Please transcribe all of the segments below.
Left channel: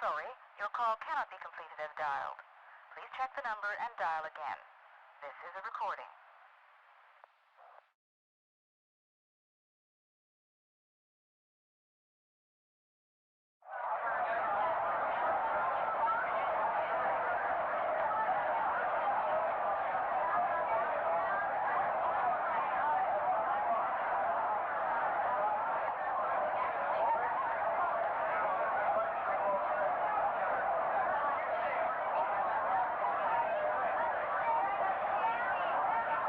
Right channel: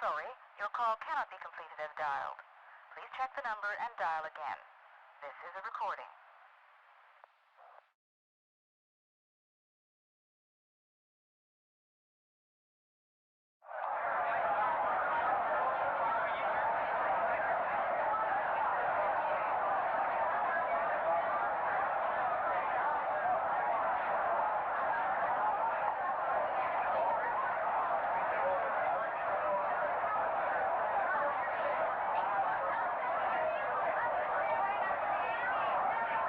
Sorry, your call cannot be completed as dialed. Please check the number and dial again. This is a recording.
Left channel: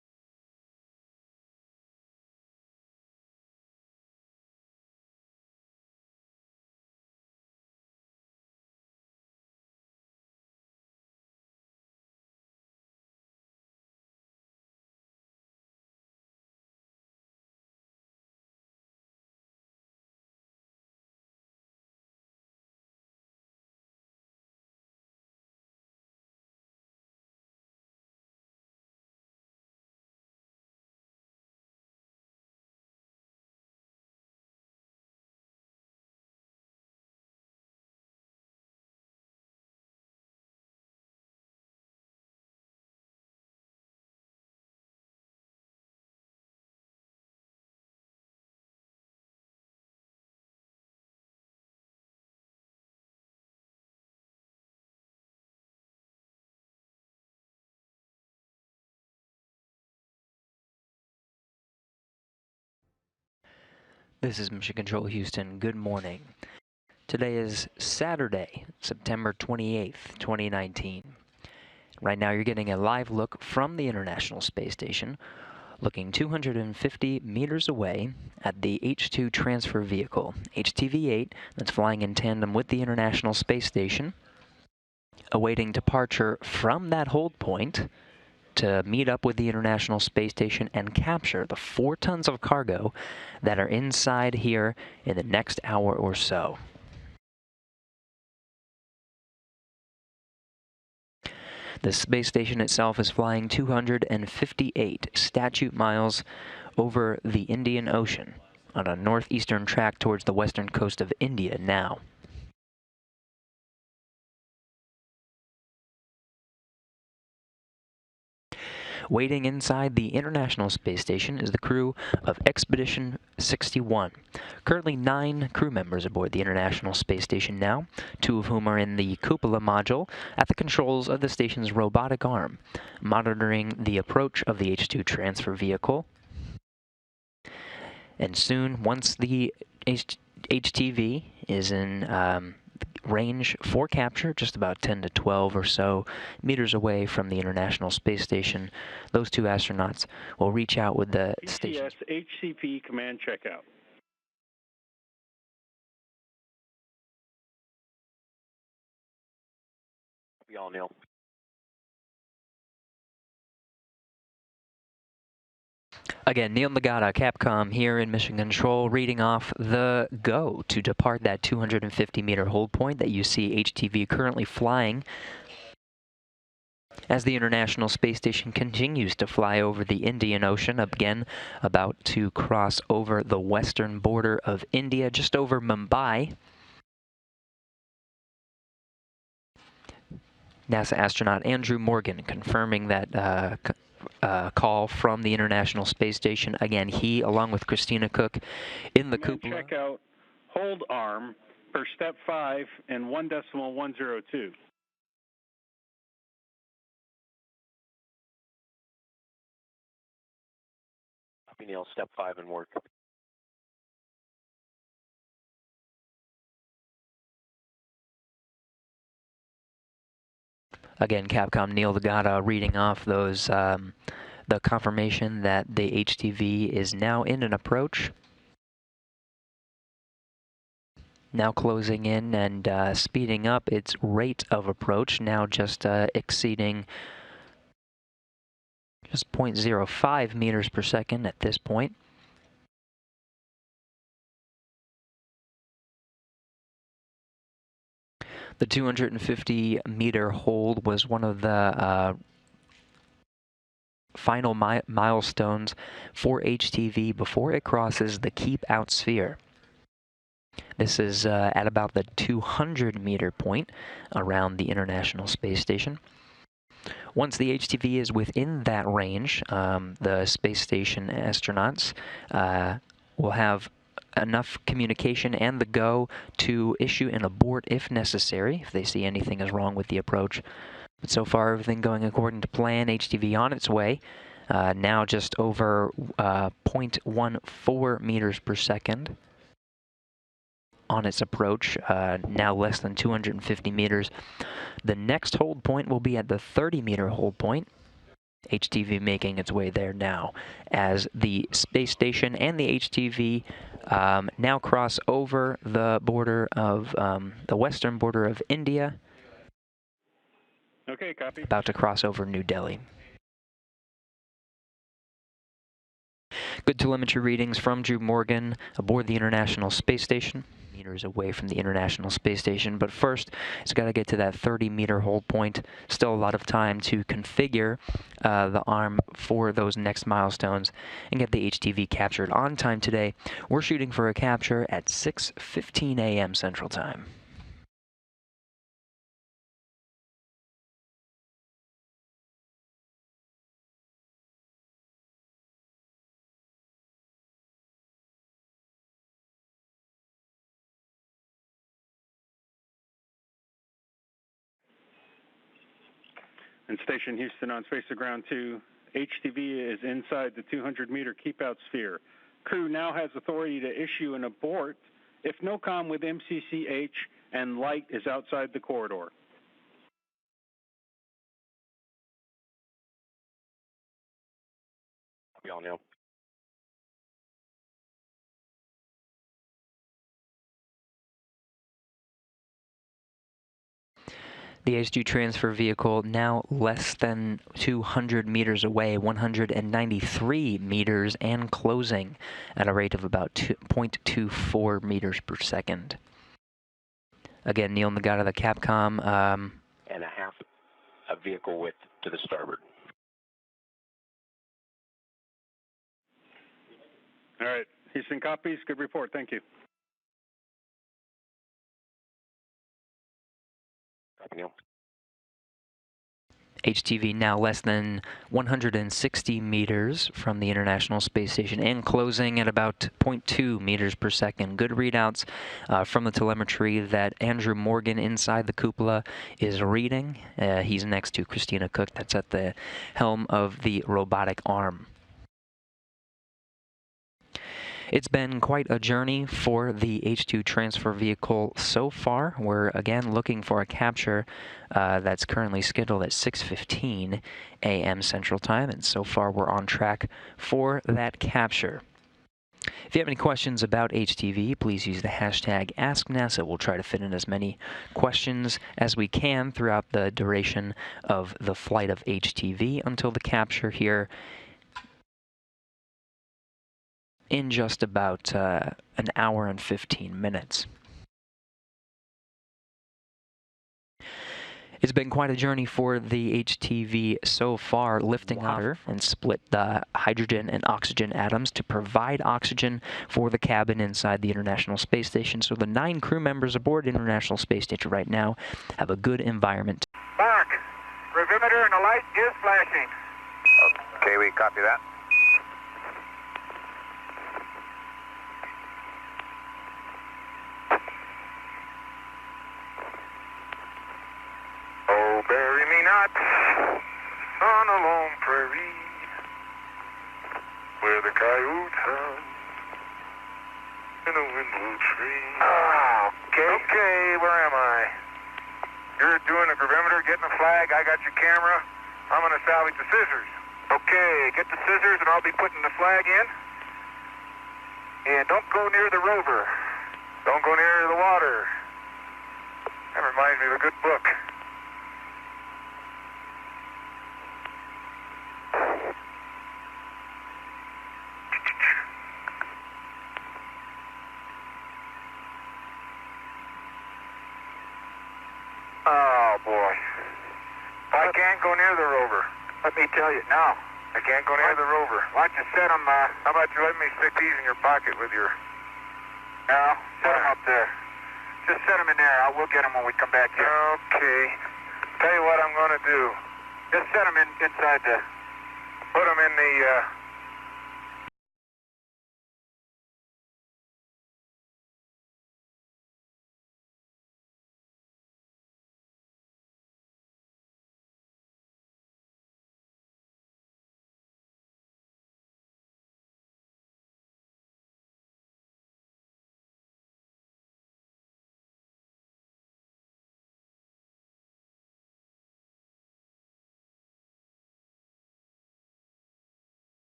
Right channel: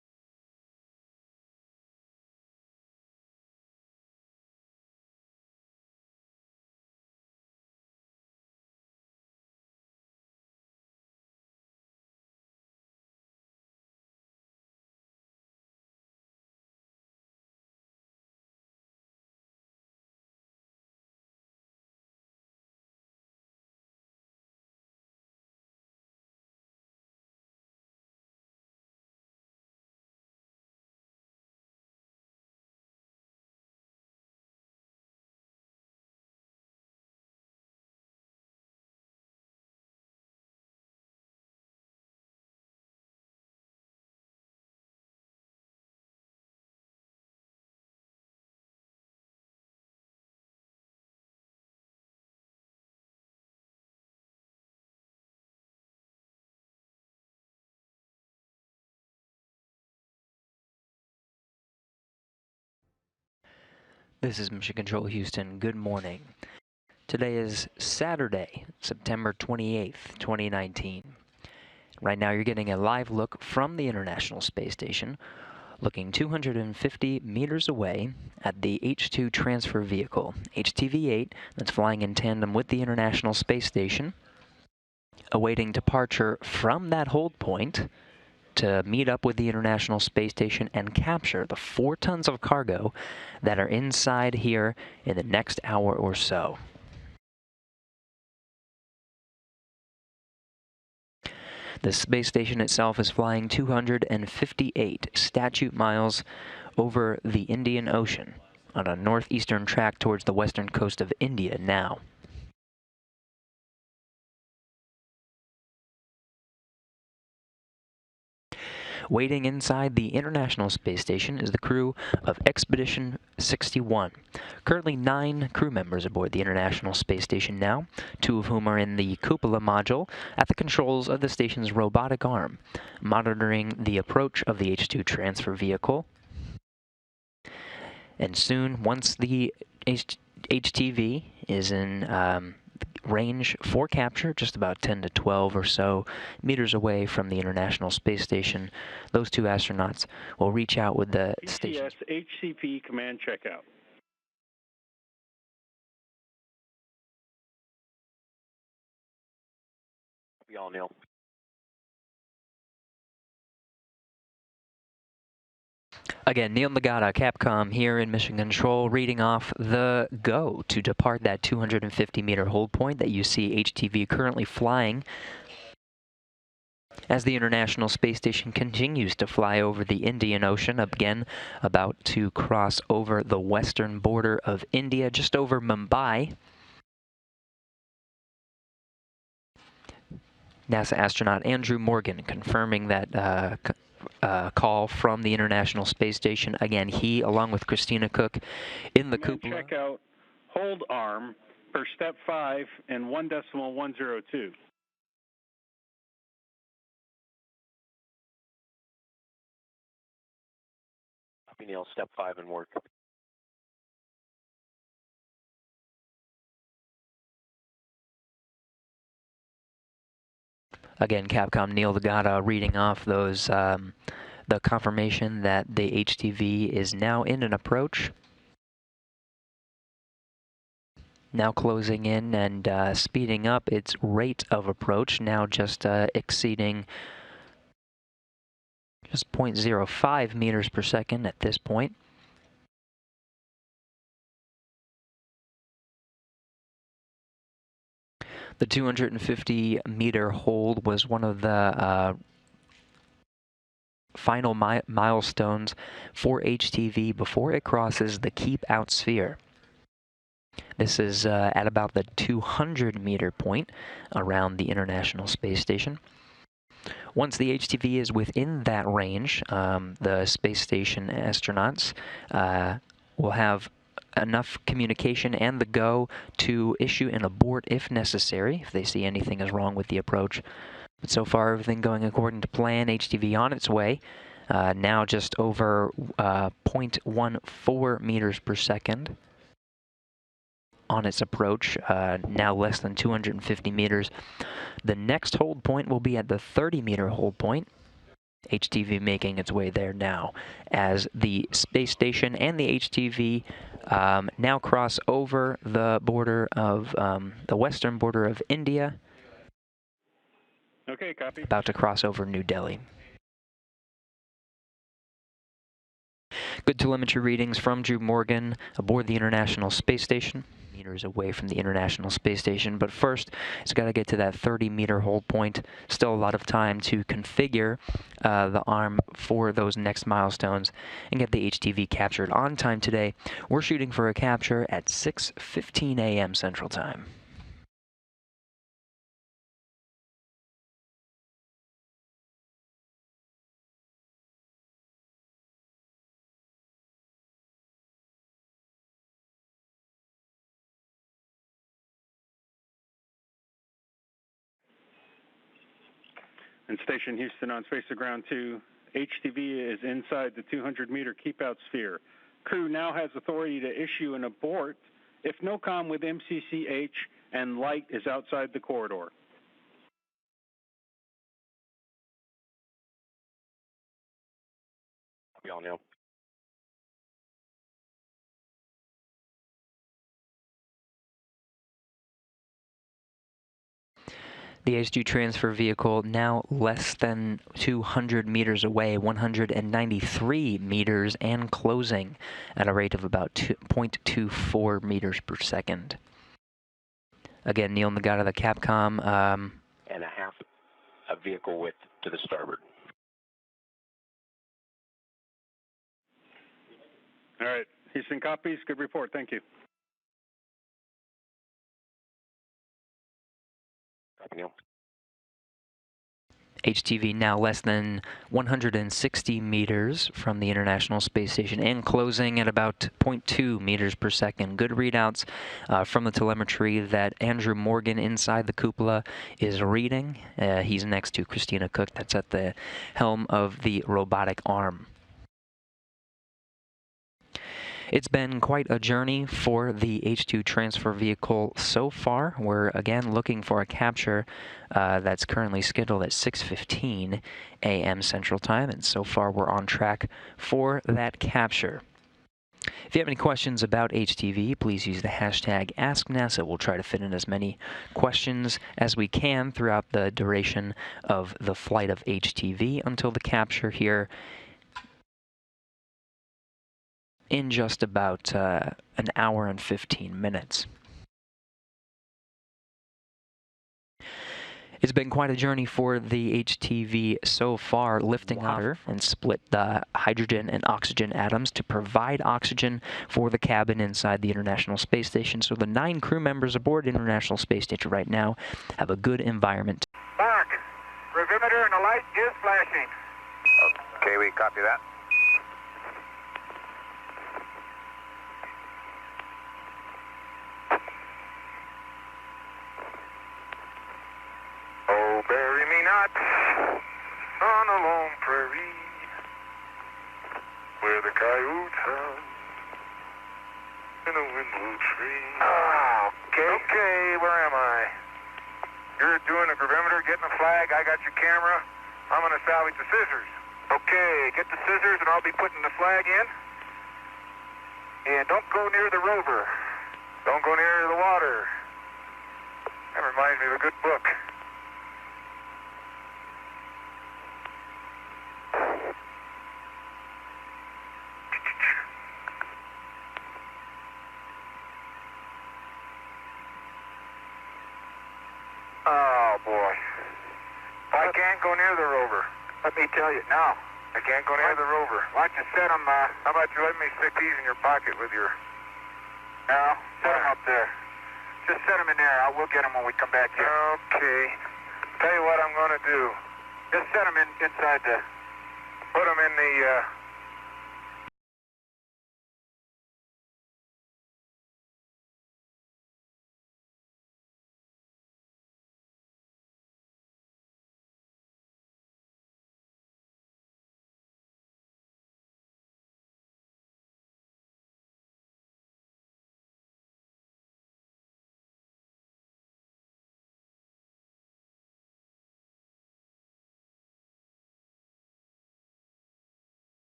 This is Mission Control Houston. Good morning. Today is Saturday, September 28th, 2019. Right now you're getting a live look from the International Space Station, looking 250 meters away at the H-2 transfer vehicle, HTV-8, that's flying in tandem with the International Space Station, awaiting departure from that hold point to meet up with the International Space Station and capture the 4 tons of cargo that are inside here in the next hour or so. The space station itself is flying 258 statute miles over the Indian Ocean on a northeastern track towards the western coast of India now. Waiting inside the International Space Station is the crew of Expedition 61. Currently 9 crew members aboard the International Space Station now, 2 of whom are in the cupola module at the controls of the station's robotic arm, monitoring the approach of the H-2 transfer vehicle. And soon, once the HTV is in range for capture, just about 10 to 12 or so meters away from the International Space Station, those 2 astronauts will reach out with the station. HCP command checkout. Be all, Neil. Again, Neil Nagata, Capcom here in Mission Control, reading off the go to depart that 250-meter hold point that you see HTV currently flying as the International Space Station continues to fly over the Indian Ocean, again about to cross over the western border of India, just over Mumbai. NASA astronaut Andrew Morgan confirming that call from the International Space Station. Again, he, along with Christina Koch, in the cupola. Check out hold arm for step 5 and 1.102. Copy, Neil. Step 5 and work. Again, Capcom Neil Nagata reading off those the confirmation that the HTV is now in an approach. Now closing in and speeding up its rate of approach, now just exceeding just 0.05 meters per second at this point. The 250-meter hold was one of the final milestones for HTV before it crosses the keep out sphere. This is at about the 200-meter point around the International Space Station. Once the HTV is within that range, the space station astronauts will have enough communication and the go to issue an abort if necessary, if they see anything is wrong with the approach. But so far, everything going according to plan. HTV on its way, now just over 0.14 meters per second on its approach, now less than 250 meters. The next hold point will be at the 30-meter hold point. HTV making its way there now as the space station and the HTV now cross over the border of the western border of India. Okay, copy. About to cross over New Delhi. Good telemetry readings from Drew Morgan aboard the International Space Station. Meters away from the International Space Station, but first it's got to get to that 30-meter hold point. Still a lot of time to configure the arm for those next milestones and get the HTV captured on time today. We're shooting for a capture at 6:15 a.m. Central Time. And Station Houston on Space to Ground 2. HTV is inside the 200-meter keep-out sphere. Crew now has authority to issue an abort if no comm with MCCH and light is outside the corridor. Copy all, Neil. The H2 transfer vehicle now less than 200 meters away, 193 meters, and closing at a rate of about 0.24 meters per second. Again, Neil Nagata, the Capcom. And a half a vehicle width to the starboard. All right. Houston copies. Good report. Thank you. Copy, Neil. HTV now less than 160 meters from the International Space Station and closing at about 0.2 meters per second. Good readouts from the telemetry that Andrew Morgan inside the cupola is reading. He's next to Christina Koch, that's at the helm of the robotic arm. It's been quite a journey for the H2 transfer vehicle so far. We're again looking for a capture that's currently scheduled at 6:15 a.m. Central Time, and so far we're on track for that capture. If you have any questions about HTV, please use the hashtag AskNASA. We'll try to fit in as many questions as we can throughout the duration of the flight of HTV until the capture here in just about an hour and 15 minutes. It's been quite a journey for the HTV so far, lifting water and split the hydrogen and oxygen atoms to provide oxygen for the cabin inside the International Space Station. So the 9 crew members aboard the International Space Station right now have a good environment. Mark, gravimeter and the light is flashing. Okay, we copy that. Oh, bury me not on a lone prairie where the coyotes howl in a windwood tree. Okay, where am I? You're doing a gravimeter, getting a flag. I got your camera. I'm going to salvage the scissors. Okay, get the scissors and I'll be putting the flag in. And don't go near the rover. Don't go near the water. That reminds me of a good book. Oh, boy. I can't go near the rover. Let me tell you, no. I can't go near the rover. Why don't you set them, how about you let me stick these in your pocket with your... No, set them up there. Just set them in there. We'll get them when we come back here. Okay. Tell you what I'm going to do. Just set them inside the... Put them in the,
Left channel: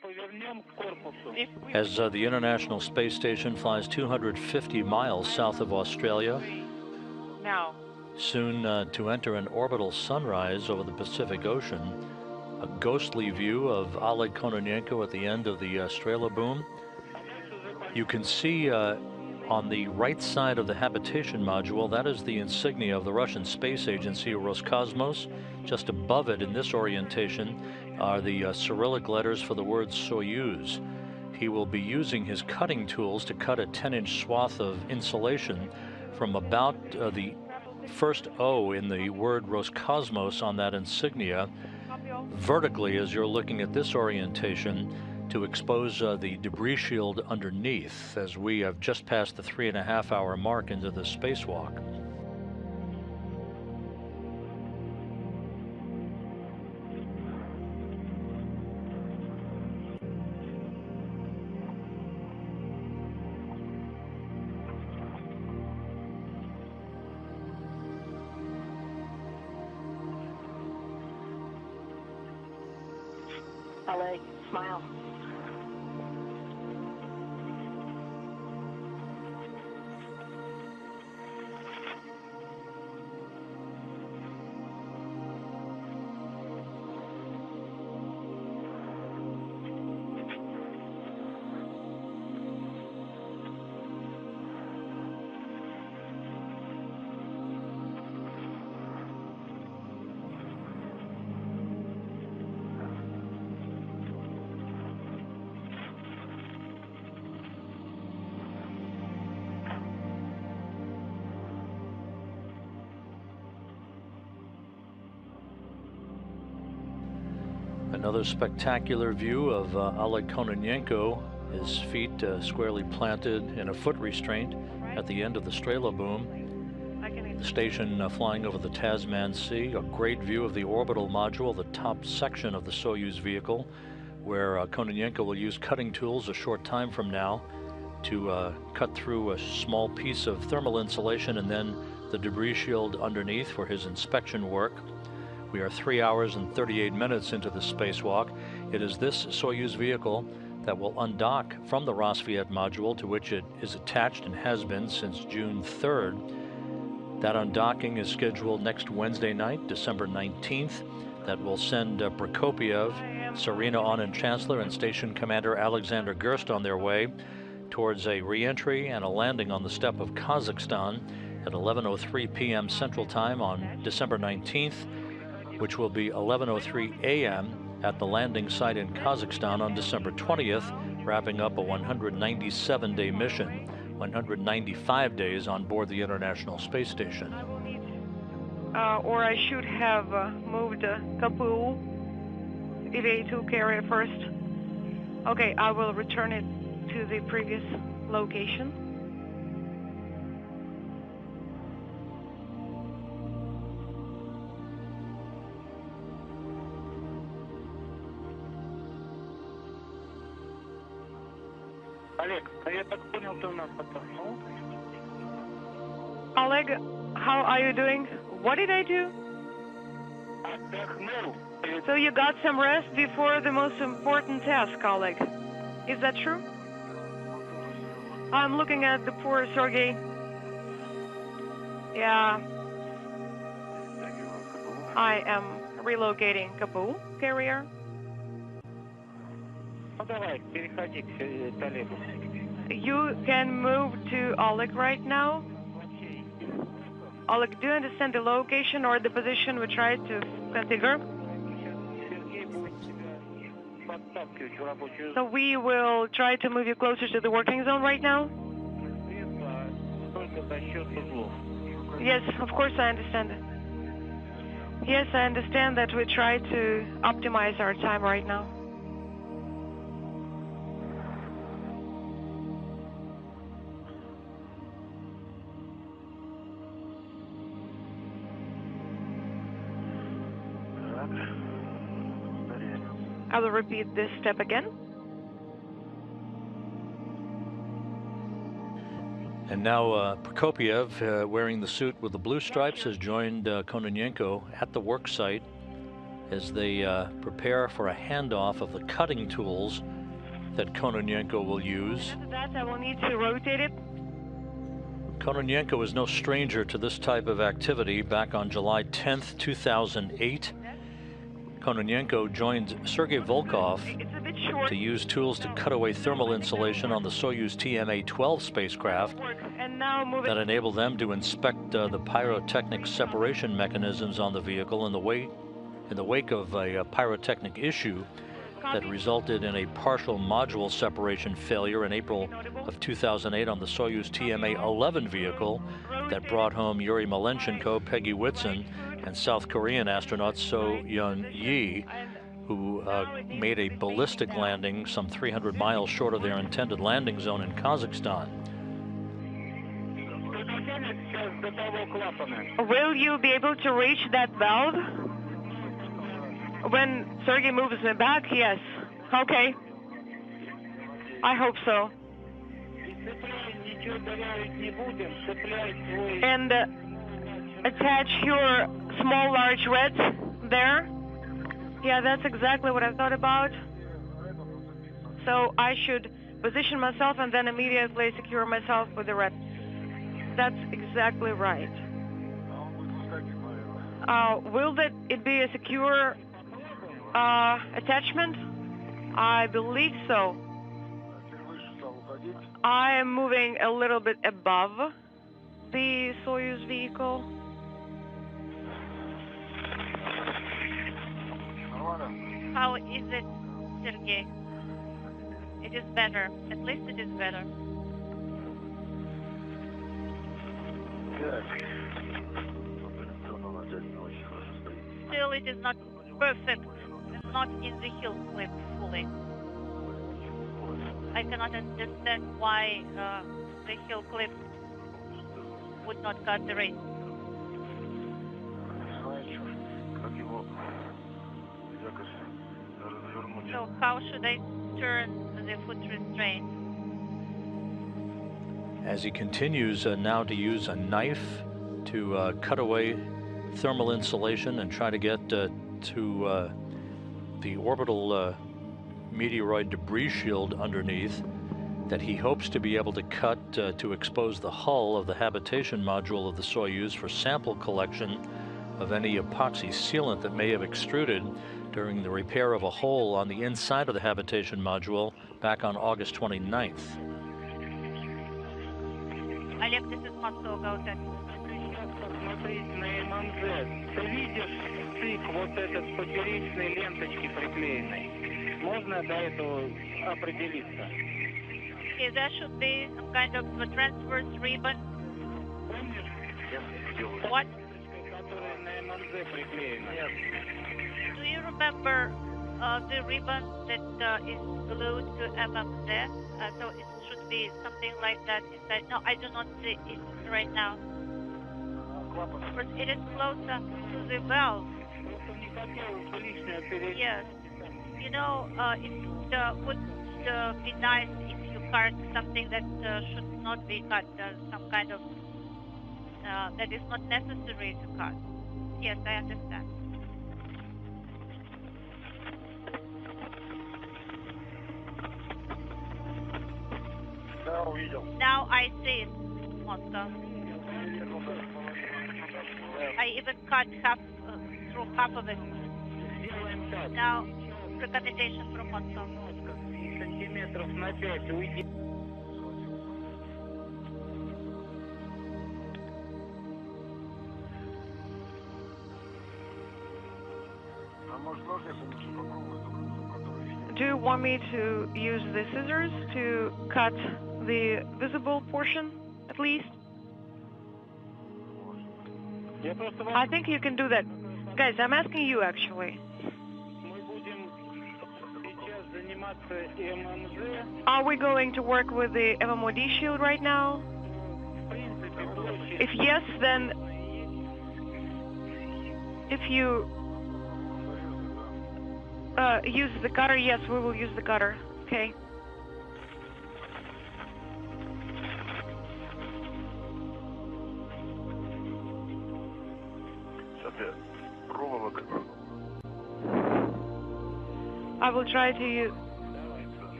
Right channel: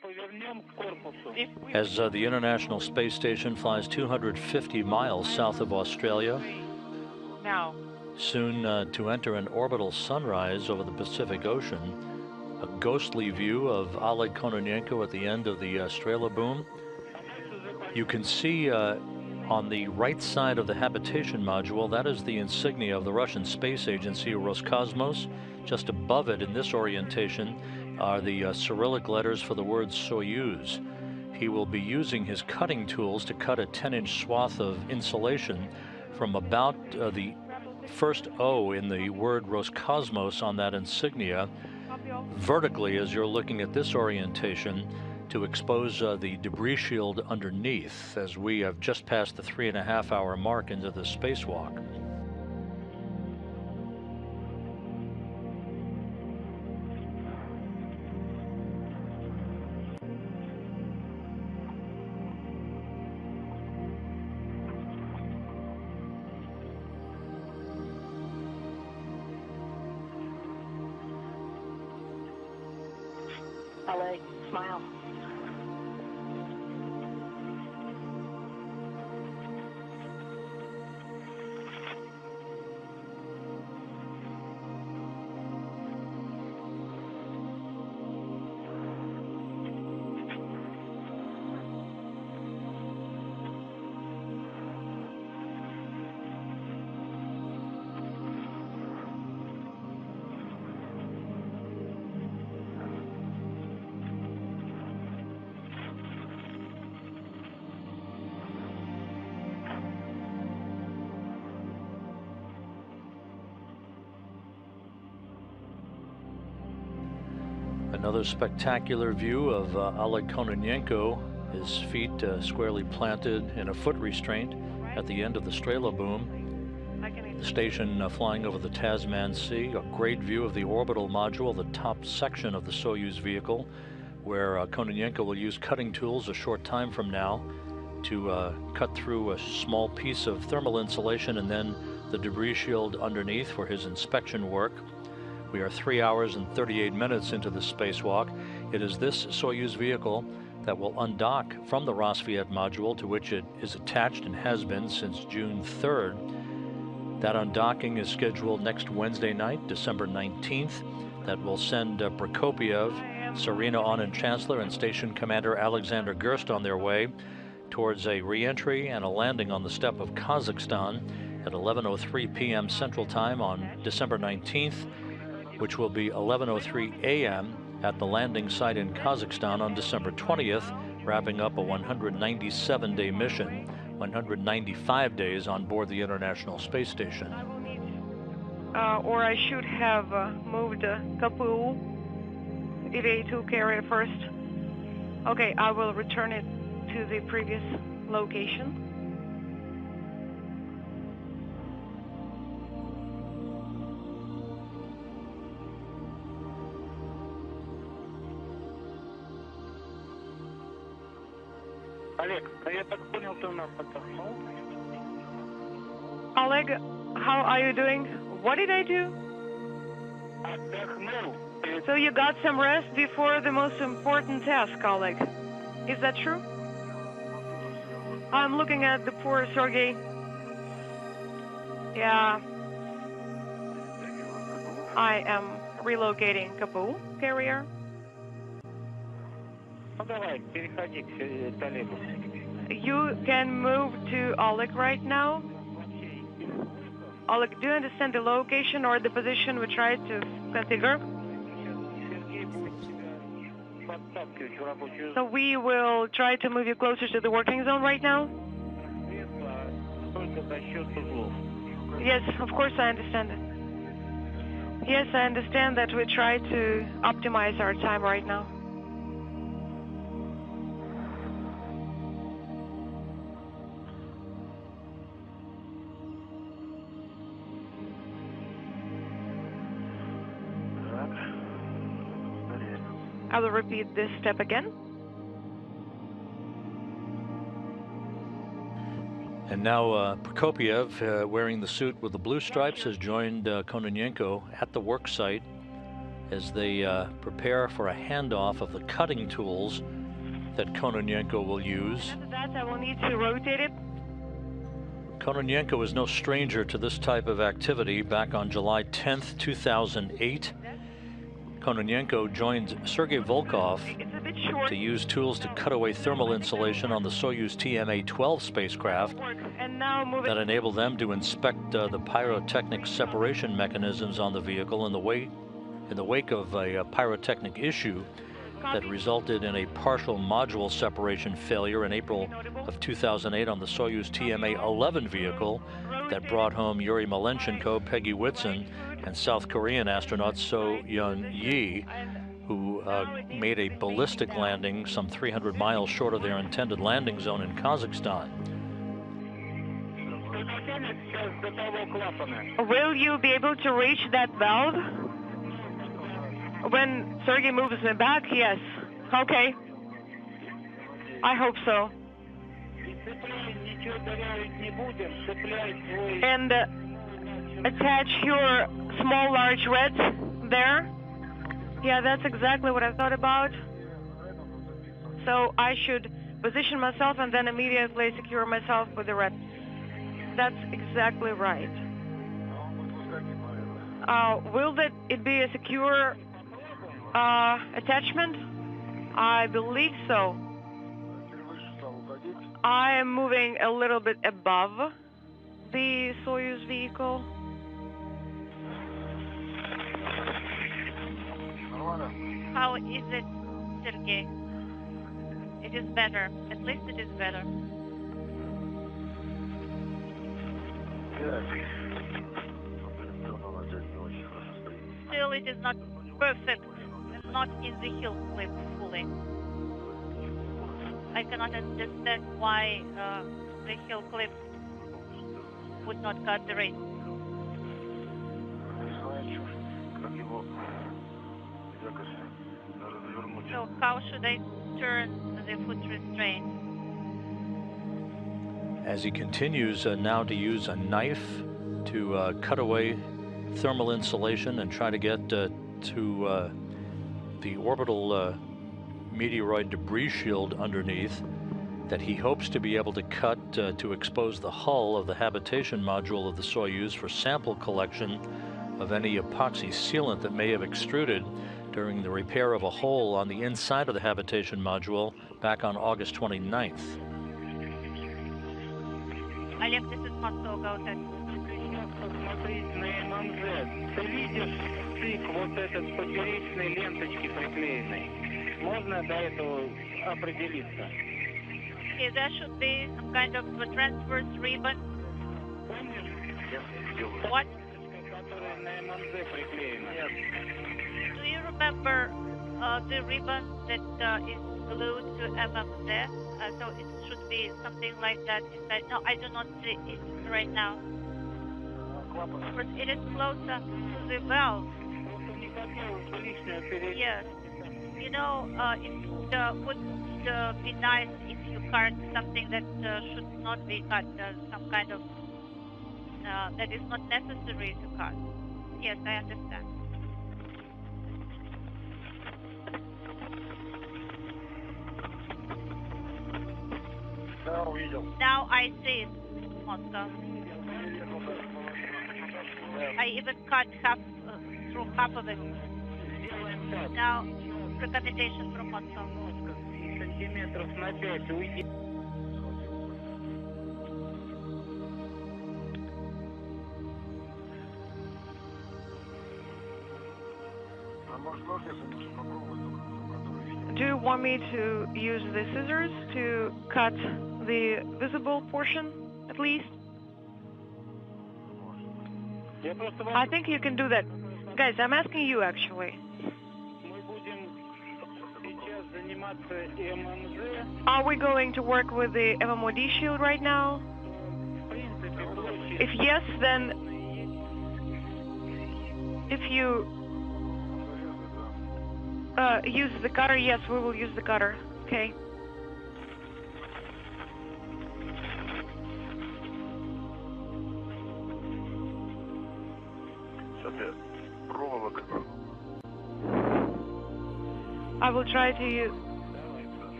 As the International Space Station flies 250 miles south of Australia, now, soon to enter an orbital sunrise over the Pacific Ocean, a ghostly view of Oleg Kononenko at the end of the Strela boom. You can see on the right side of the habitation module, that is the insignia of the Russian space agency Roscosmos. Just above it in this orientation are the Cyrillic letters for the word Soyuz. He will be using his cutting tools to cut a 10-inch swath of insulation from about the first O in the word Roscosmos on that insignia vertically as you're looking at this orientation to expose the debris shield underneath as we have just passed the 3.5-hour mark into the spacewalk. Oleg, smile. Another spectacular view of Oleg Kononenko, his feet squarely planted in a foot restraint at the end of the Strela boom. The station flying over the Tasman Sea, a great view of the orbital module, the top section of the Soyuz vehicle, where Kononenko will use cutting tools a short time from now to cut through a small piece of thermal insulation and then the debris shield underneath for his inspection work. We are 3 hours and 38 minutes into the spacewalk. It is this Soyuz vehicle that will undock from the Rosviet module to which it is attached and has been since June 3rd. That undocking is scheduled next Wednesday night, December 19th. That will send Prokopiev, Serena Onin Chancellor, and Station Commander Alexander Gerst on their way towards a re-entry and a landing on the steppe of Kazakhstan at 11:03 p.m. Central Time on December 19th, which will be 11:03 a.m. at the landing site in Kazakhstan on December 20th, wrapping up a 197-day mission, 195 days on board the International Space Station. Or I should have moved KPU EVA-2 carrier first. Okay, I will return it to the previous location. Oleg, how are you doing? What did I do? So you got some rest before the most important task, Oleg. Is that true? I'm looking at the poor Sergey. Yeah. I am relocating KPU carrier. You can move to Oleg right now. Oleg, do you understand the location or the position we tried to configure? So we will try to move you closer to the working zone right now? Yes, of course I understand it. Yes, I understand that we try to optimize our time right now. I will repeat this step again. And now Prokopiev, wearing the suit with the blue stripes, has joined Kononenko at the work site as they prepare for a handoff of the cutting tools that Kononenko will use. After that, I will need to rotate it. Kononenko is no stranger to this type of activity. Back on July 10th, 2008, Kononenko joined Sergei Volkov It's a bit short. to use tools to cut away thermal insulation on the Soyuz TMA-12 spacecraft And now move that it. enabled them to inspect the pyrotechnic separation mechanisms on the vehicle in the wake of a pyrotechnic issue that resulted in a partial module separation failure in April of 2008 on the Soyuz TMA-11 vehicle that brought home Yuri Malenchenko, Peggy Whitson, and South Korean astronaut So Yun Yi, who made a ballistic landing some 300 miles short of their intended landing zone in Kazakhstan. Will you be able to reach that valve? When Sergei moves me back, yes. Okay. I hope so. And attach your small large reds there. Yeah, that's exactly what I thought about. So I should position myself and then immediately secure myself with the red. That's exactly right. Will it be a secure attachment? I believe so. I am moving a little bit above the Soyuz vehicle. How is it, Sergei? It is better. At least it is better. Still, it is not perfect. Not in the heel clip fully. I cannot understand why the heel clip would not cut the race. So how should I turn the foot restraint? As he continues now to use a knife to cut away thermal insulation and try to get to the orbital meteoroid debris shield underneath that he hopes to be able to cut to expose the hull of the habitation module of the Soyuz for sample collection of any epoxy sealant that may have extruded during the repair of a hole on the inside of the habitation module back on August 29th. Олег, this is Moscow, go ahead. Посмотреть на ММЗ. Ты видишь стык вот этот с поперечной ленточки приклеенной? Можно до этого определиться? Okay, there should be some kind of a transverse ribbon. What? Которая на ММЗ приклеена. Do you remember the ribbon that is glued to MMZ? So it should be something like that inside. No, I do not see it right now. But it is closer to the valve. Yes. You know, it would be nice if you cut something that should not be cut, some kind of, that is not necessary to cut. Yes, I understand. Now I see it, Moscow. I even cut through half of it. Now, recommendation from Moscow. Do you want me to use the scissors to cut the visible portion, at least? I think you can do that. Guys, I'm asking you, actually. Are we going to work with the MMOD shield right now? If yes, then if you use the cutter, yes, we will use the cutter. Okay. I will try to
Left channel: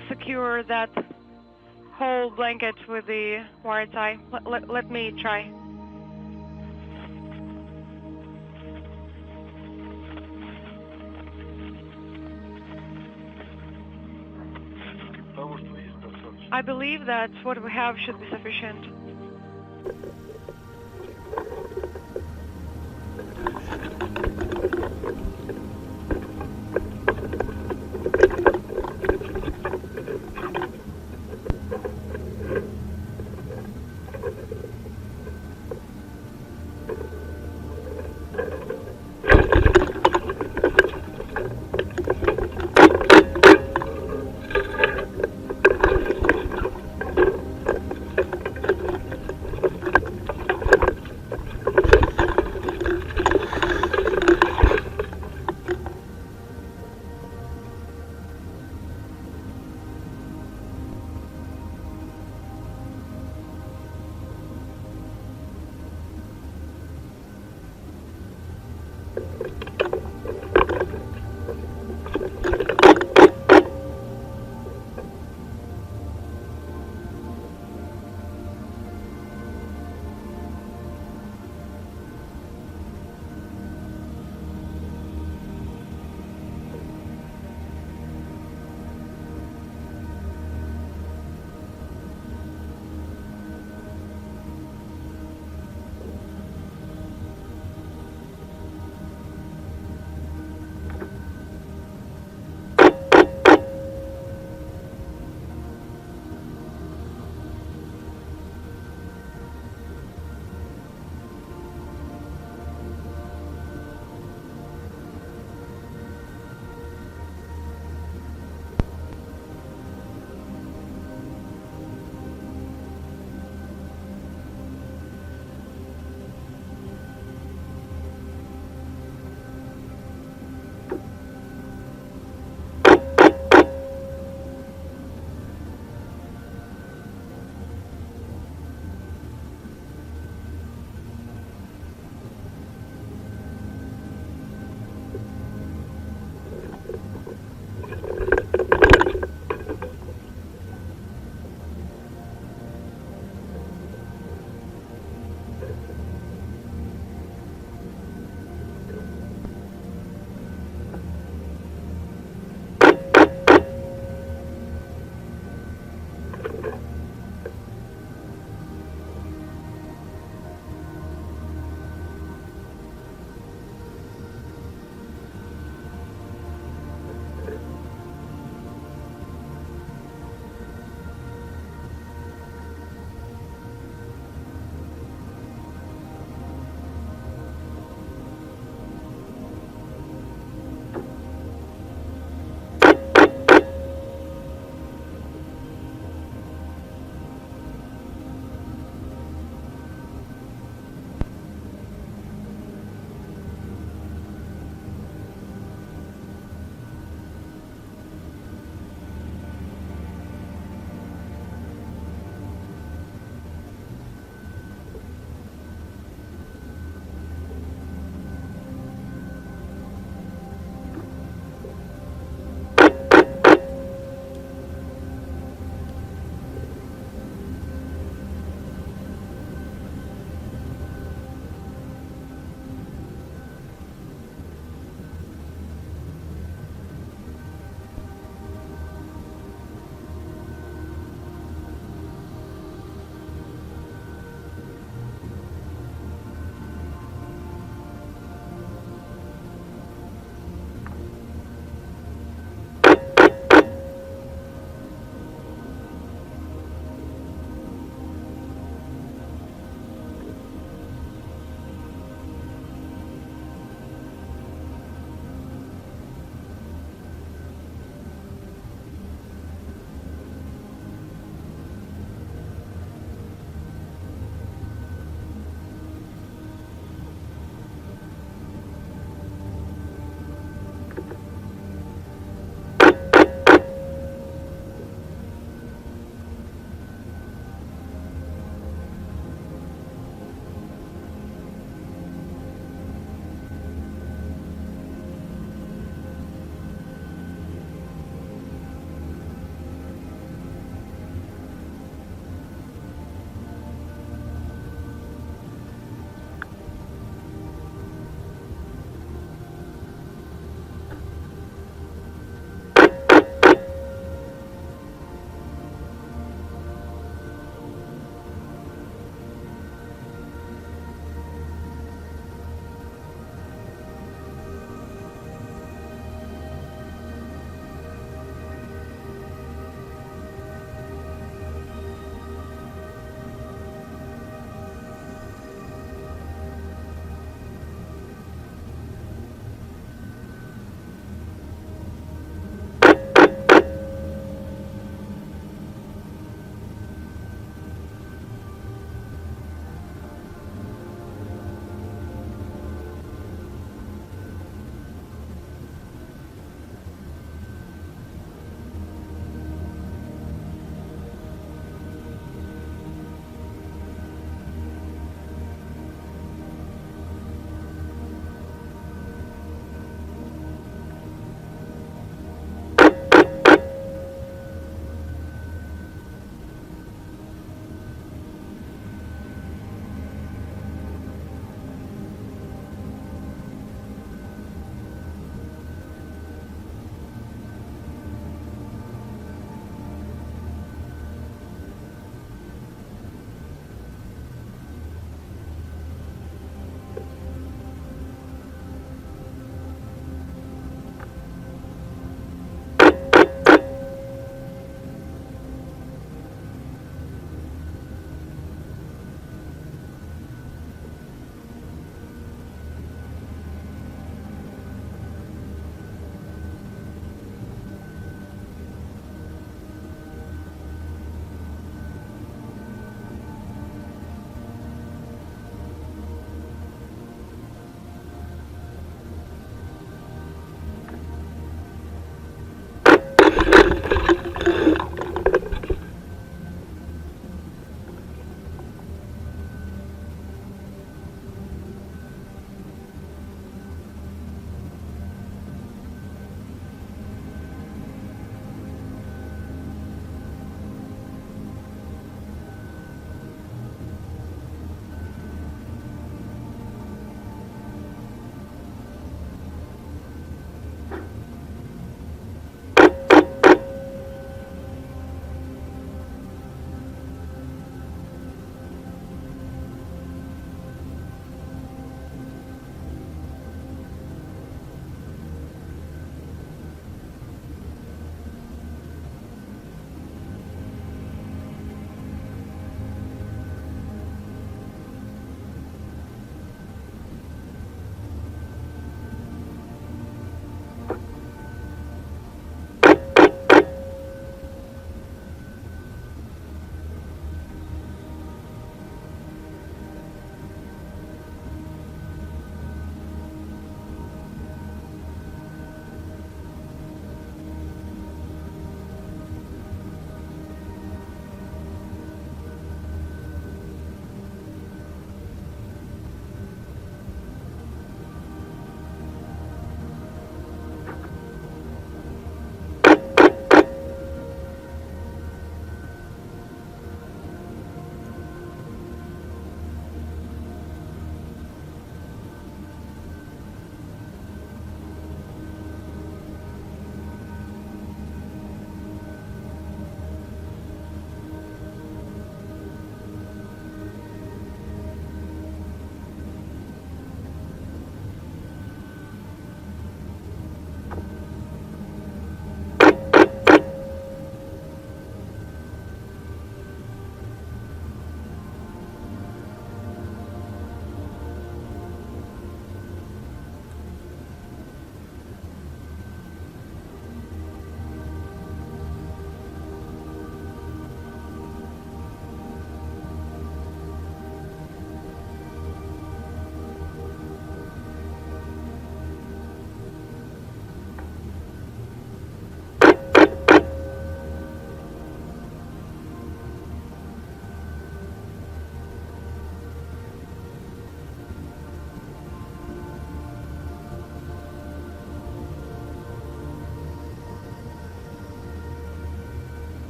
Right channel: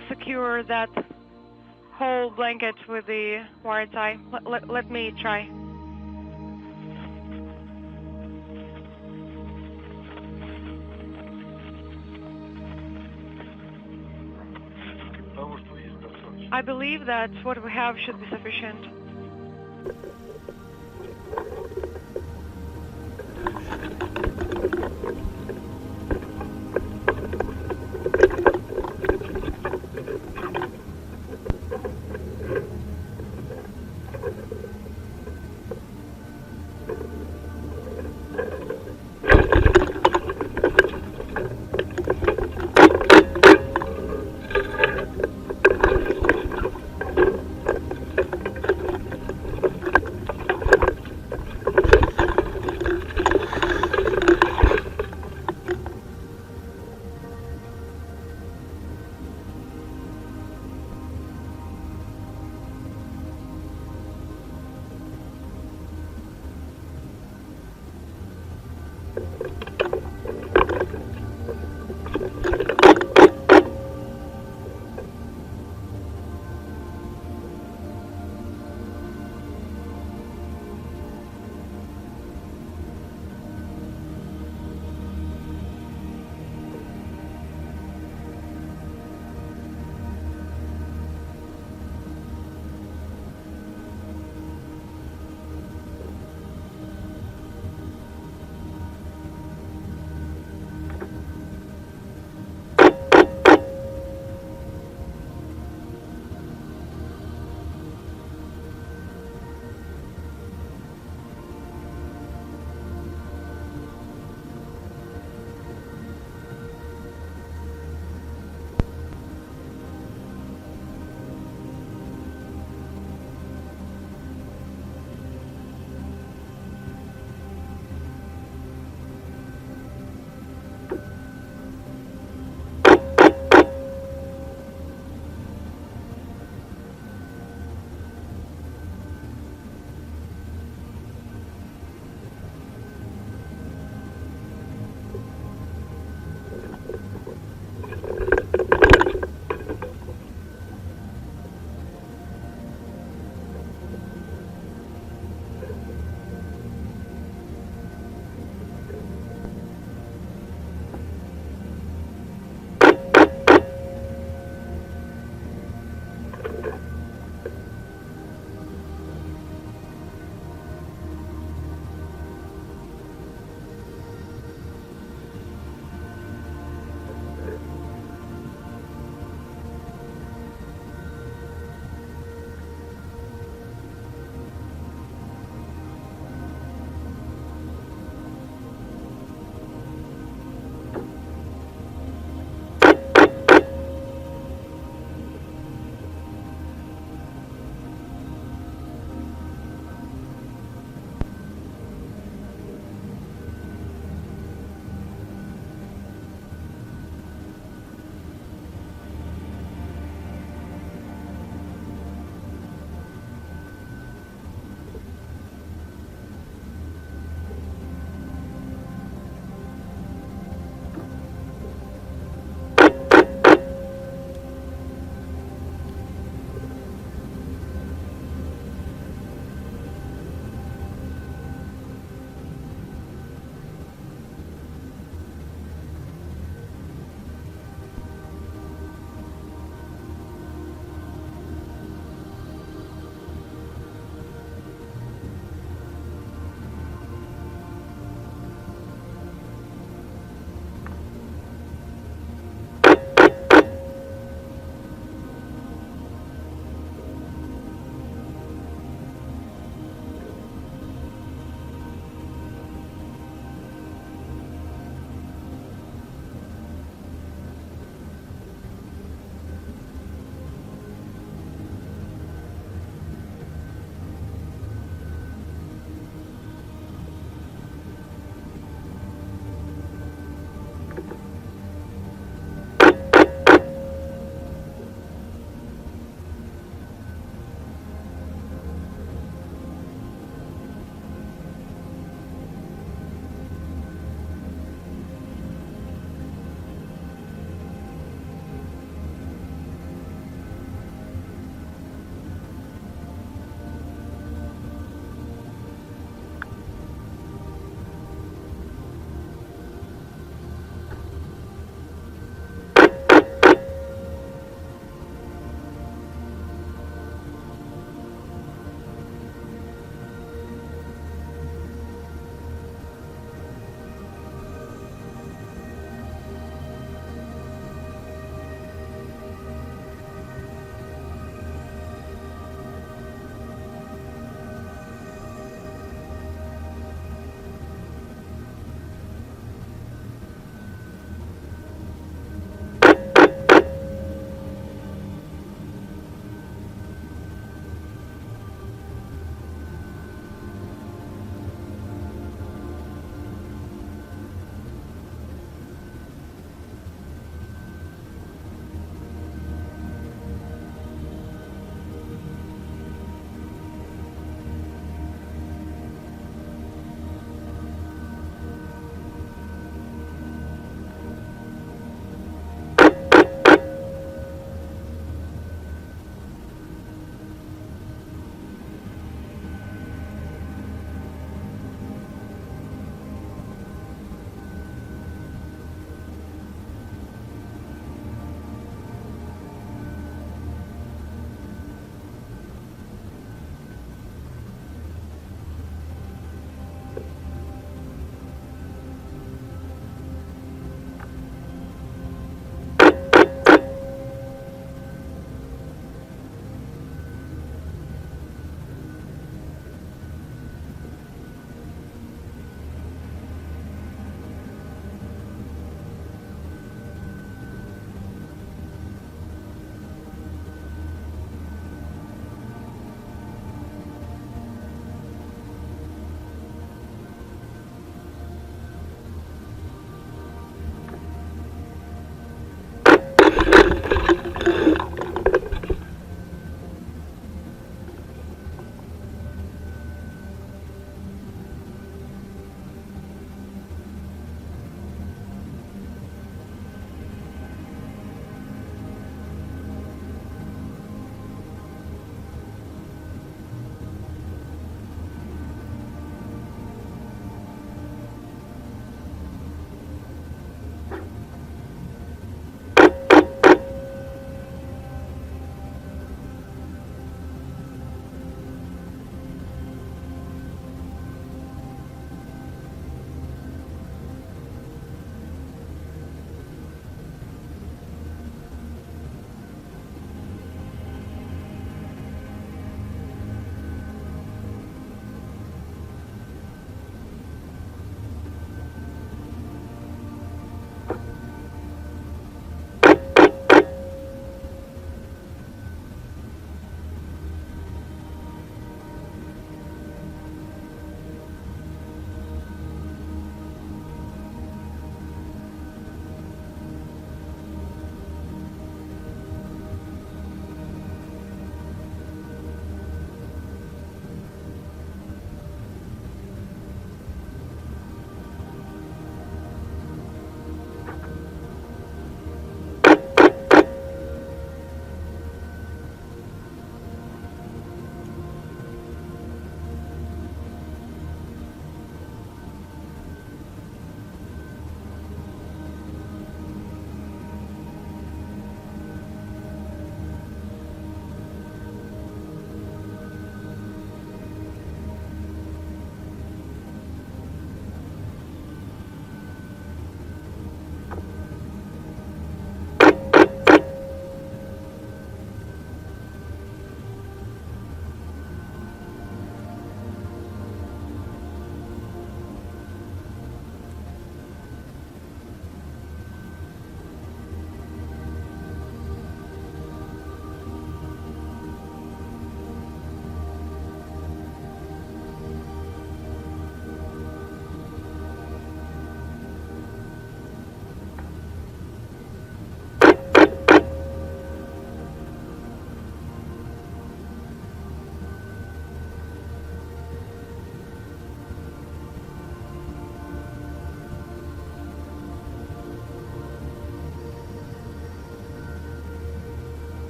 secure that whole blanket with the wire tie. Let me try. I believe that what we have should be sufficient.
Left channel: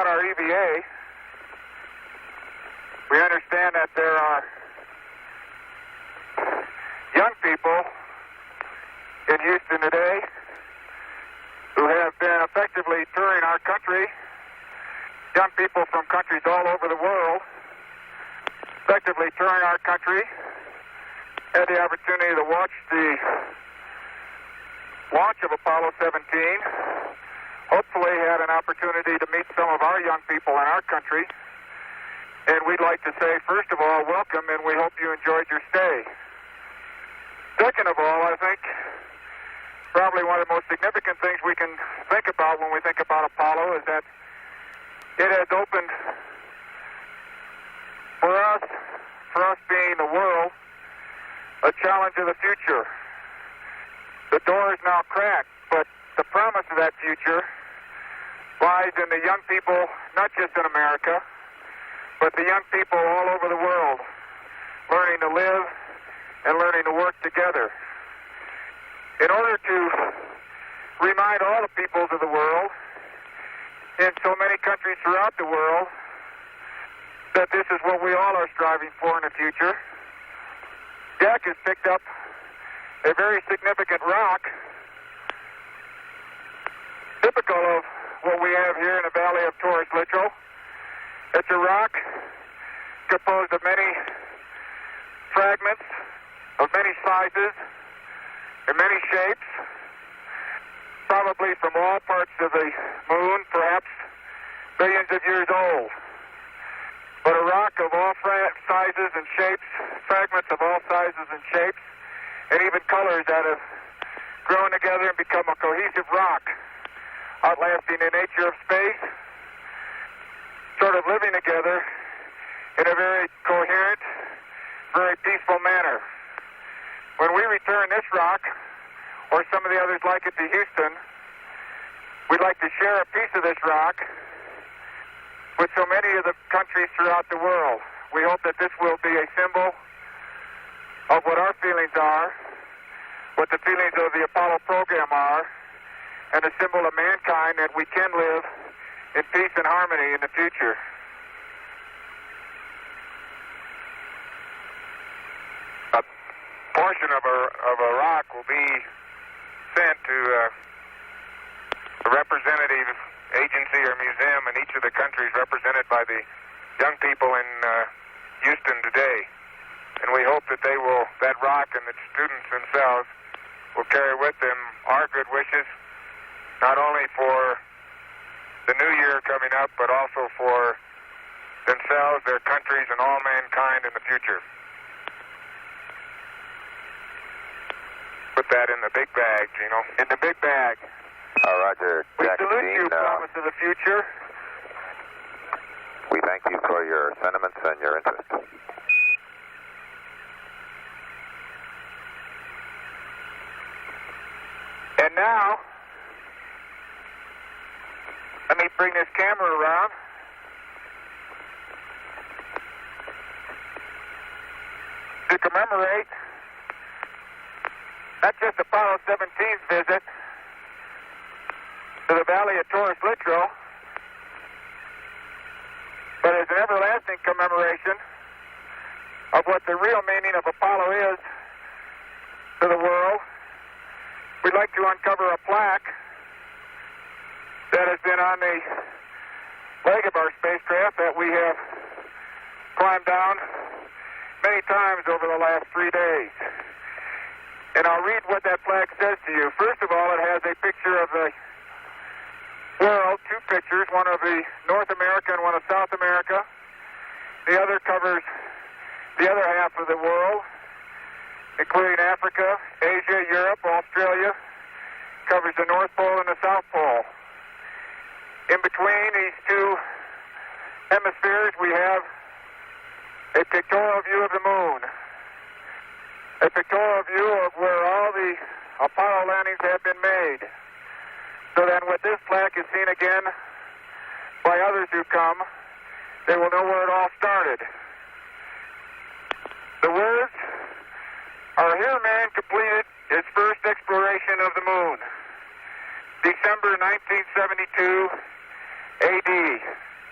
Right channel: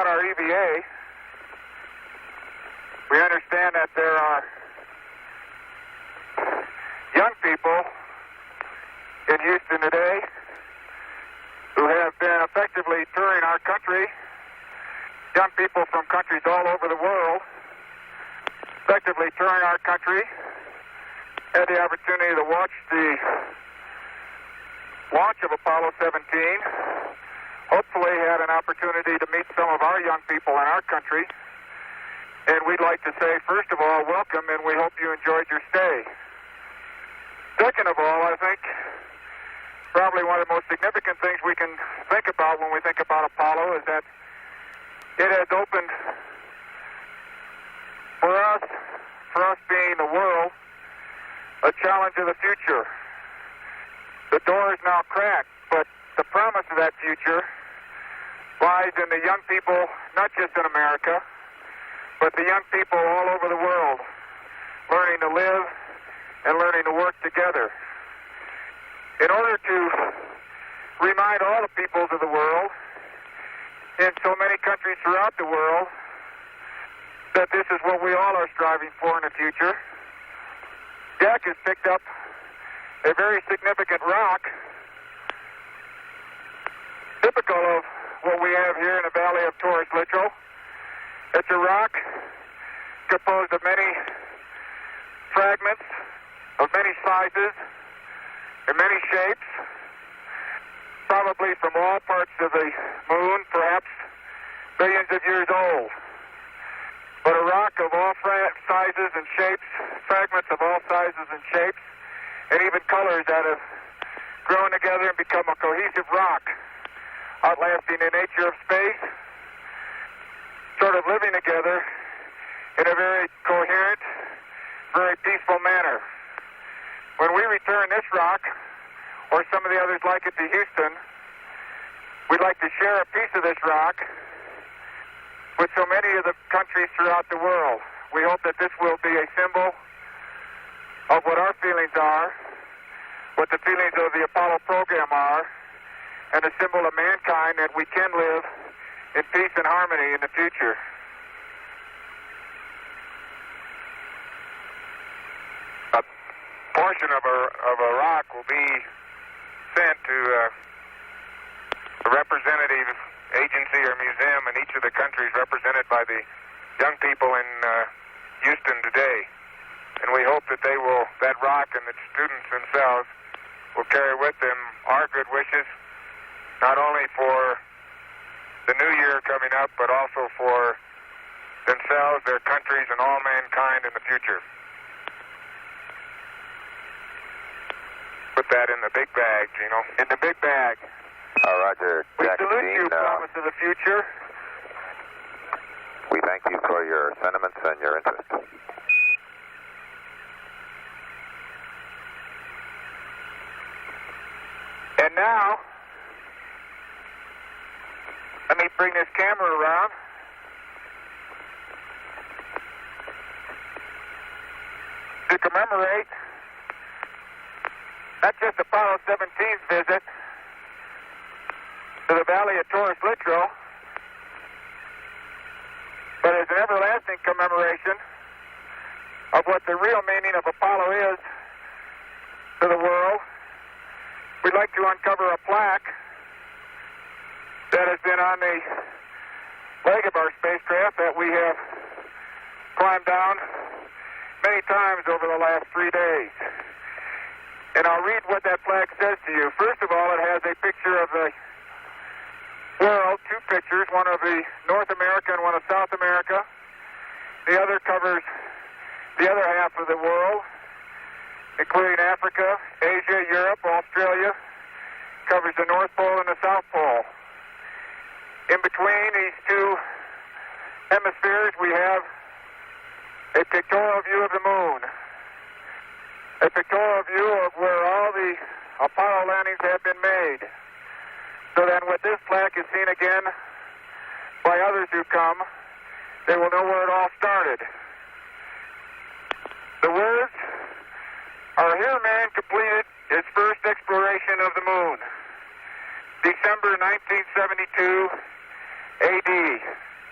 about our EVA, we understand that there are young people in Houston today who have been effectively touring our country. Young people from countries all over the world effectively touring our country. Had the opportunity to watch the launch of Apollo 17. Hopefully had an opportunity to meet some of our young people in our country. And we'd like to say, first of all, welcome, and we hope you enjoyed your stay. Second of all, I think probably one of the most significant things we can think about when we think about Apollo is that it has opened for us being the world, a challenge of the future. The door is now cracked, but the promise of that future lies in the young people, not just in America, but the young people all over the world, learning to live and learning to work together. In order to remind all the peoples of the world, in so many countries throughout the world, that this is what we all are striving for in the future, Jack has picked up a very significant rock, typical of what we have here in the Valley of Torres Littrow. It's a rock composed of many fragments, of many sizes, and many shapes, probably from all parts of the moon, perhaps billions of years old. But a rock of all sizes and shapes, fragments of all sizes and shapes, and even colors that have grown together and become a cohesive rock, outlasting the nature of space, sort of living together in a very coherent, very peaceful manner. When we return this rock, or some of the others like it, to Houston, we'd like to share a piece of this rock with so many of the countries throughout the world. We hope that this will be a symbol of what our feelings are, what the feelings of the Apollo program are, and a symbol of mankind that we can live in peace and harmony in the future. A portion of a rock will be sent to a representative agency or museum in each of the countries represented by the young people in Houston today. And we hope that that rock and the students themselves will carry with them our good wishes, not only for the new year coming up, but also for themselves, their countries, and all mankind in the future. Put that in the big bag, Gino. In the big bag. Roger. We Jack salute and you, Dean, promise of the future. we thank you for your sentiments and your interest. And now, let me bring this camera around. To commemorate not just Apollo 17's visit to the Valley of Torres Littrow, but as an everlasting commemoration of what the real meaning of Apollo is to the world, we'd like to uncover a plaque that has been on the leg of our spacecraft that we have climbed down many times over the last 3 days. And I'll read what that plaque says to you. First of all, it has a picture of the world, two pictures, one of the North America and one of South America. The other covers the other half of the world, including Africa, Asia, Europe, Australia, covers the North Pole and the South Pole. In between these two hemispheres, we have a pictorial view of the moon, a pictorial view of where all the Apollo landings have been made, so that when this plaque is seen again by others who come, they will know where it all started. The words are, "Here man completed his first exploration of the moon, December 1972 AD.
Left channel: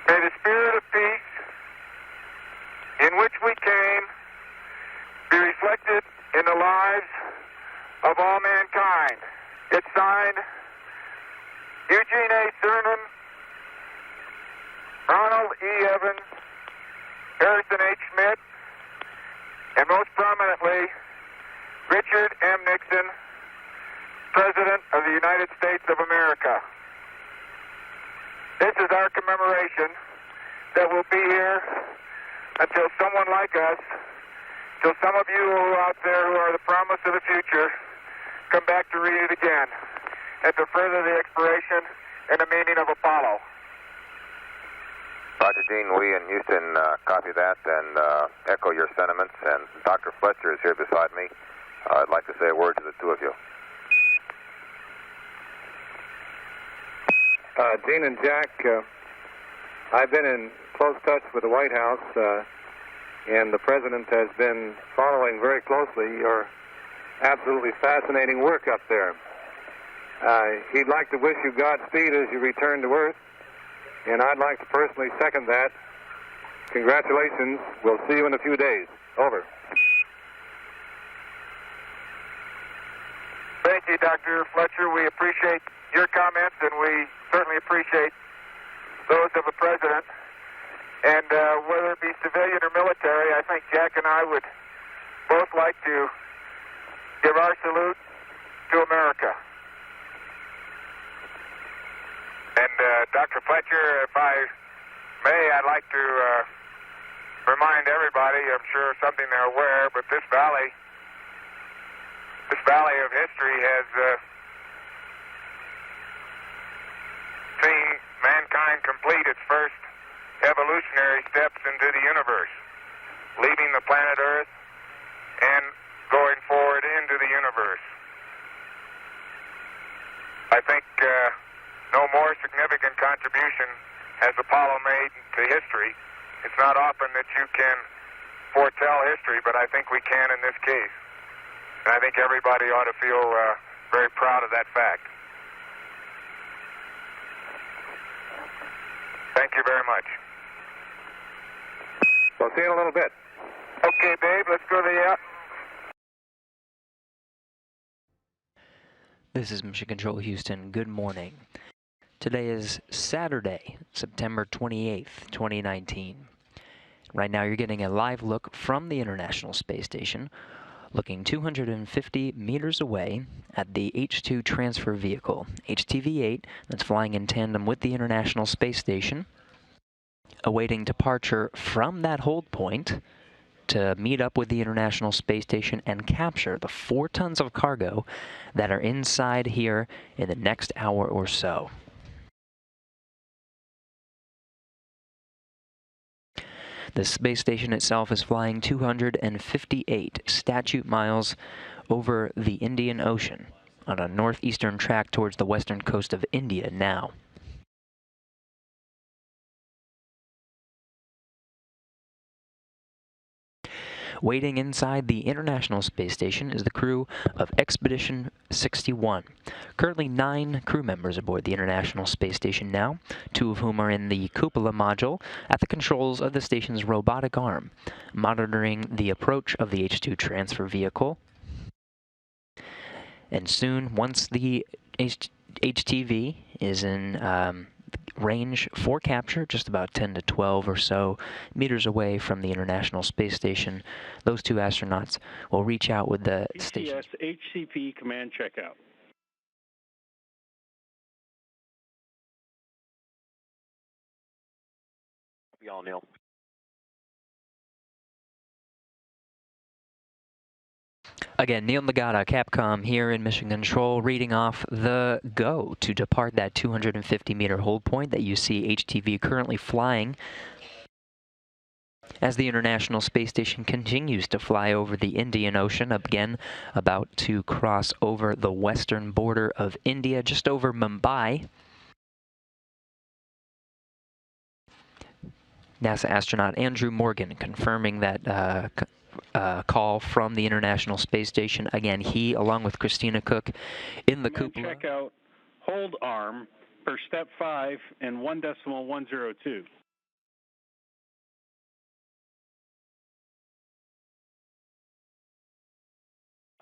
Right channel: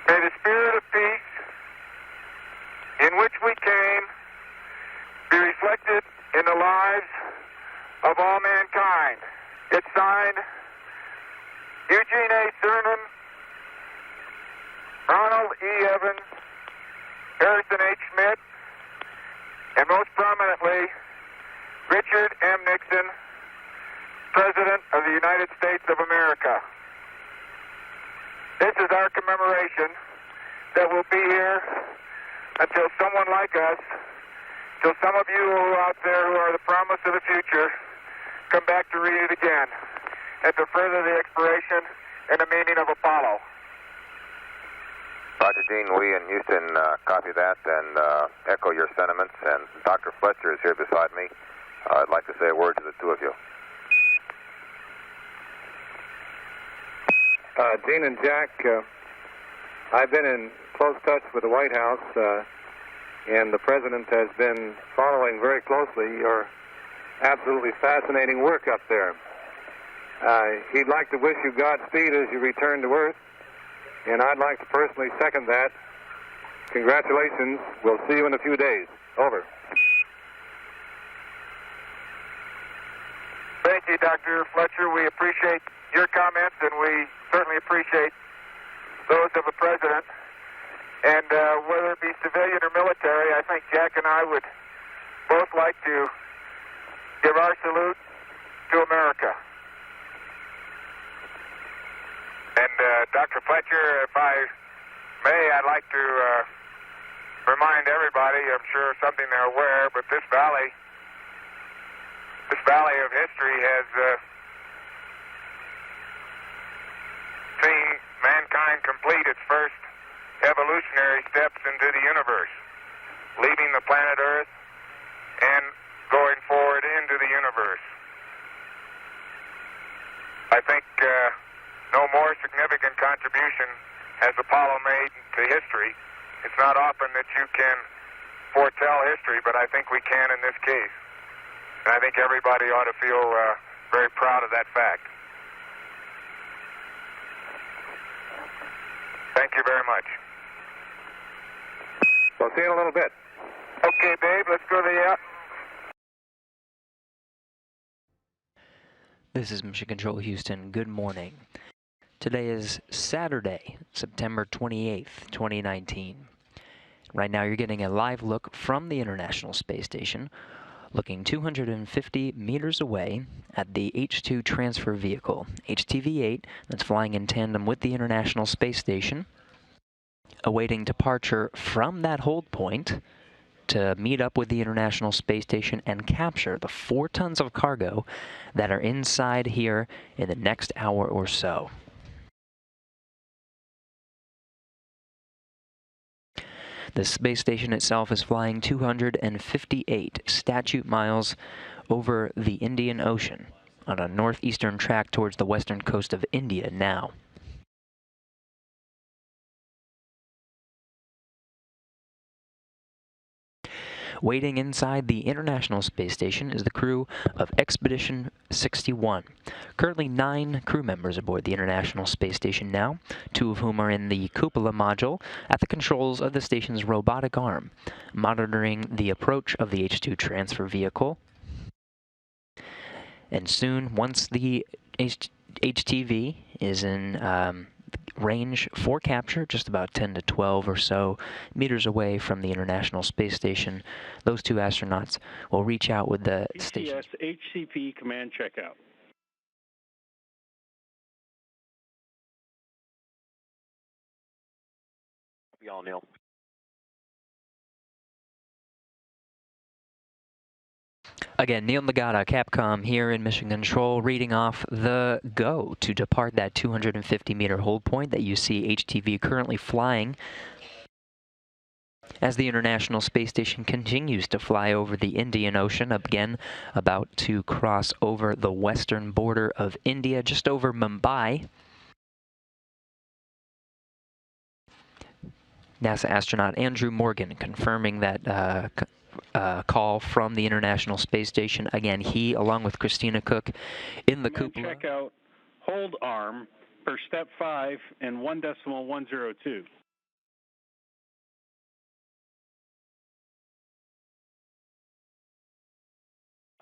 May the spirit of peace in which we came be reflected in the lives of all mankind. It's signed Eugene A. Cernan, Ronald E. Evans, Harrison H. Schmidt, and most prominently, Richard M. Nixon, President of the United States of America. This is our commemoration that will be here until someone like us, till some of you out there who are the promise of the future, come back to read it again and to further the expiration and the meaning of Apollo. Roger, Gene, we in Houston copy that and echo your sentiments. And Dr. Fletcher is here beside me. I'd like to say a word to the two of you. Gene and Jack, I've been in close touch with the White House, and the President has been following very closely your absolutely fascinating work up there. He'd like to wish you Godspeed as you return to Earth, and I'd like to personally second that. Congratulations. We'll see you in a few days. Over. Thank you, Dr. Fletcher. We appreciate your comments, and we certainly appreciate those of the President. And whether it be civilian or military, I think Jack and I would both like to give our salute to America. And Dr. Fletcher, if I may, I'd like to remind everybody, I'm sure something they're aware, but this valley of history has seen mankind complete its first evolutionary steps into the universe, leaving the planet Earth and going forward into the universe. I think no more significant contribution has Apollo made to history. It's not often that you can foretell history, but I think we can in this case. And I think everybody ought to feel very proud of that fact. Thank you very much. We'll see you in a little bit. Okay, Dave, let's go to the... This is Mission Control Houston. Good morning. Today is Saturday, September 28th, 2019. Right now you're getting a live look from the International Space Station, looking 250 meters away at the H-2 transfer vehicle, HTV-8, that's flying in tandem with the International Space Station, awaiting departure from that hold point to meet up with the International Space Station and capture the 4 tons of cargo that are inside here in the next hour or so. The space station itself is flying 258 statute miles over the Indian Ocean on a northeastern track towards the western coast of India now. Waiting inside the International Space Station is the crew of Expedition 61. Currently 9 crew members aboard the International Space Station now, 2 of whom are in the cupola module at the controls of the station's robotic arm, monitoring the approach of the H-2 transfer vehicle. And soon, once the HTV is in range for capture, just about 10 to 12 or so meters away from the International Space Station, those 2 astronauts will reach out with the station. HCP command checkout. We all Neil. Again, Neil Nagata, Capcom here in Mission Control, reading off the go to depart that 250-meter hold point that you see HTV currently flying as the International Space Station continues to fly over the Indian Ocean, again about to cross over the western border of India, just over Mumbai. NASA astronaut Andrew Morgan confirming that call from the International Space Station. Again, he, along with Christina Koch, in the cupola. Check out hold arm per step 5 and 1.102.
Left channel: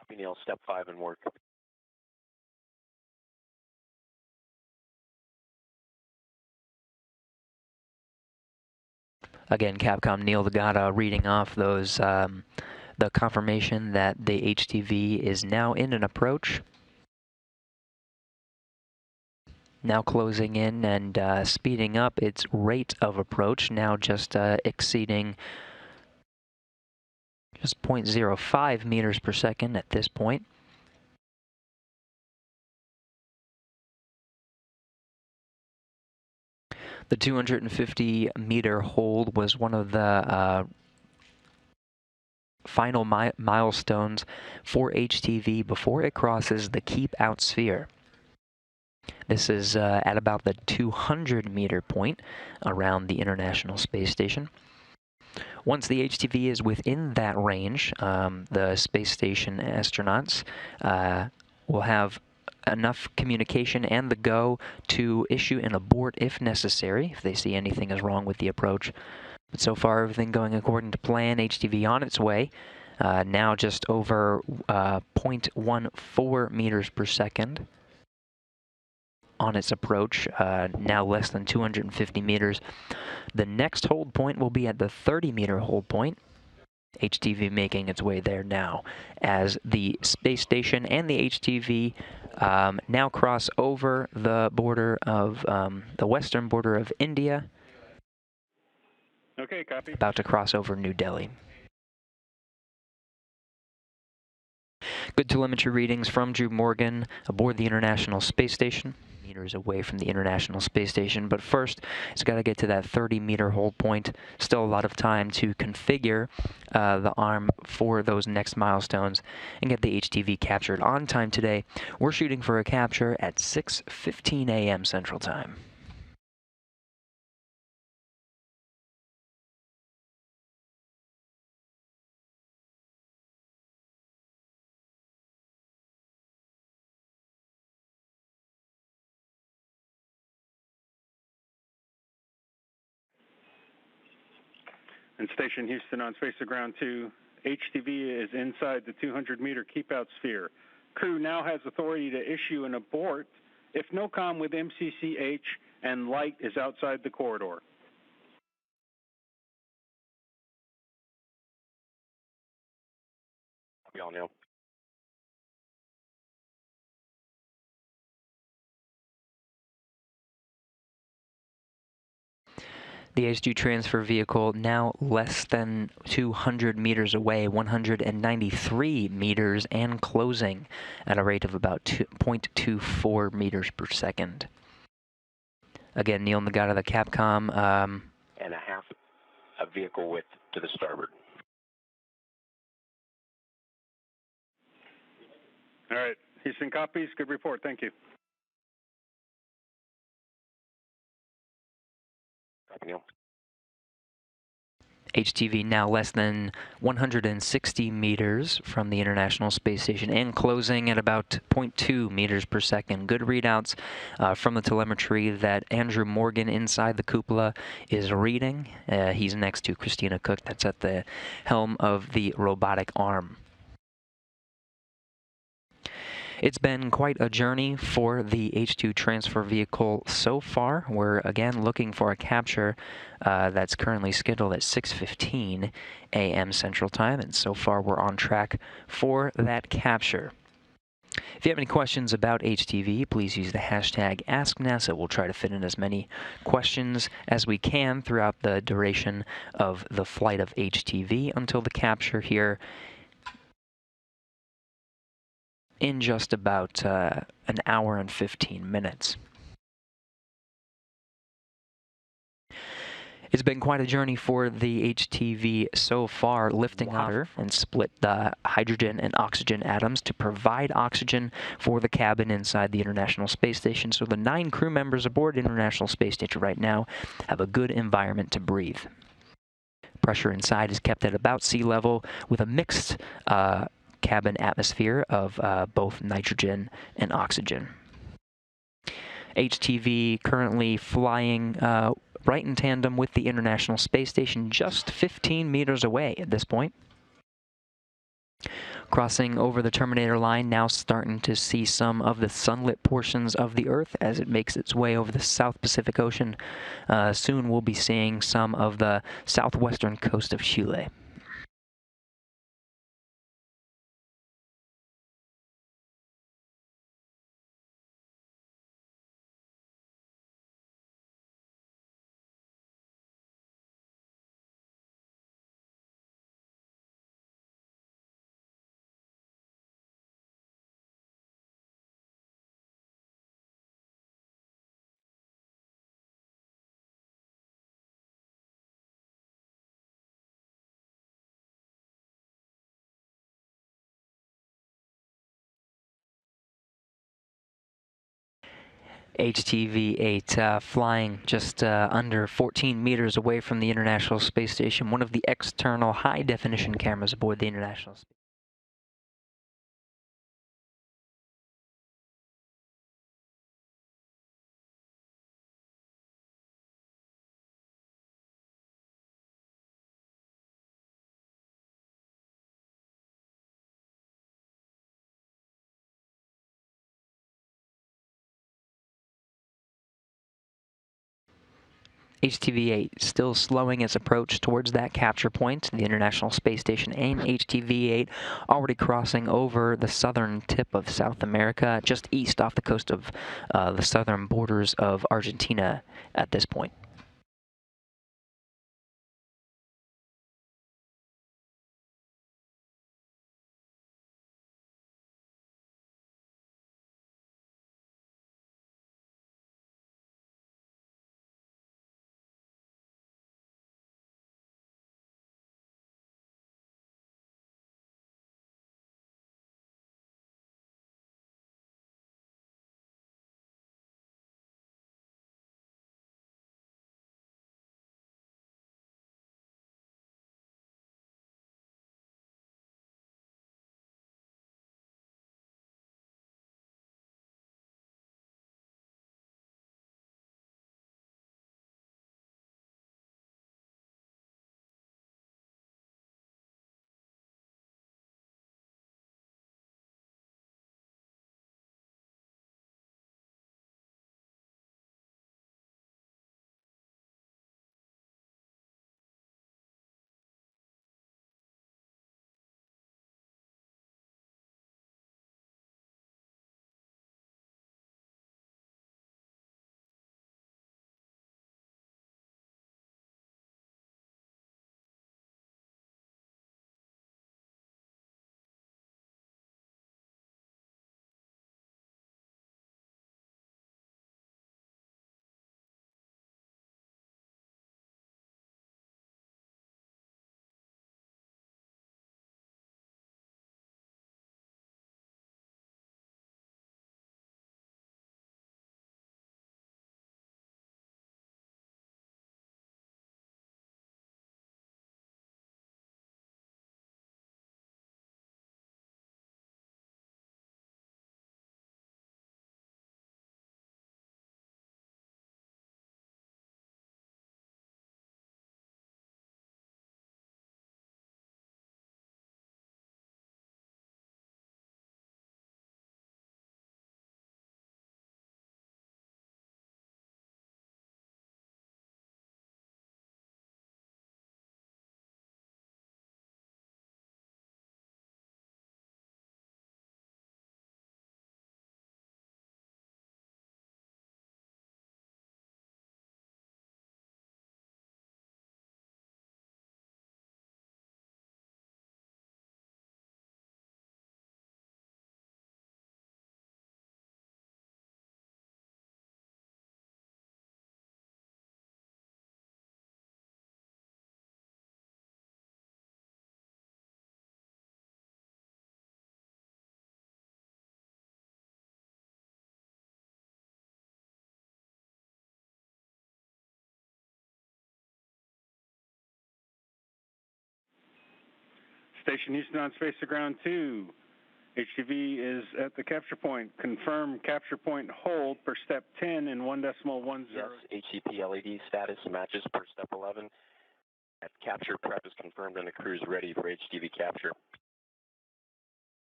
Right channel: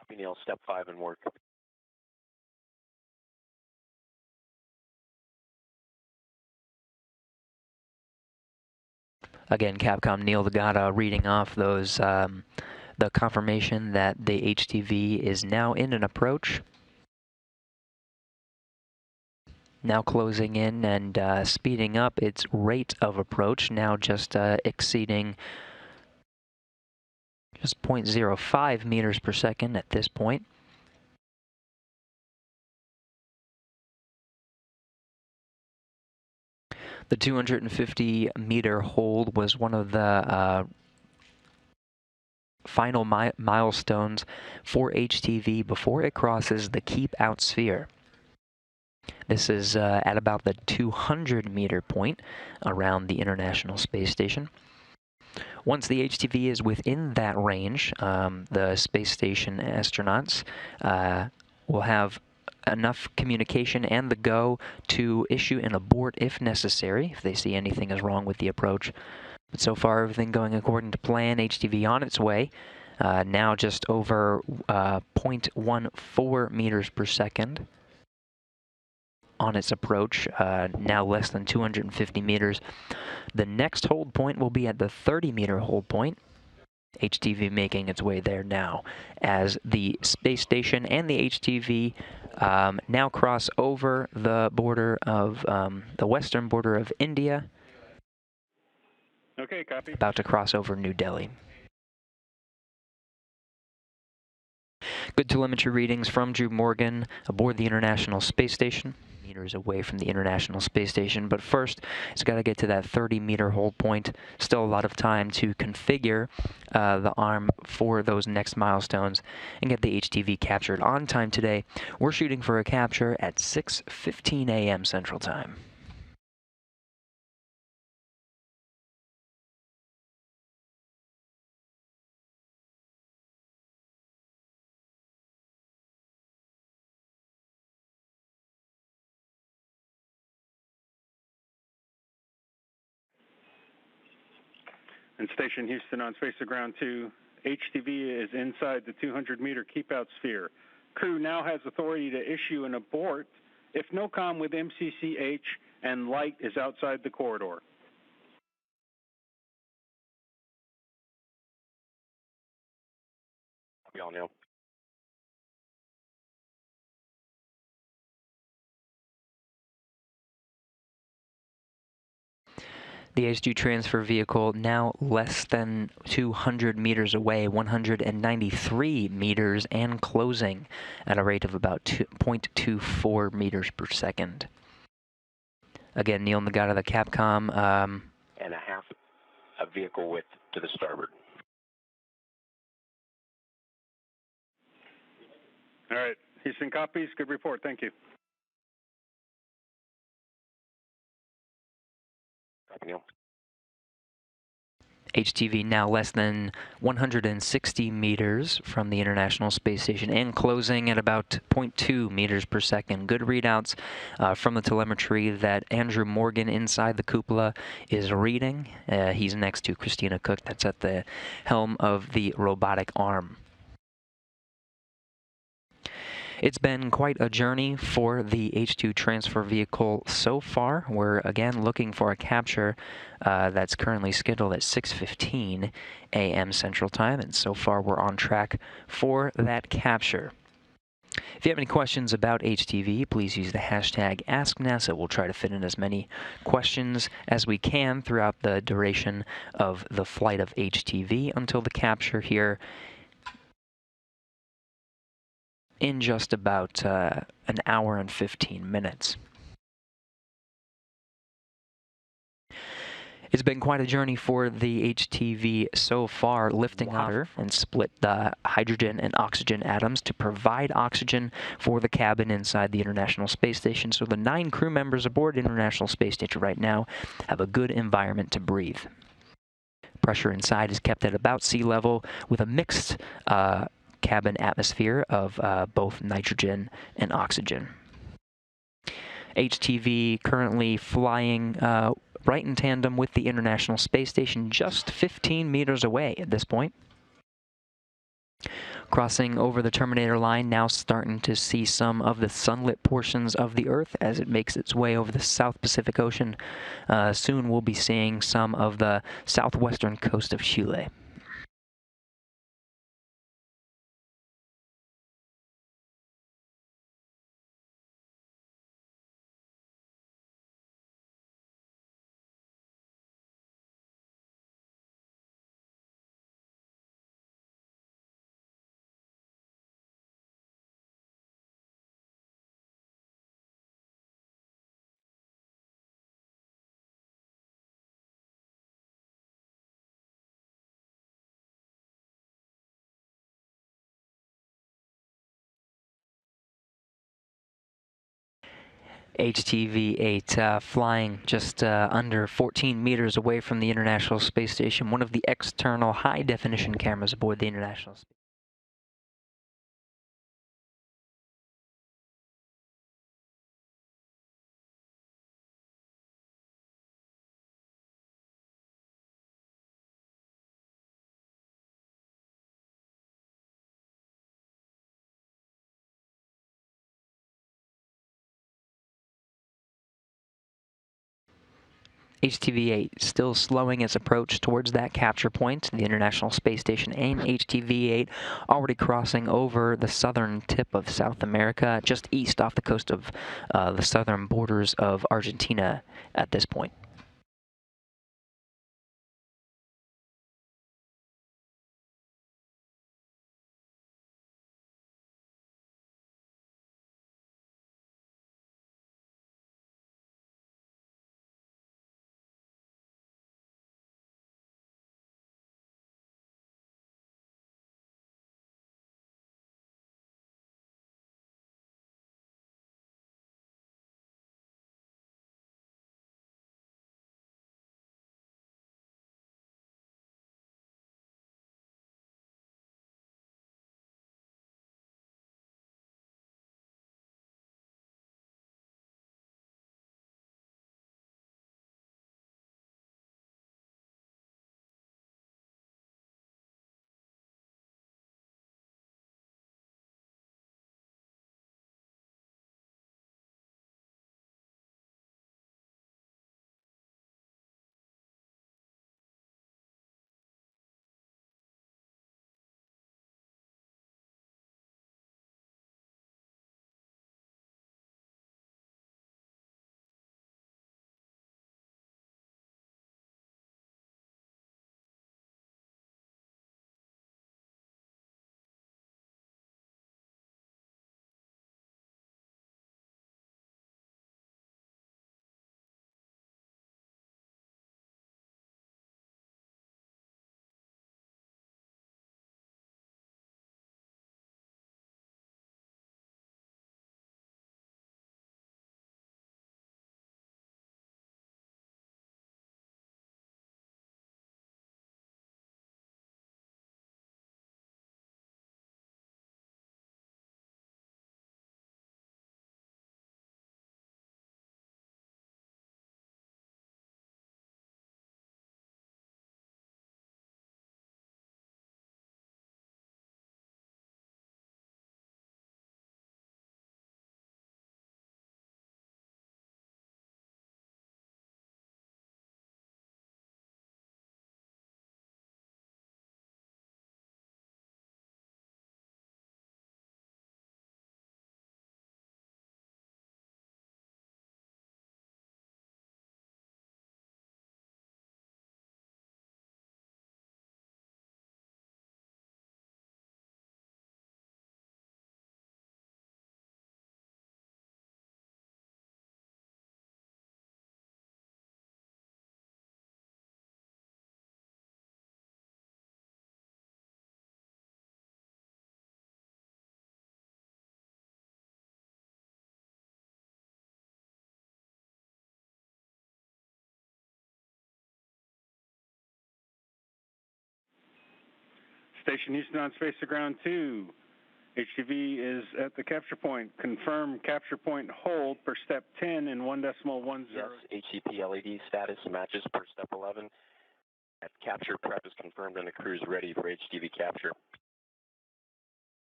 Copy, Neil. Step 5 in work. Again, Capcom Neil Degata reading off those the confirmation that the HTV is now in an approach. Now closing in and speeding up its rate of approach, now just exceeding just 0.05 meters per second at this point. The 250 meter hold was one of the final milestones for HTV before it crosses the keep out sphere. This is at about the 200 meter point around the International Space Station. Once the HTV is within that range, the space station astronauts will have enough communication and the go to issue an abort if necessary, if they see anything is wrong with the approach. But so far, everything going according to plan. HTV on its way, now just over 0.14 meters per second on its approach, now less than 250 meters. The next hold point will be at the 30-meter hold point. HTV making its way there now as the space station and the HTV now cross over the border of the western border of India. Okay, copy. About to cross over New Delhi. Good telemetry readings from Drew Morgan aboard the International Space Station. Meters away from the International Space Station, but first it's got to get to that 30-meter hold point. Still a lot of time to configure the arm for those next milestones and get the HTV captured on time today. We're shooting for a capture at 6:15 a.m. Central Time. And Station Houston on Space to Ground 2, HTV is inside the 200-meter keep-out sphere. Crew now has authority to issue an abort if no comm with MCCH and light is outside the corridor. We all know. The H2 transfer vehicle now less than 200 meters away, 193 meters, and closing at a rate of about 0.24 meters per second. Again, Neil Nagata, the Capcom. And a vehicle width to the starboard. All right. Houston copies. Good report. Thank you. HTV now less than 160 meters from the International Space Station and closing at about 0.2 meters per second. Good readouts from the telemetry that Andrew Morgan inside the cupola is reading. He's next to Christina Koch, that's at the helm of the robotic arm. It's been quite a journey for the H2 transfer vehicle so far. We're again looking for a capture that's currently scheduled at 6:15 a.m. Central Time, and so far we're on track for that capture. If you have any questions about HTV, please use the hashtag AskNASA. We'll try to fit in as many questions as we can throughout the duration of the flight of HTV until the capture here in just about an hour and 15 minutes. It's been quite a journey for the HTV so far, lifting water and split the hydrogen and oxygen atoms to provide oxygen for the cabin inside the International Space Station. So the 9 crew members aboard the International Space Station right now have a good environment to breathe. Pressure inside is kept at about sea level with a mixed cabin atmosphere of both nitrogen and oxygen. HTV currently flying right in tandem with the International Space Station, just 15 meters away at this point. Crossing over the terminator line, now starting to see some of the sunlit portions of the Earth as it makes its way over the South Pacific Ocean. Soon we'll be seeing some of the southwestern coast of Chile. HTV-8 flying just under 14 meters away from the International Space Station, one of the external high-definition cameras aboard the International Space Station. HTV-8 still slowing its approach towards that capture point, the International Space Station, and HTV-8 already crossing over the southern tip of South America, just east off the coast of the southern borders of Argentina at this point. Station Houston on Space to Ground 2. HTV is at the capture point. Confirm capture point hold per step 10 in 1.10. Yes, HCP LED status matches per step 11. Capture prep is confirmed and the crew is ready for HTV capture.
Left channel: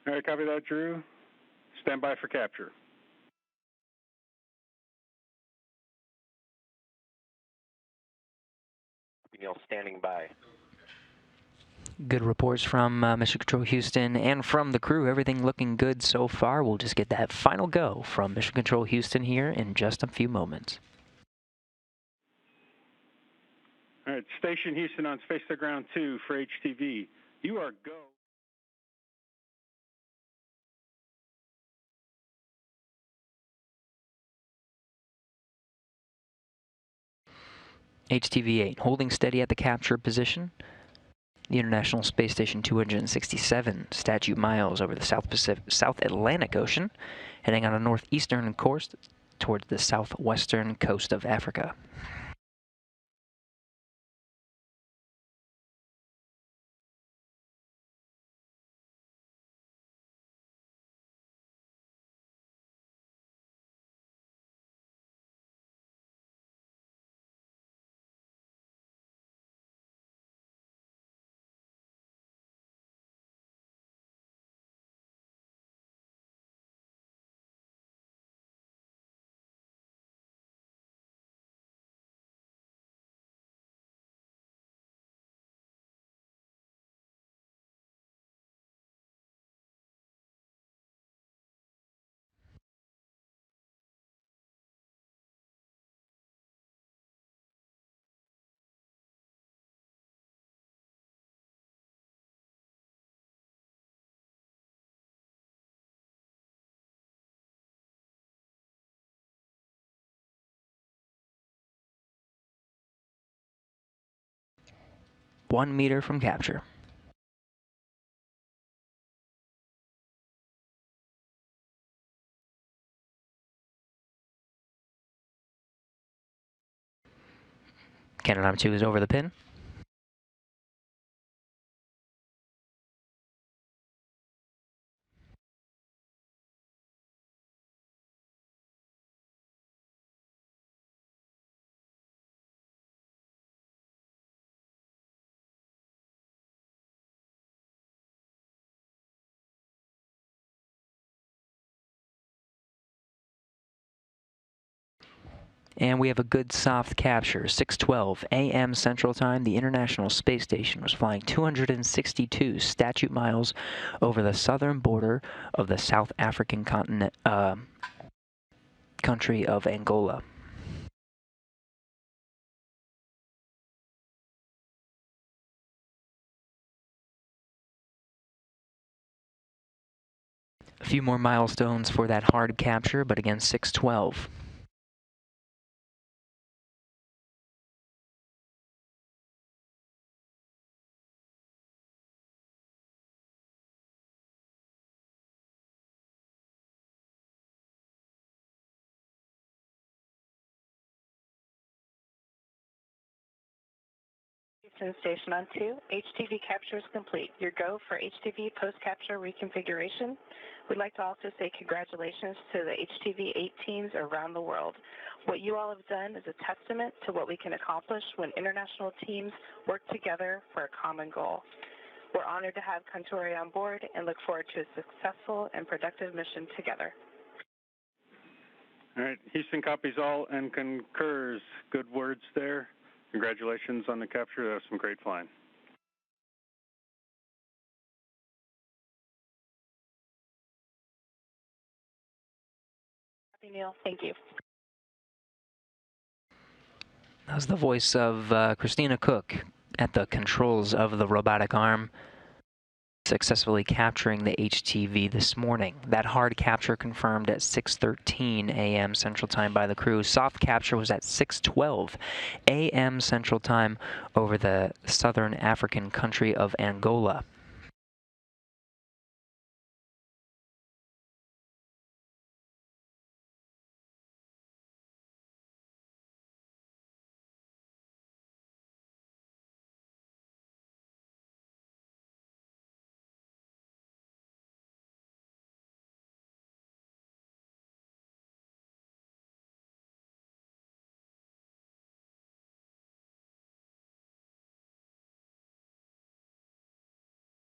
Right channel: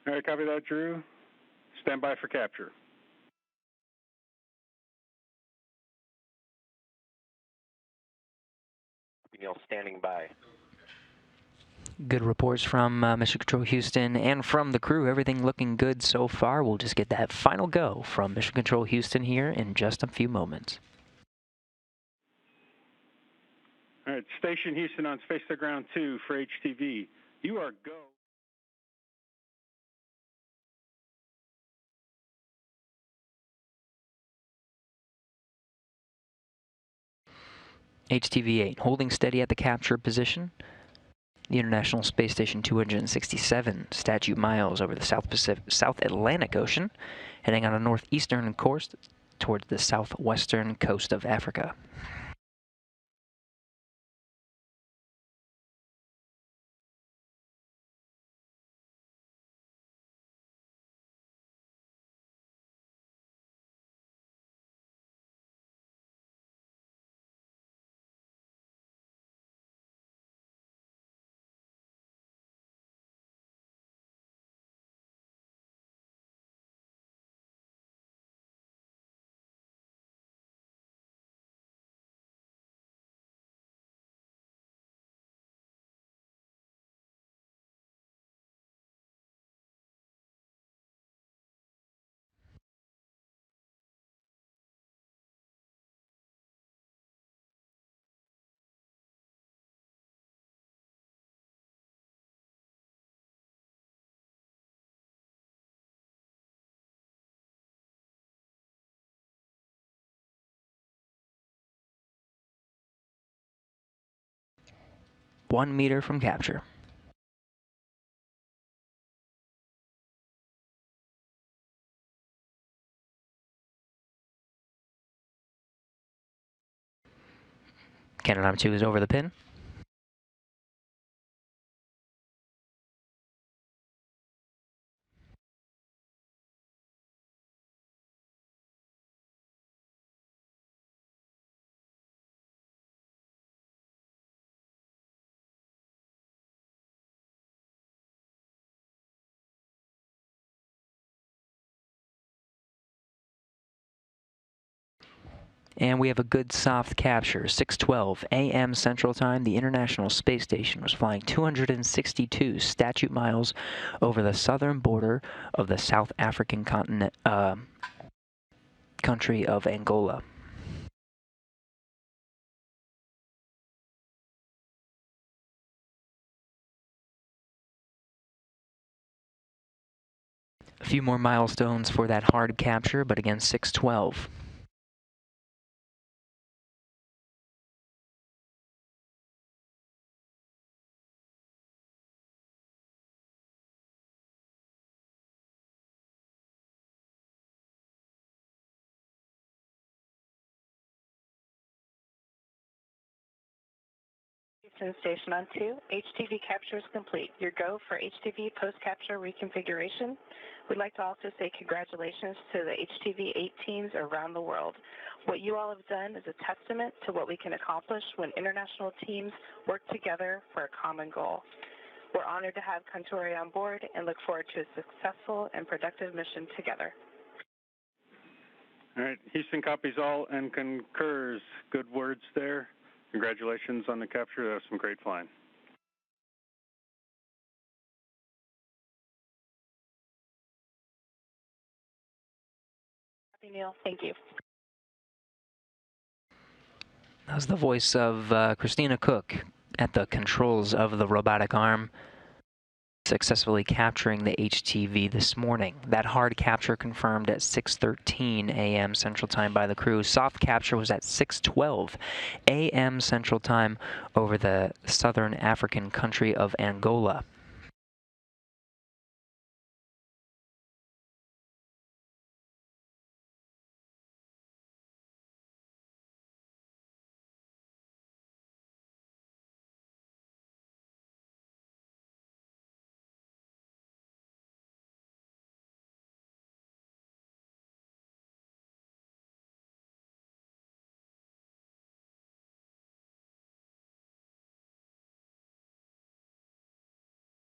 All right, copy that, Drew. Stand by for capture. Neil, standing by. Good reports from Mission Control Houston and from the crew. Everything looking good so far. We'll just get that final go from Mission Control Houston here in just a few moments. All right, Station Houston on Space to Ground 2 for HTV. You are go. HTV-8 holding steady at the capture position. The International Space Station 267 statute miles over the South Atlantic Ocean, heading on a northeastern course towards the southwestern coast of Africa. .1 meter from capture. Canadarm2 is over the pin. And we have a good soft capture. 6:12 a.m. Central Time. The International Space Station was flying 262 statute miles over the southern border of the South African continent, country of Angola. A few more milestones for that hard capture, but again, 6:12. Houston Station on 2, HTV capture is complete. Your go for HTV post-capture reconfiguration. We'd like to also say congratulations to the HTV-8 teams around the world. What you all have done is a testament to what we can accomplish when international teams work together for a common goal. We're honored to have Contori on board and look forward to a successful and productive mission together. All right, Houston copies all and concurs. Good words there. Congratulations on the capture. That was some great flying. Happy Neil. Thank you. That was the voice of Christina Koch at the controls of the robotic arm, successfully capturing the HTV this morning. That hard capture confirmed at 6:13 a.m. Central Time by the crew. Soft capture was at 6:12 a.m. Central Time over the southern African country of Angola.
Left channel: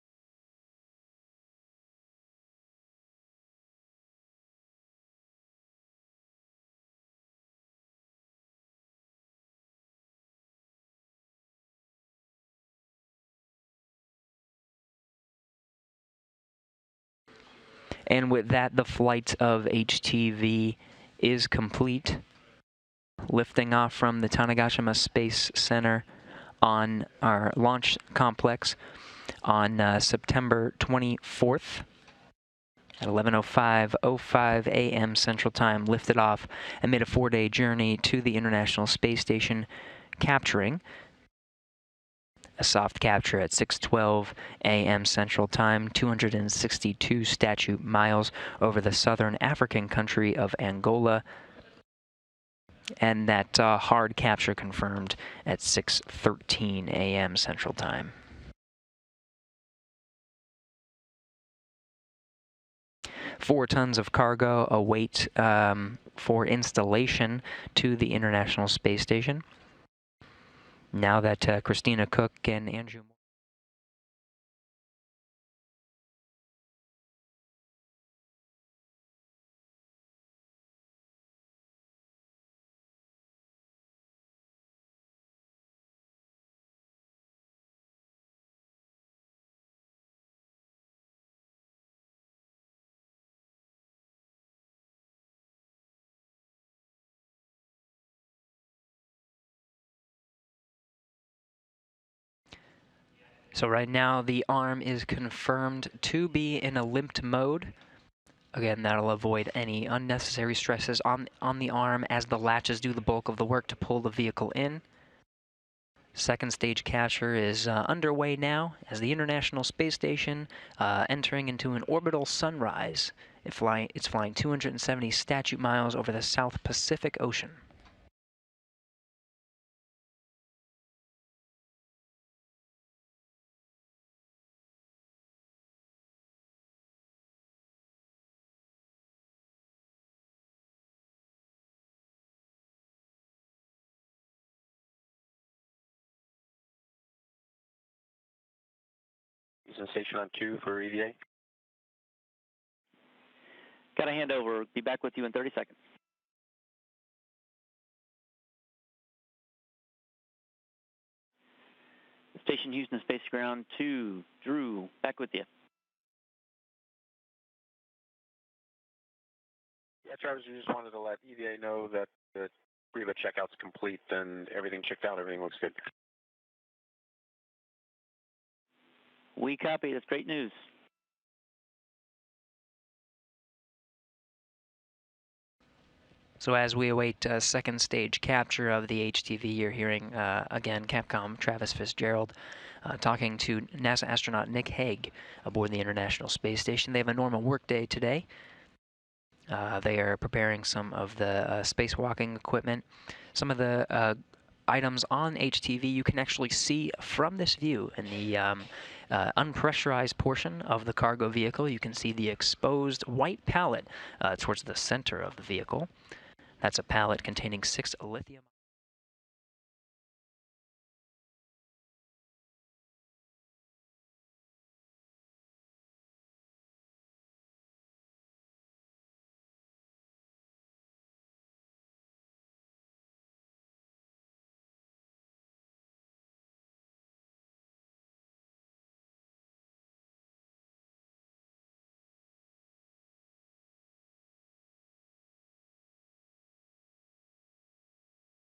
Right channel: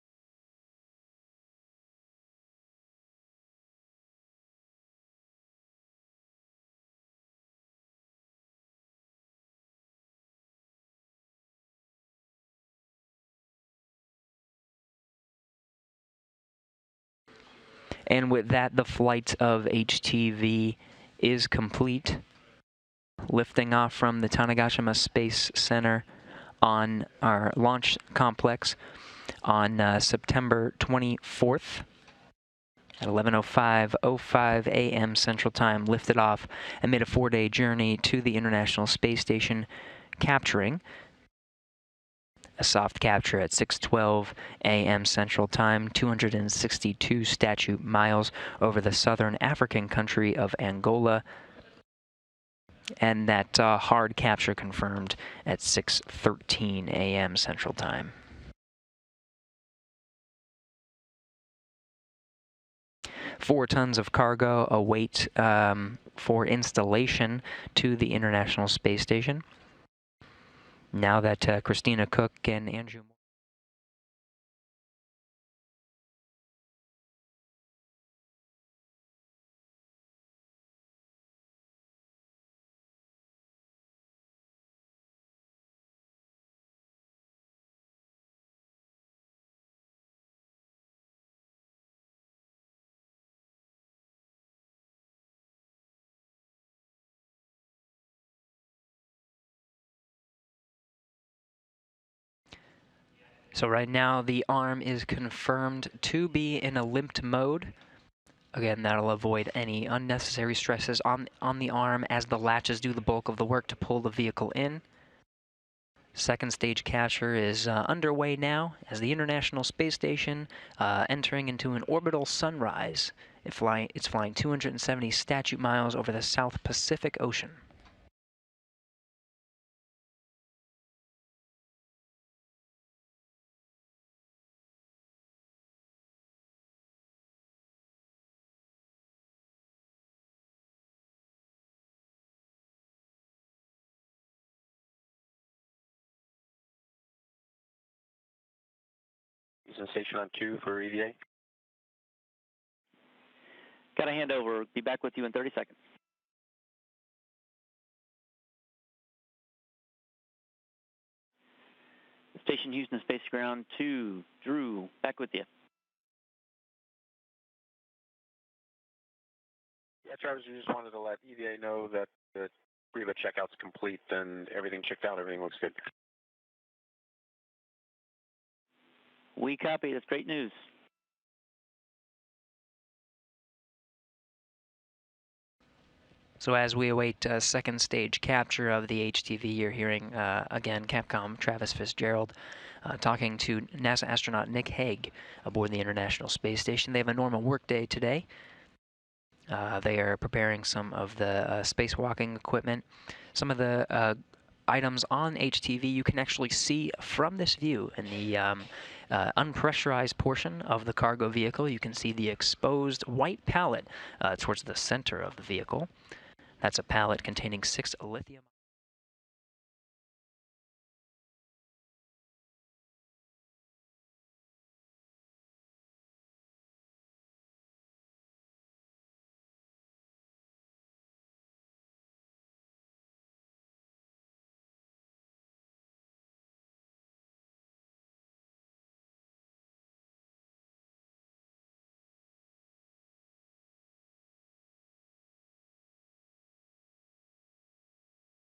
And with that, the flight of HTV is complete, lifting off from the Tanegashima Space Center on our launch complex on September 24th at 11:05 a.m. Central Time, lifted off and made a 4-day journey to the International Space Station, capturing a soft capture at 6:12 a.m. Central Time, 262 statute miles over the southern African country of Angola, and that hard capture confirmed at 6:13 a.m. Central Time. Four tons of cargo await for installation to the International Space Station. Now that Christina, Koch, and Andrew So right now the arm is confirmed to be in a limped mode. Again, that'll avoid any unnecessary stresses on the arm as the latches do the bulk of the work to pull the vehicle in. Second stage capture is underway now as the International Space Station entering into an orbital sunrise. It's flying 270 statute miles over the South Pacific Ocean. Houston Station on 2 for EVA. Got a handover. Be back with you in 30 seconds. Station Houston Space Ground 2. Drew, back with you. Yeah, Travis, we just wanted to let EVA know that the pre-lit checkout's complete and everything checked out, everything looks good. We copy. That's great news. So as we await second stage capture of the HTV, you're hearing, again, Capcom Travis Fitzgerald talking to NASA astronaut Nick Hague aboard the International Space Station. They have a normal workday today. They are preparing some of the spacewalking equipment. Some of the items on HTV you can actually see from this view in the unpressurized portion of the cargo vehicle. You can see the exposed white pallet towards the center of the vehicle. That's a pallet containing 6 lithium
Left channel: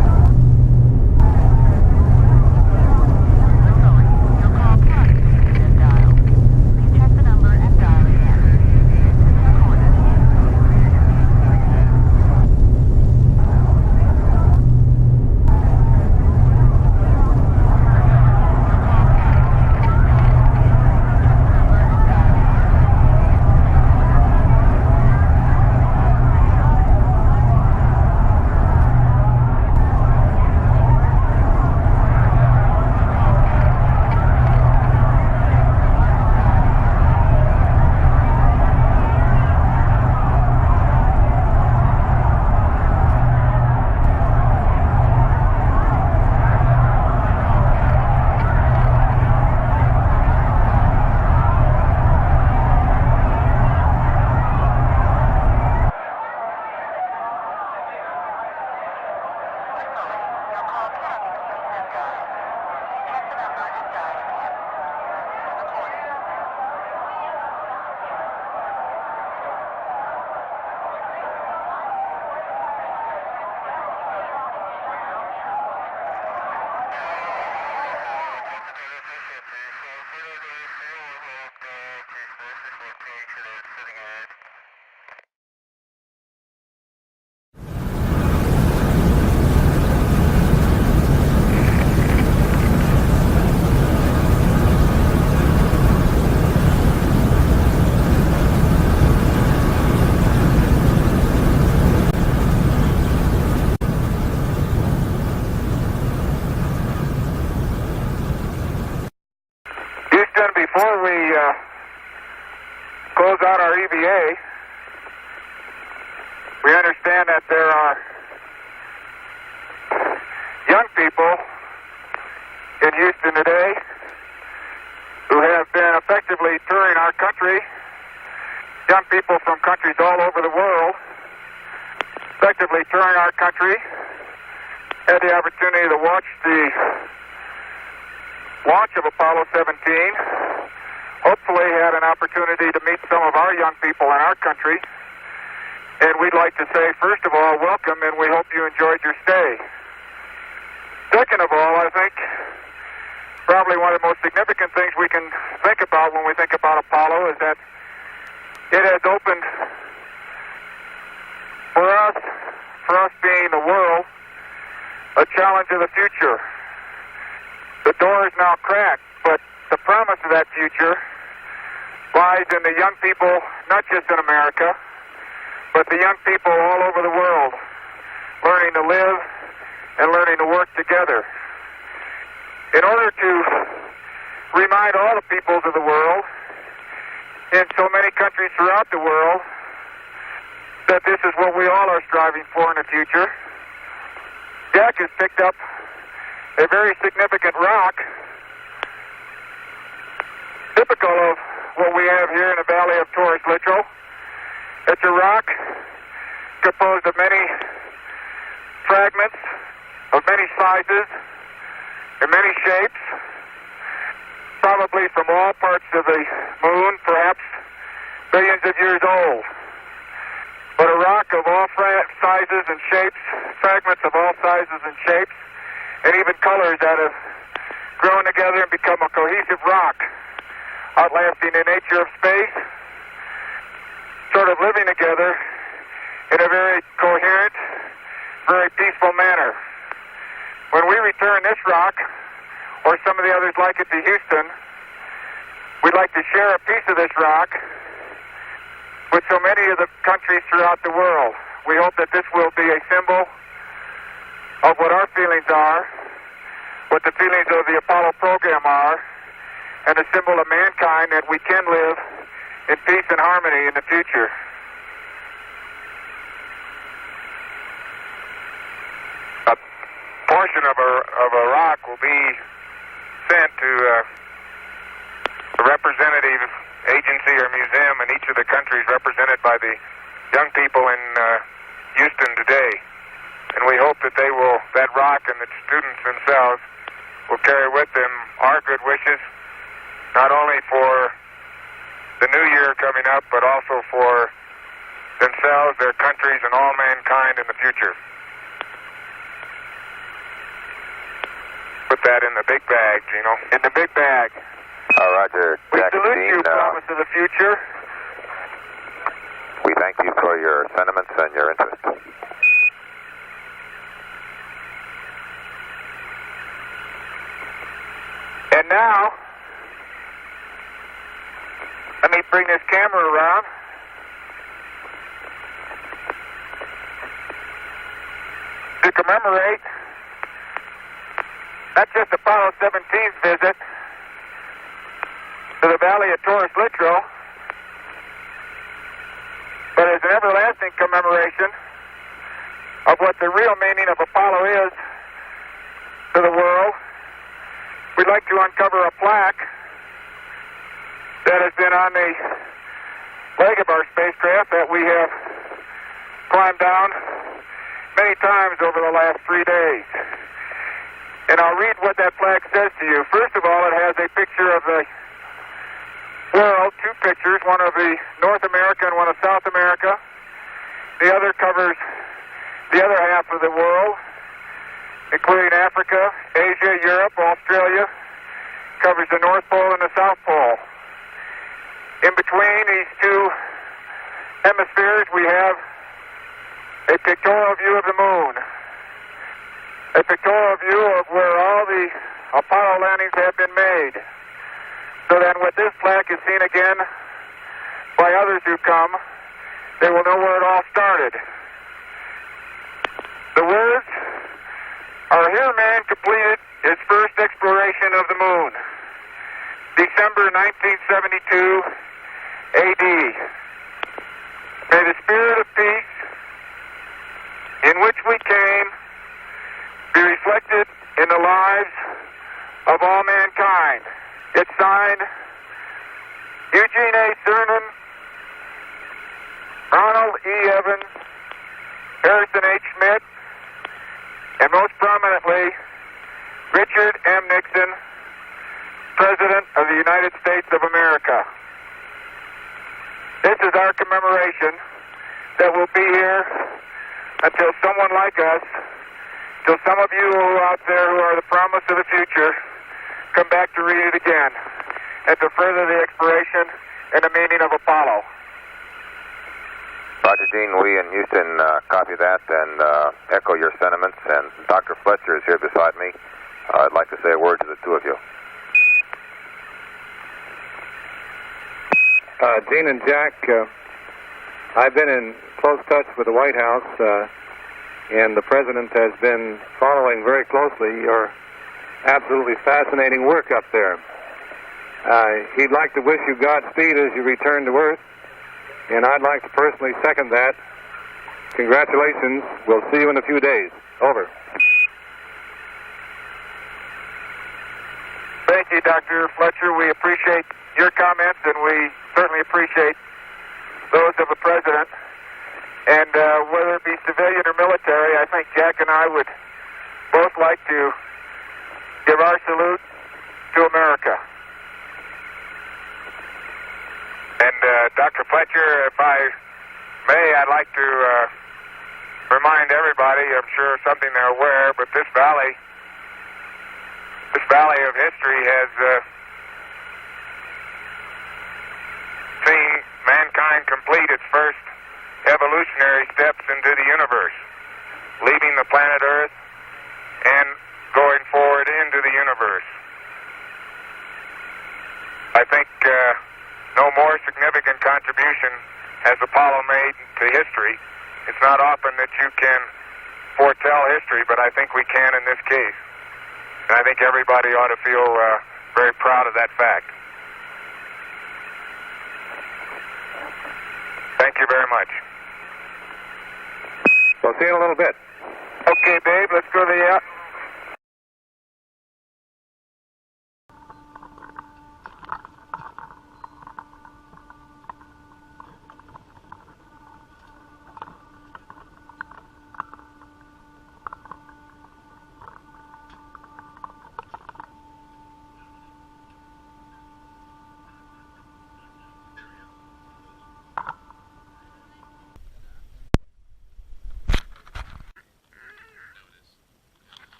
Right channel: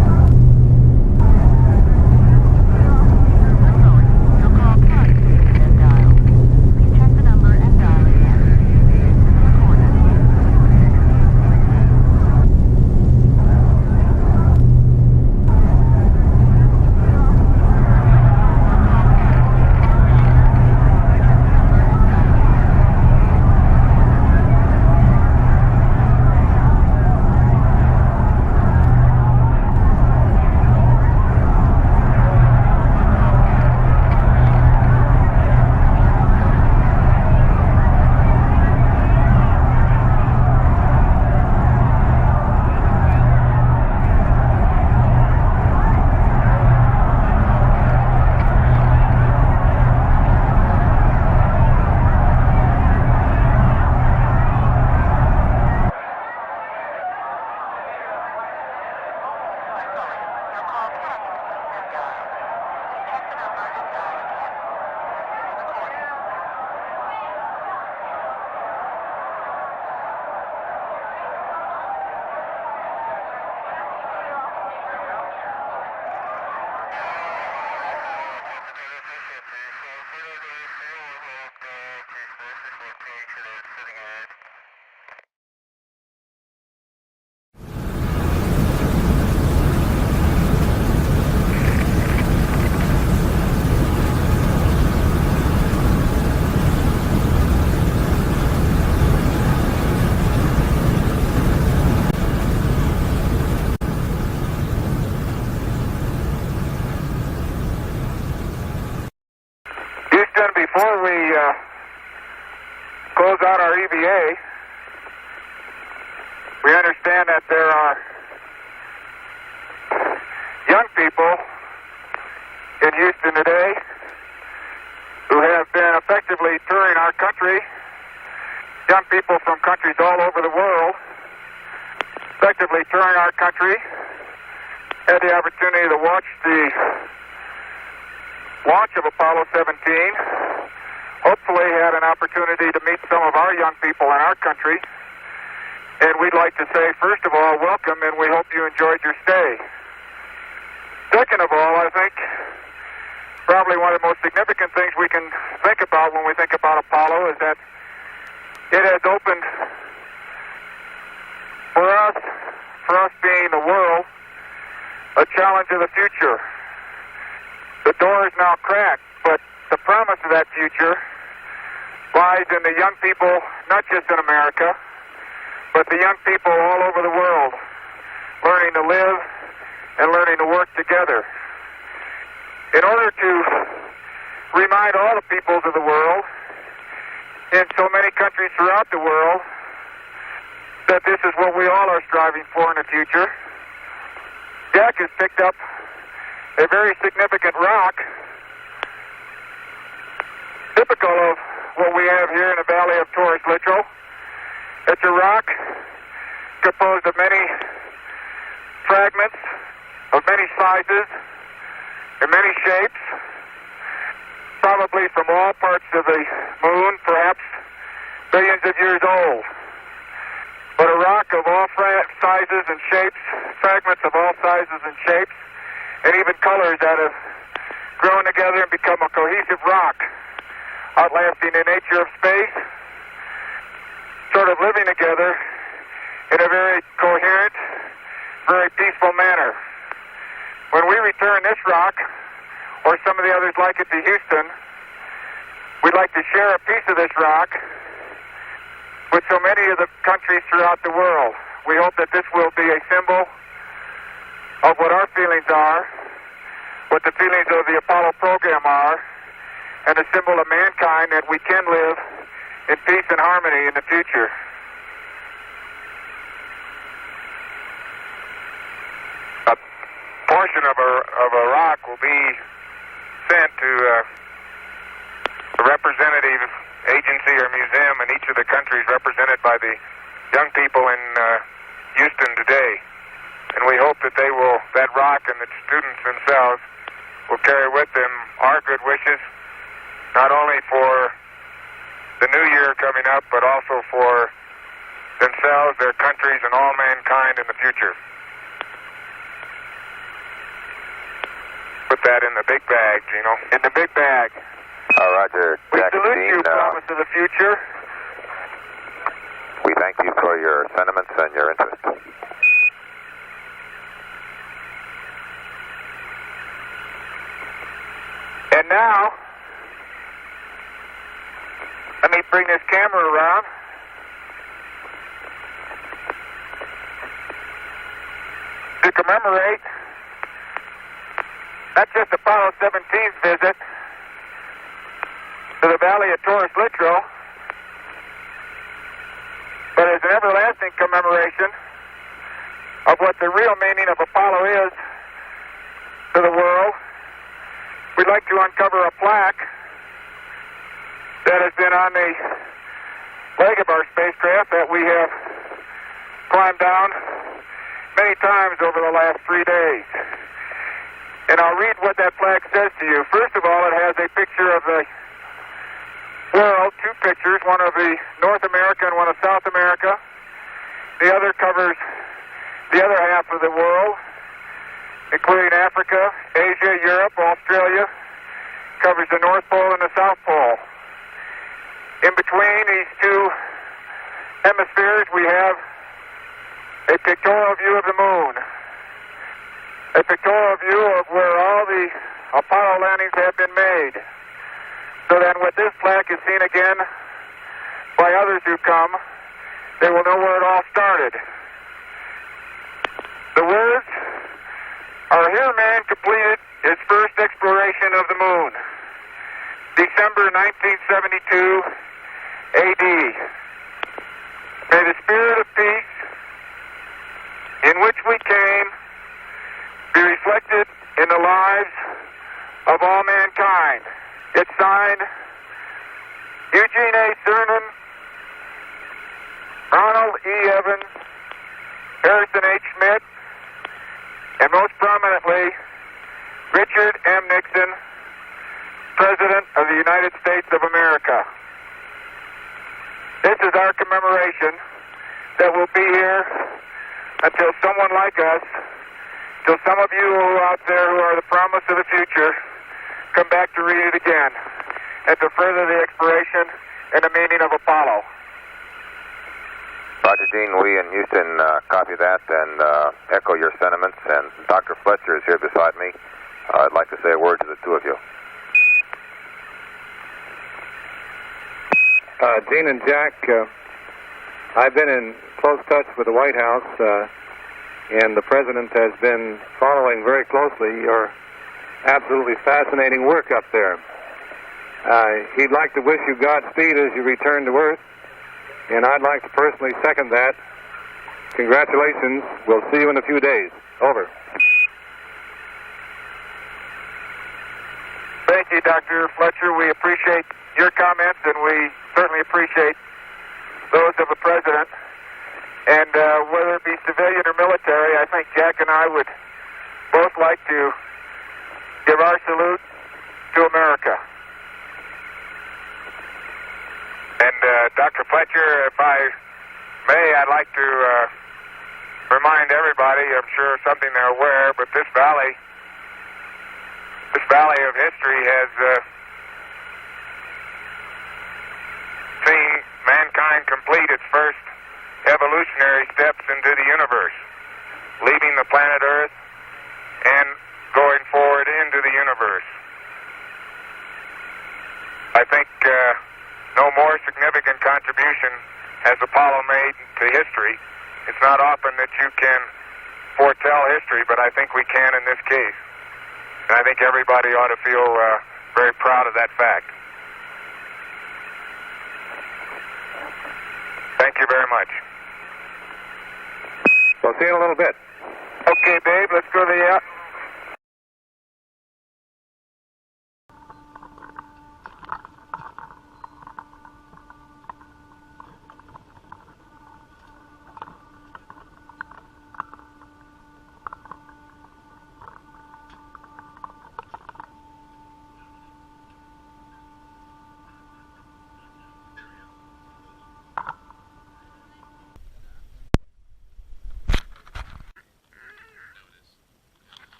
Before we close out our EVA, we understand that there are young people in Houston today who have been effectively touring our country, young people from countries all over the world, effectively touring our country, had the opportunity to watch the launch of Apollo 17, hopefully had an opportunity to meet some of our young people in our country, and we'd like to say, first of all, welcome, and we hope you enjoyed your stay. Second of all, I think probably one of the most significant things we can think about when we think about Apollo is that it has opened for us being the world, a challenge of the future. The door is now cracked, but the promise of that future lies in the young people, not just in America, but the young people all over the world, learning to live and learning to work together. In order to remind all the peoples of the world, in so many countries throughout the world, that this is what we all are striving for in the future, Jack has picked up a very significant rock, typical of what we have here in the Valley of Torres Litro. It's a rock composed of many fragments, of many sizes, and many shapes, probably from all parts of the moon, perhaps billions of years old. But a rock of all sizes and shapes, fragments of all sizes and shapes, and even colors that have grown together and become a cohesive rock, outlasting the nature of space, sort of living together in a very coherent, very peaceful manner. When we return this rock, or some of the others like it to Houston, we'd like to share a piece of this rock with so many of the countries throughout the world. We hope that this will be a symbol of what our feelings are, what the feelings of the Apollo program are, and a symbol of mankind that we can live in peace and harmony in the future. A portion of a rock will be sent to a representative agency or museum in each of the countries represented by the young people in Houston today. And we hope that that rock and the students themselves will carry with them our good wishes, not only for the new year coming up, but also for themselves, their countries, and all mankind in the future. Put that in the big bag, Gino. In the big bag. Roger. We Jack salute Dean, you, promise of the future. We thank you for your sentiments and your interest. And now, let me bring this camera around. To commemorate not just Apollo 17's visit to the Valley of Torres Litro, but as an everlasting commemoration of what the real meaning of Apollo is to the world, we'd like to uncover a plaque that has been on the leg of our spacecraft that we have climbed down many times over the last 3 days. And I'll read what that plaque says to you. First of all, it has a picture of the world, two pictures, one of the North America and one of South America. The other covers the other half of the world, including Africa, Asia, Europe, Australia, covers the North Pole and the South Pole. In between these two hemispheres, we have a pictorial view of the moon, a pictorial view of where all the Apollo landings have been made, so that when this plaque is seen again by others who come, they will know where it all started. The words are, "Here man completed his first exploration of the moon, December 1972 AD. May the spirit of peace in which we came be reflected in the lives of all mankind." It's signed Eugene A. Cernan, Ronald E. Evans, Harrison H. Schmidt, and most prominently, Richard M. Nixon, President of the United States of America. This is our commemoration that will be here until someone like us, till some of you who are out there who are the promise of the future, come back to read it again and to further the exploration and the meaning of Apollo. Roger, Gene. We in Houston copy that and echo your sentiments. And Dr. Fletcher is here beside me. I'd like to say a word to the two of you. Gene and Jack, I've been in close touch with the White House, and the President has been following very closely your absolutely fascinating work up there. He'd like to wish you Godspeed as you return to Earth, and I'd like to personally second that. Congratulations. We'll see you in a few days. Over. Thank you, Dr. Fletcher. We appreciate your comments, and we certainly appreciate those of the President. And whether it be civilian or military, I think Jack and I would both like to give our salute to America. And Dr. Fletcher, if I may, I'd like to remind everybody, I'm sure something they're aware, but this valley of history has seen mankind complete its first evolutionary steps into the universe, leaving the planet Earth and going forward into the universe. I think no more significant contribution has Apollo made to history. It's not often that you can foretell history, but I think we can in this case. And I think everybody ought to feel very proud of that fact. Thank you very much. We'll see you in a little bit. Okay, Dave, let's go to the...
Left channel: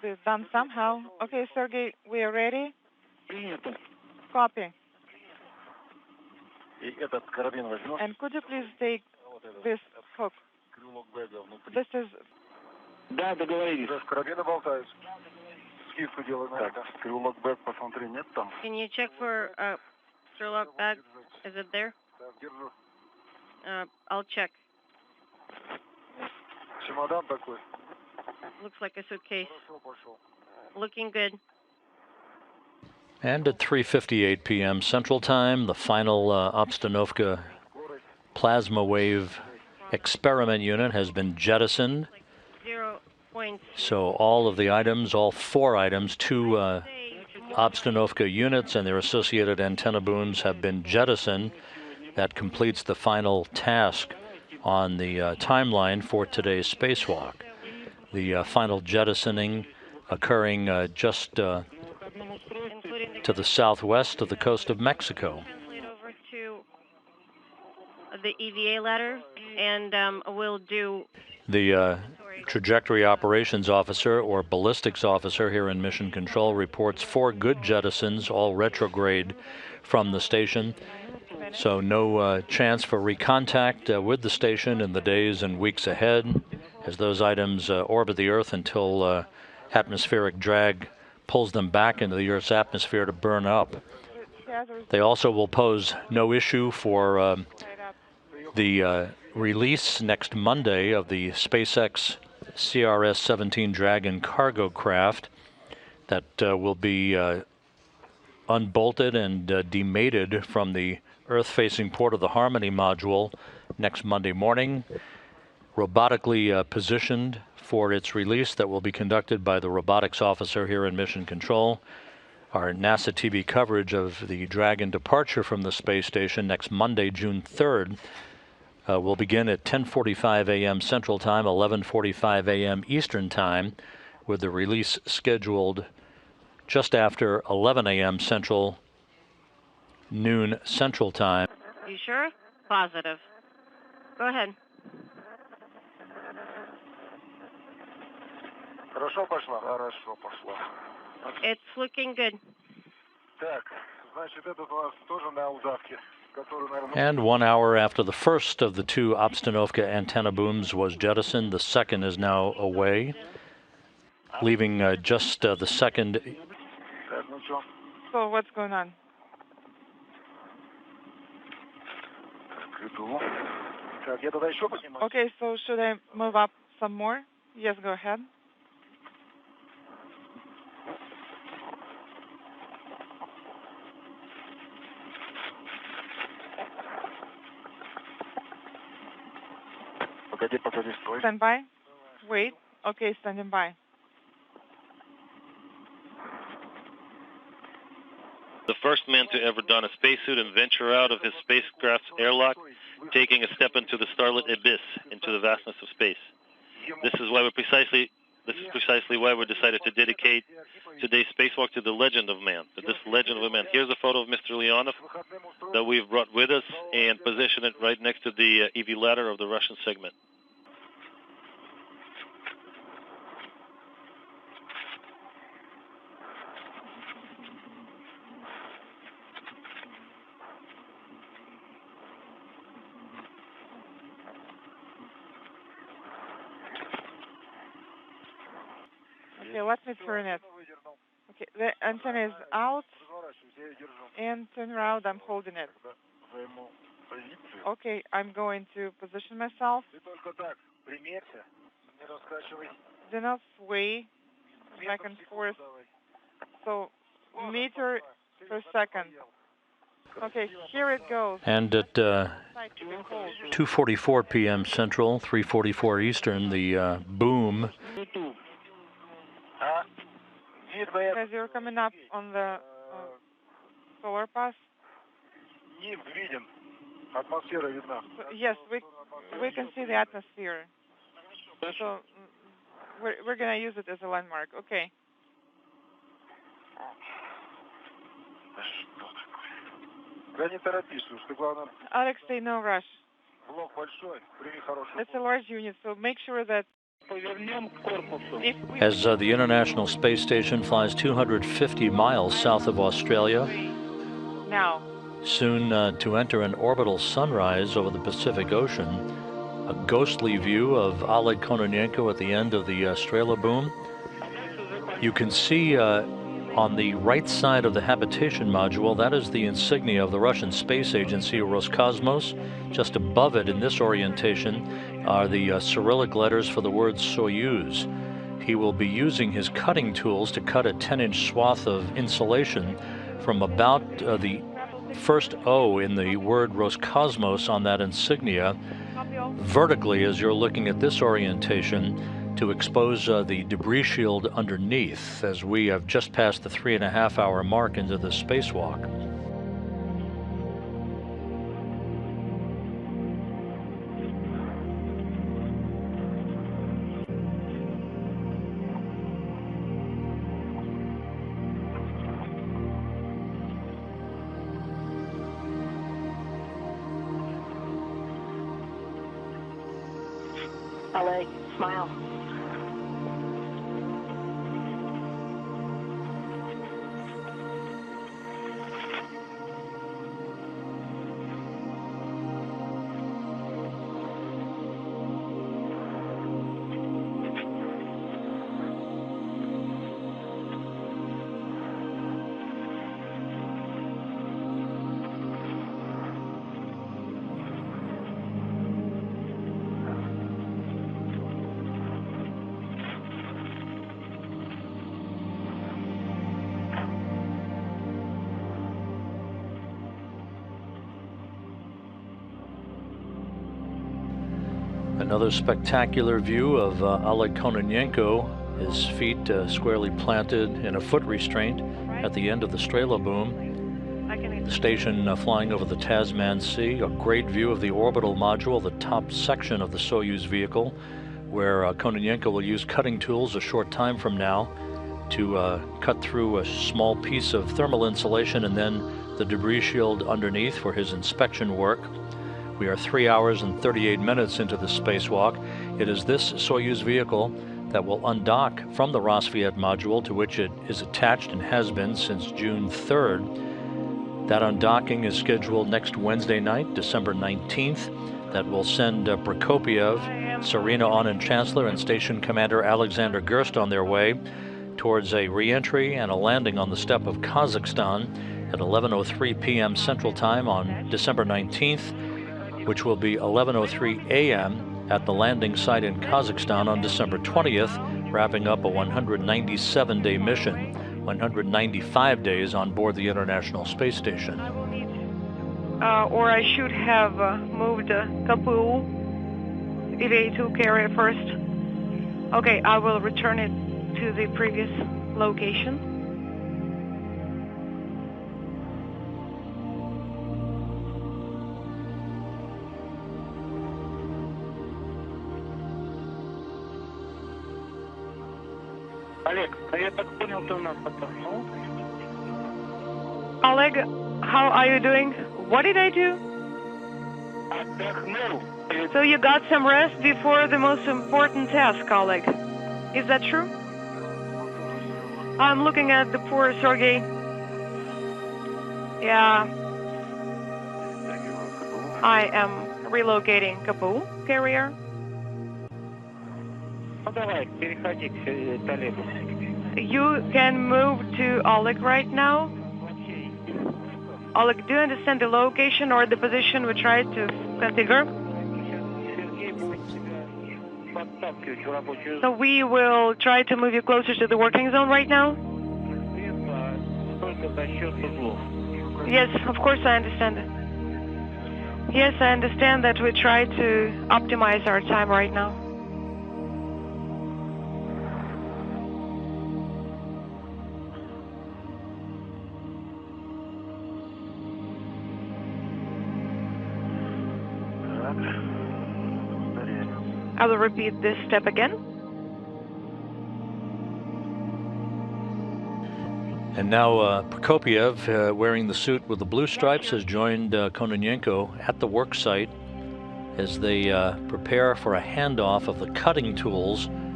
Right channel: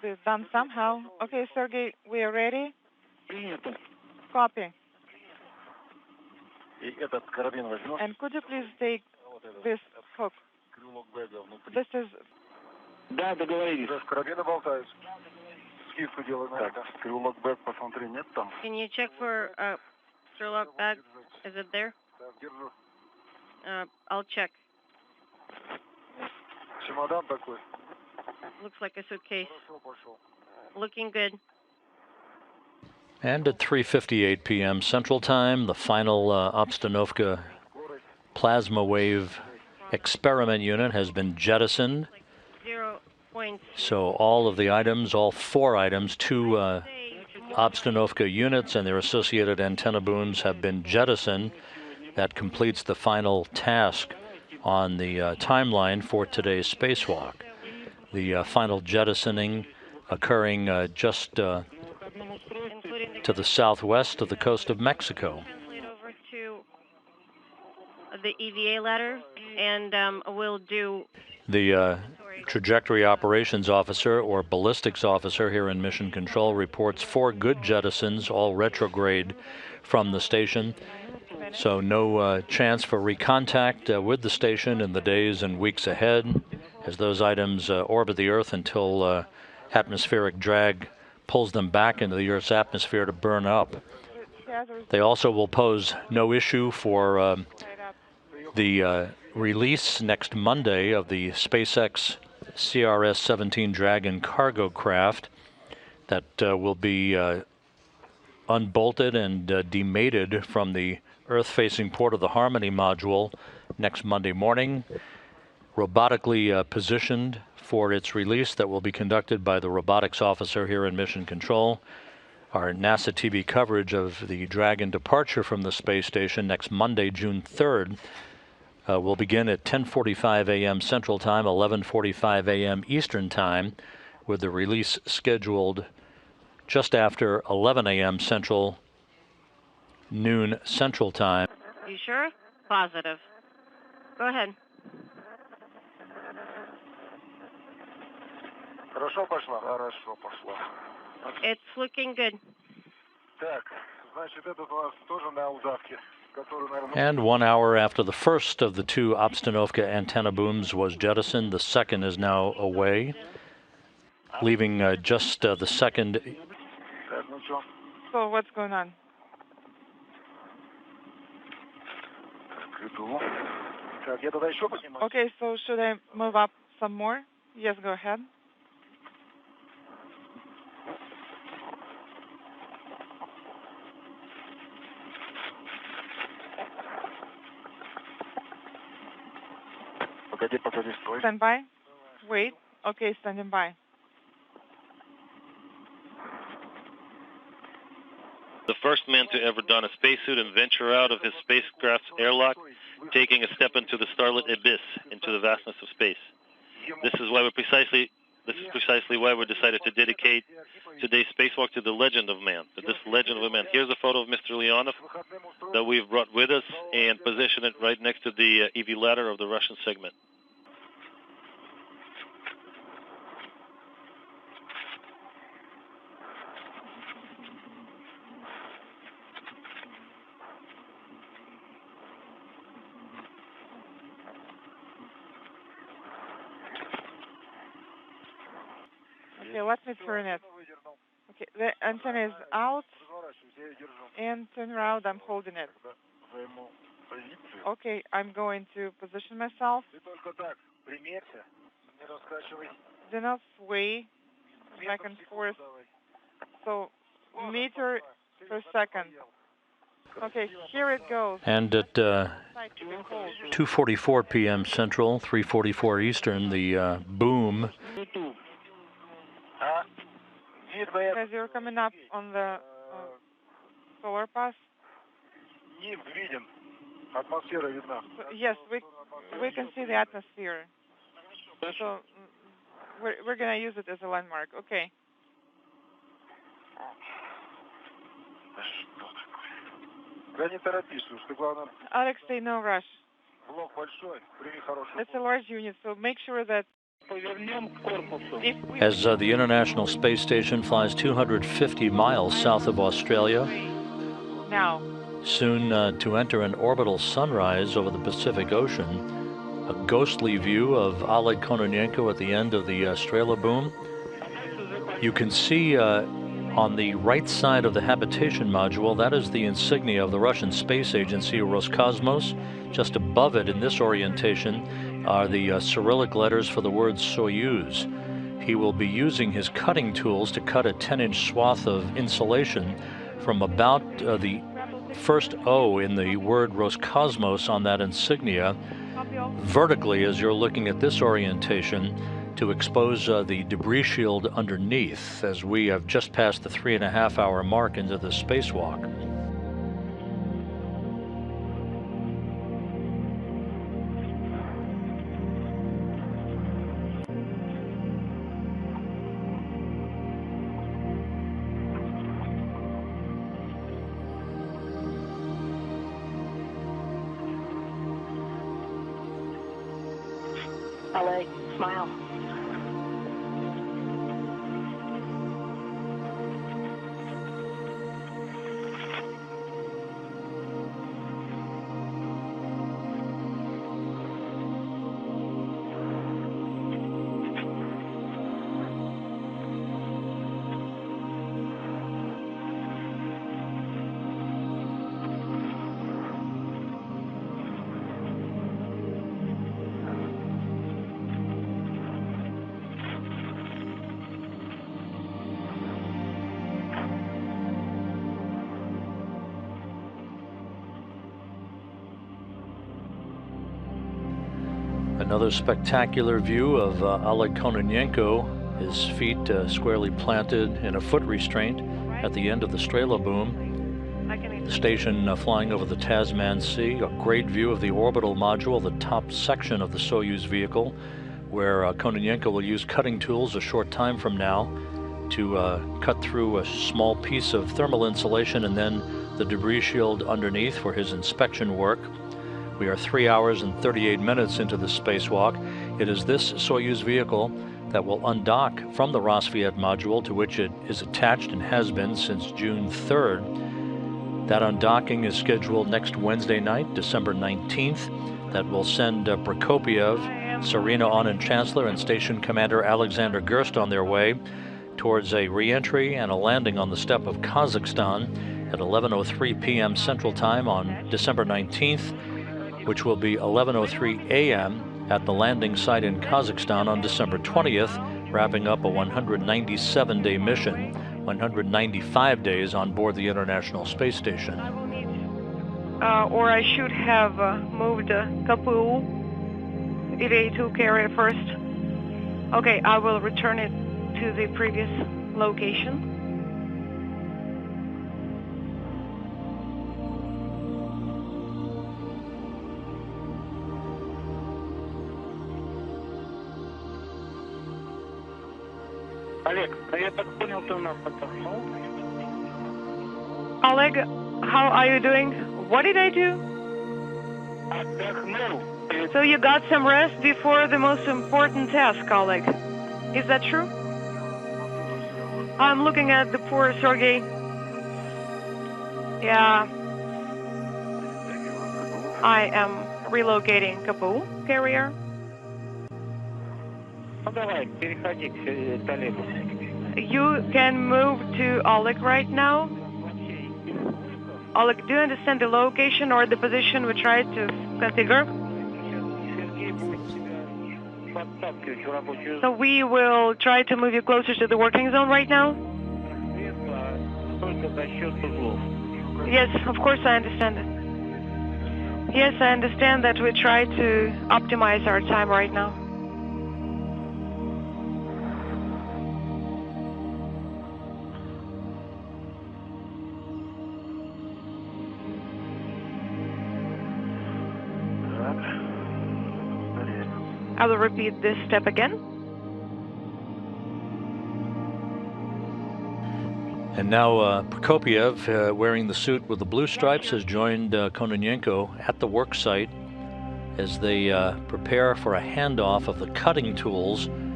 be done somehow. Okay, Sergey, we are ready. Copy. And could you please take this hook? This is... Да, договорились. Карабины болтаются. Скидку делаем. Так, скрылок бэк, посмотри, нет там? Can you check for screw-lock bag? Is it there? Так, держу. I'll check. Чемодан такой. Looks like a suitcase. Хорошо, пошел. Looking good. And at 3:58 p.m. Central Time, the final Obstanovka plasma wave experiment unit has been jettisoned. 0 points. So all of the items, all 4 items, 2 Obstanovka units and their associated antenna booms have been jettisoned. That completes the final task on the timeline for today's spacewalk. The final jettisoning occurring just to the southwest of the coast of Mexico. Translate over to the EVA ladder, and we'll do... The trajectory operations officer or ballistics officer here in Mission Control reports 4 good jettisons, all retrograde from the station. So no chance for recontact with the station in the days and weeks ahead as those items orbit the Earth until atmospheric drag pulls them back into the Earth's atmosphere to burn up. They also will pose no issue for the release next Monday of the SpaceX CRS-17 Dragon cargo craft that will be unbolted and demated from the Earth-facing port of the Harmony module next Monday morning, robotically positioned for its release that will be conducted by the robotics officer here in Mission Control. Our NASA TV coverage of the Dragon departure from the space station next Monday, June 3rd, will begin at 10:45 a.m. Central Time, 11:45 a.m. Eastern Time, with the release scheduled just after 11 a.m. Central, noon Central Time. You sure? Positive. Go ahead. Хорошо пошла? Хорошо пошла. It's looking good. Так, значит, этот у нас тоже на удавке. And 1 hour after the first of the 2 Obstanovka antenna booms was jettisoned, the second is now away, leaving just the second. So what's going on? Okay, so should I move up some more? Yes, go ahead. Stand by. Wait. Okay, standing by. The first man to ever don a spacesuit and venture out of his spacecraft's airlock, taking a step into the starlit abyss, into the vastness of space. This is precisely why we decided to dedicate today's spacewalk to the legend of man, to this legend of a man. Here's a photo of Mr. Leonov that we've brought with us and positioned it right next to the EV ladder of the Russian segment. Okay, let me turn it. Okay, the antenna is out and turn around. I'm holding it. Okay, I'm going to position myself. Do not sway back and forth. So, meter per second. Okay, here it goes. And at 2:44 p.m. Central, 3:44 Eastern, the boom. As you're coming up on the solar pass. Yes, we can see the atmosphere. So we're gonna use it as a landmark. Okay. Alex, stay no rush. It's a large unit, so make sure that As the International Space Station flies 250 miles south of Australia, Now. soon to enter an orbital sunrise over the Pacific Ocean, a ghostly view of Oleg Kononenko at the end of the Strela boom. You can see on the right side of the habitation module, that is the insignia of the Russian space agency Roscosmos. Just above it in this orientation are the Cyrillic letters for the word Soyuz. He will be using his cutting tools to cut a 10-inch swath of insulation from about the first O in the word Roscosmos on that insignia vertically as you're looking at this orientation to expose the debris shield underneath as we have just passed the 3.5-hour mark into the spacewalk. Oleg, smile. Another spectacular view of Oleg Kononenko, his feet squarely planted in a foot restraint at the end of the Strela boom. The station flying over the Tasman Sea, a great view of the orbital module, the top section of the Soyuz vehicle, where Kononenko will use cutting tools a short time from now to cut through a small piece of thermal insulation and then the debris shield underneath for his inspection work. We are 3 hours and 38 minutes into the spacewalk. It is this Soyuz vehicle that will undock from the Rosviet module to which it is attached and has been since June 3rd. That undocking is scheduled next Wednesday night, December 19th. That will send Prokopiev, Serena Onen Chancellor, and Station Commander Alexander Gerst on their way towards a re-entry and a landing on the steppe of Kazakhstan at 11:03 p.m. Central Time on December 19th, which will be 11:03 a.m. at the landing site in Kazakhstan on December 20th, wrapping up a 197-day mission, 195 days on board the International Space Station. Or I should have moved KPU EVA2 carrier first. Okay, I will return it to the previous location. Oleg, how are you doing? What did I do? So you got some rest before the most important task, Oleg. Is that true? I'm looking at the poor Sergei. Yeah. I am relocating KPU carrier. You can move to Oleg right now. Oleg, do you understand the location or the position we tried to configure? So we will try to move you closer to the working zone right now? Yes, of course I understand. Yes, I understand that we try to optimize our time right now. I will repeat this step again. And now Prokopiev, wearing the suit with the blue stripes, has joined Kononenko at the work site as they prepare for a handoff of the cutting tools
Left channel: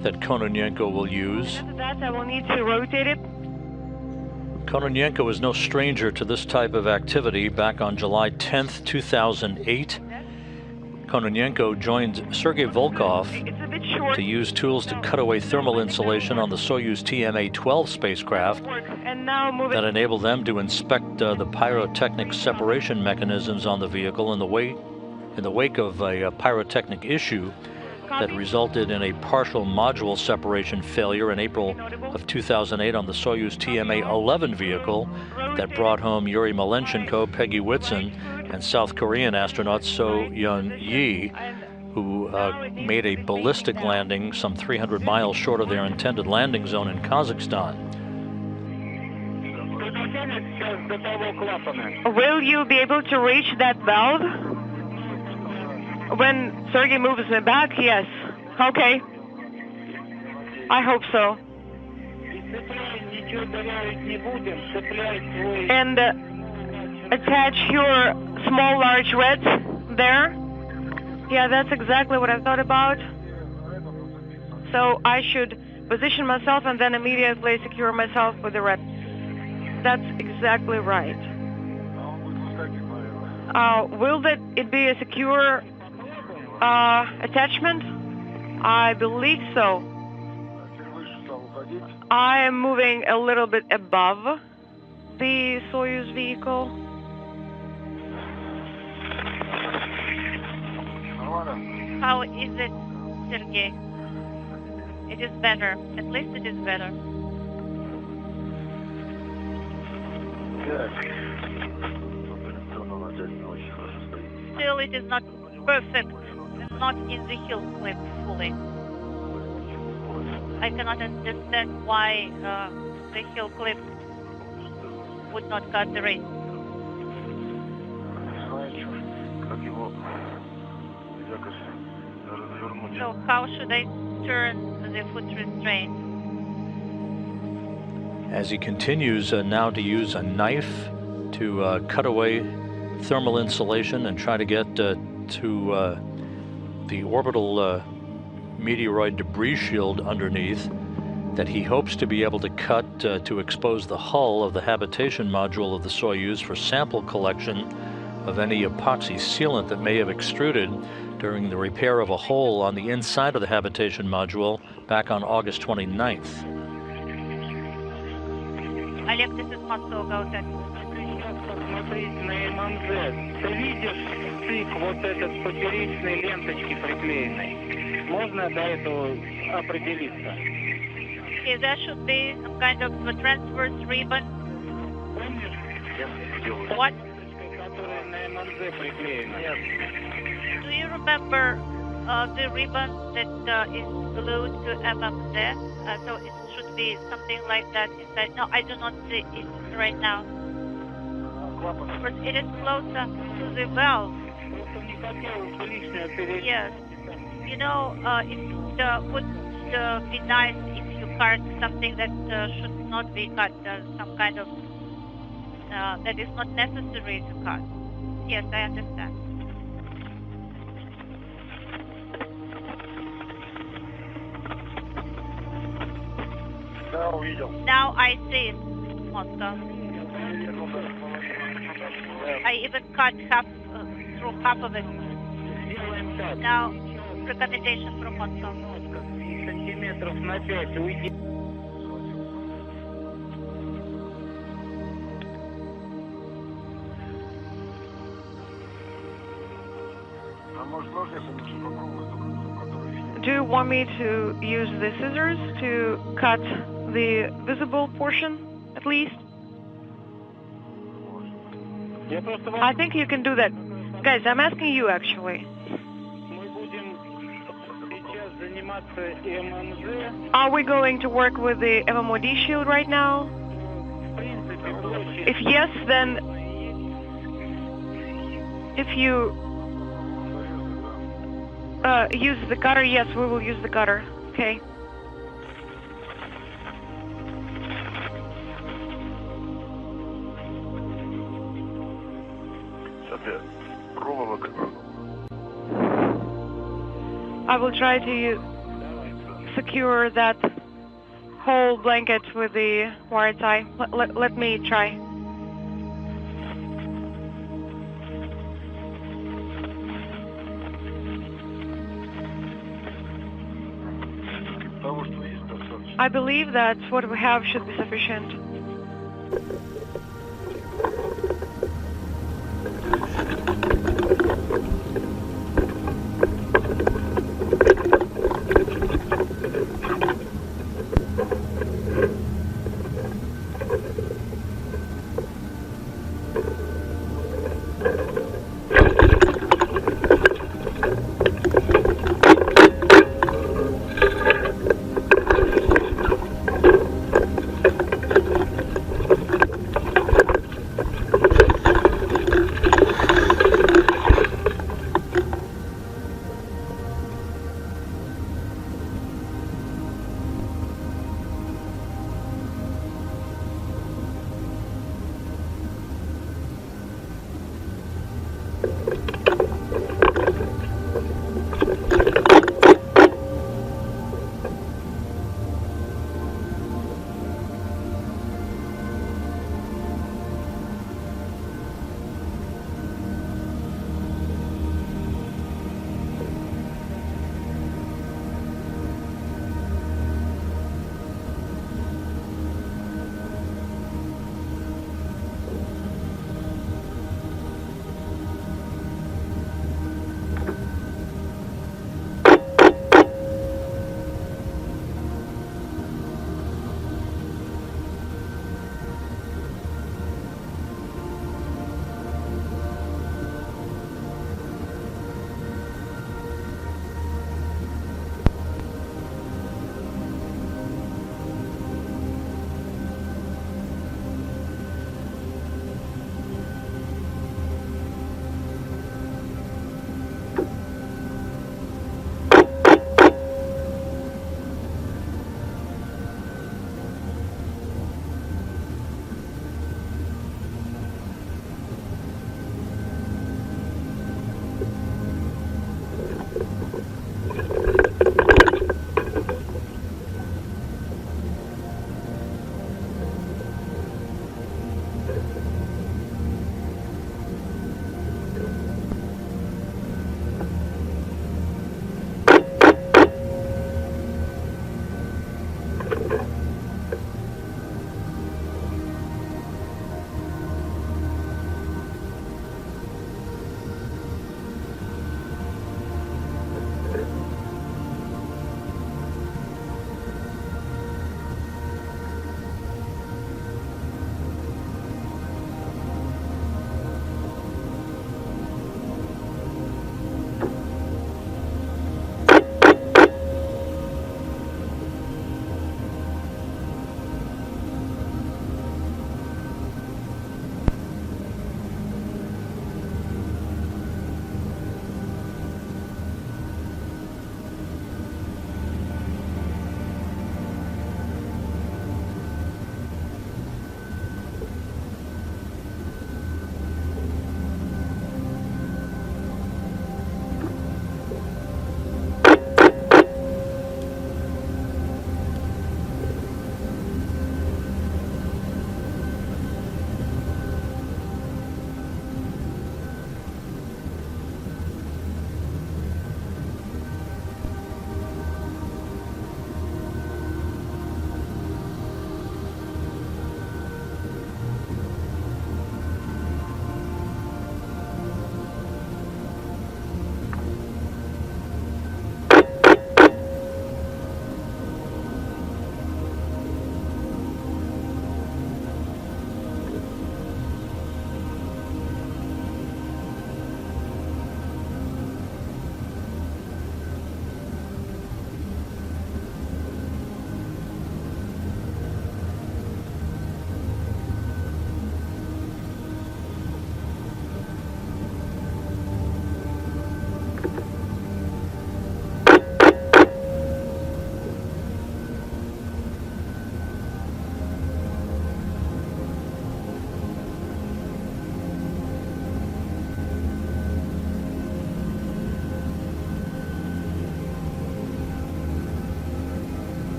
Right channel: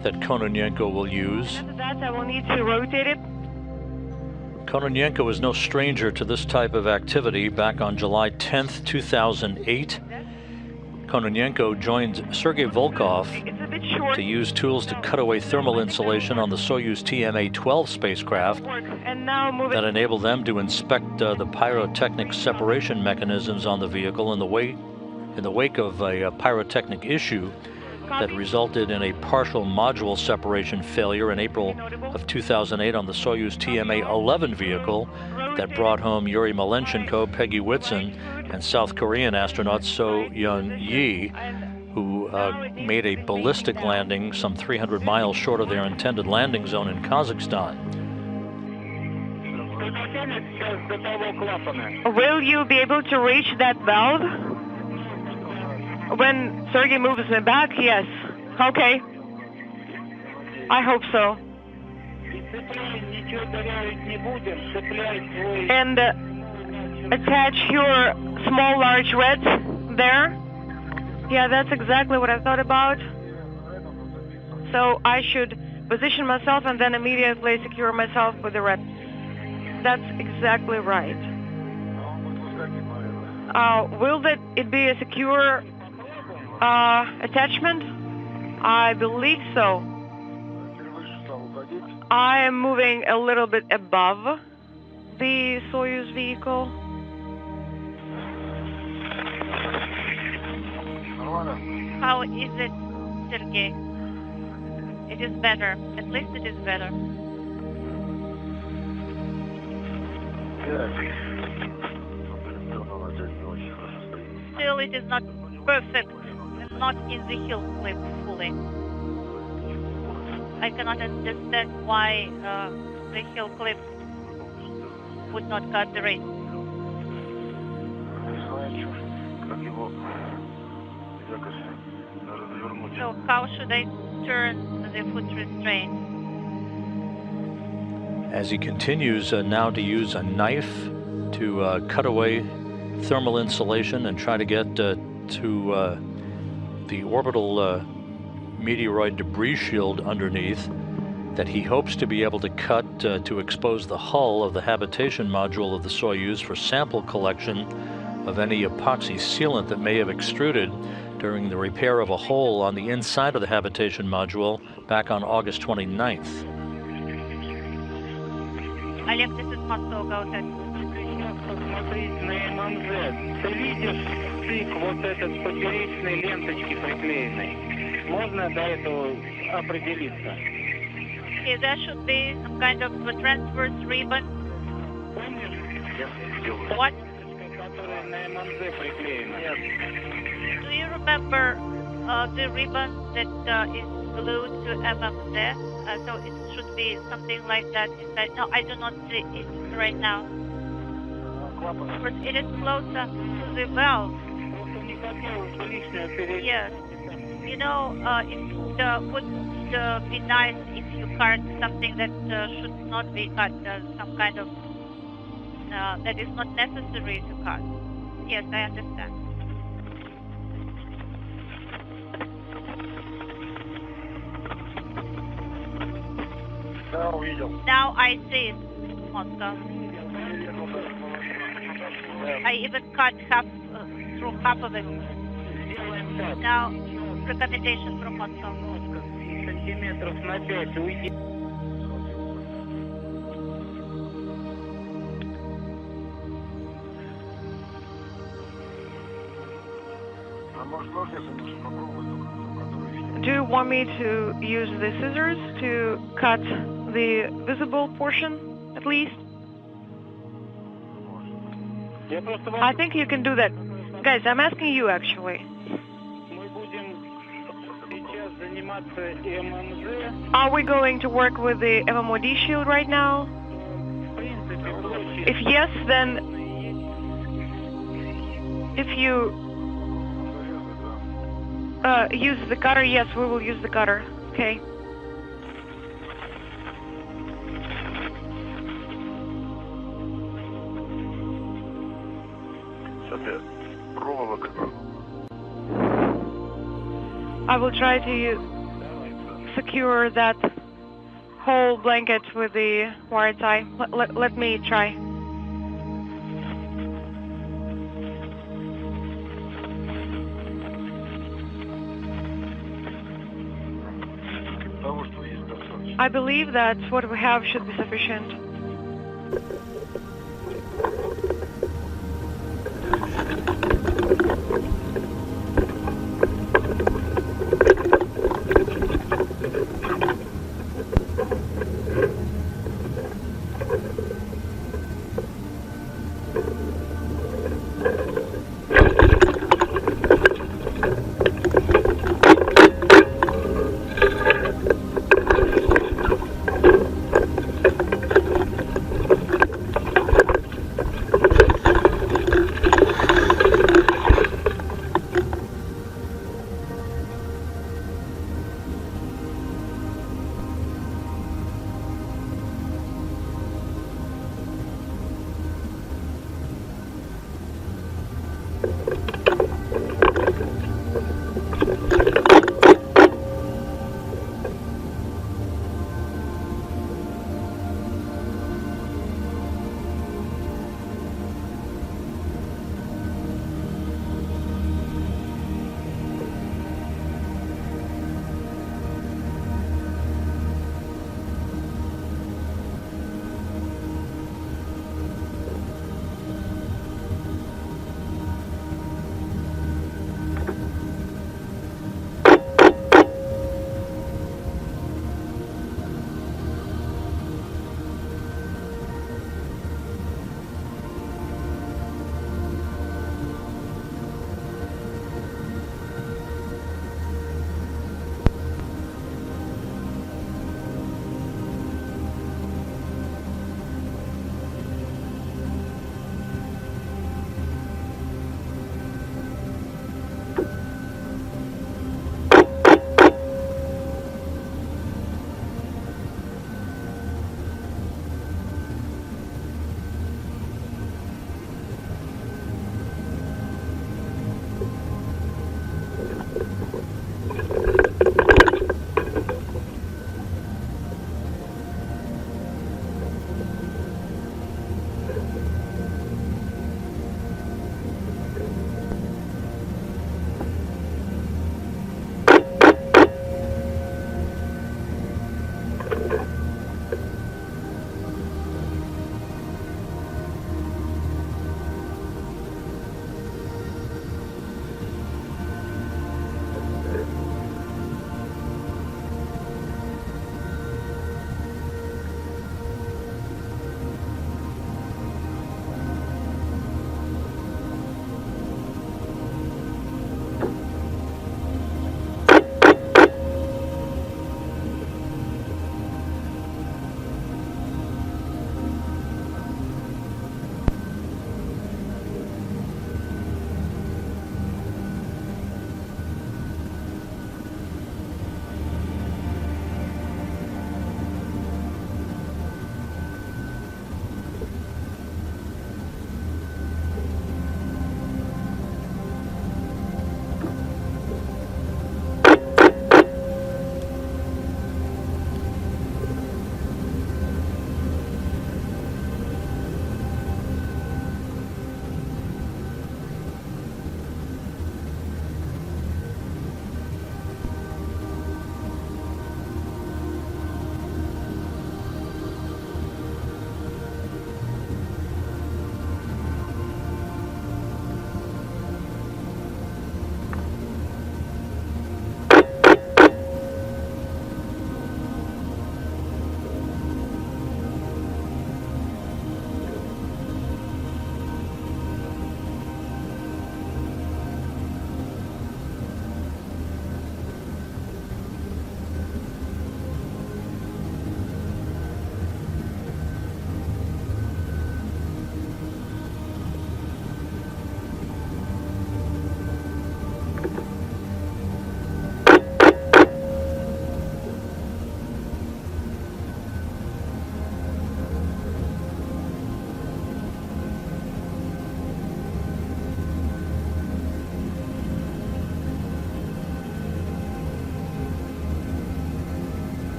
that Kononenko will use. After that, I will need to rotate it. Kononenko is no stranger to this type of activity. Back on July 10th, 2008, Kononenko joined Sergei Volkov to use tools to cut away thermal insulation on the Soyuz TMA-12 spacecraft that enabled them to inspect the pyrotechnic separation mechanisms on the vehicle in the wake of a pyrotechnic issue that resulted in a partial module separation failure in April of 2008 on the Soyuz TMA-11 vehicle that brought home Yuri Malenchenko, Peggy Whitson, and South Korean astronaut So-Yeon Yi, who made a ballistic landing some 300 miles short of their intended landing zone in Kazakhstan. Will you be able to reach that valve? When Sergei moves me back, yes. Okay. I hope so. And attach your small large reds there. Yeah, that's exactly what I thought about. So I should position myself and then immediately secure myself with the red. That's exactly right. Will it be a secure attachment? I believe so. I am moving a little bit above the Soyuz vehicle. How is it, Sergei? It is better. At least it is better. Still, it is not perfect. Not in the heel clip fully. I cannot understand why the heel clip would not cut the race. So how should I turn the foot restraint? As he continues now to use a knife to cut away thermal insulation and try to get to the orbital meteoroid debris shield underneath that he hopes to be able to cut to expose the hull of the habitation module of the Soyuz for sample collection of any epoxy sealant that may have extruded during the repair of a hole on the inside of the habitation module back on August 29th. Олег, this is Moscow, go ahead. Смотреть на ММЗ. Ты видишь стык вот этот поперечной ленточки приклеенной? Можно до этого определиться? Okay, there should be some kind of a transverse ribbon. What? Которая на ММЗ приклеена. Do you remember the ribbon that is glued to MMZ? So it should be something like that inside. No, I do not see it right now. But it is closer to the valve. Yes. You know, it would be nice if you cut something that should not be cut, some kind of, that is not necessary to cut. Yes, I understand. Now I see it, Moscow. I even cut through half of it. Now, recommendation from Moscow. Do you want me to use the scissors to cut the visible portion, at least? I think you can do that. Guys, I'm asking you, actually. Are we going to work with the MMOD shield right now? If yes, then if you use the cutter, yes, we will use the cutter. Okay. I will try to secure that whole blanket with the wire tie. Let me try. I believe that what we have should be sufficient.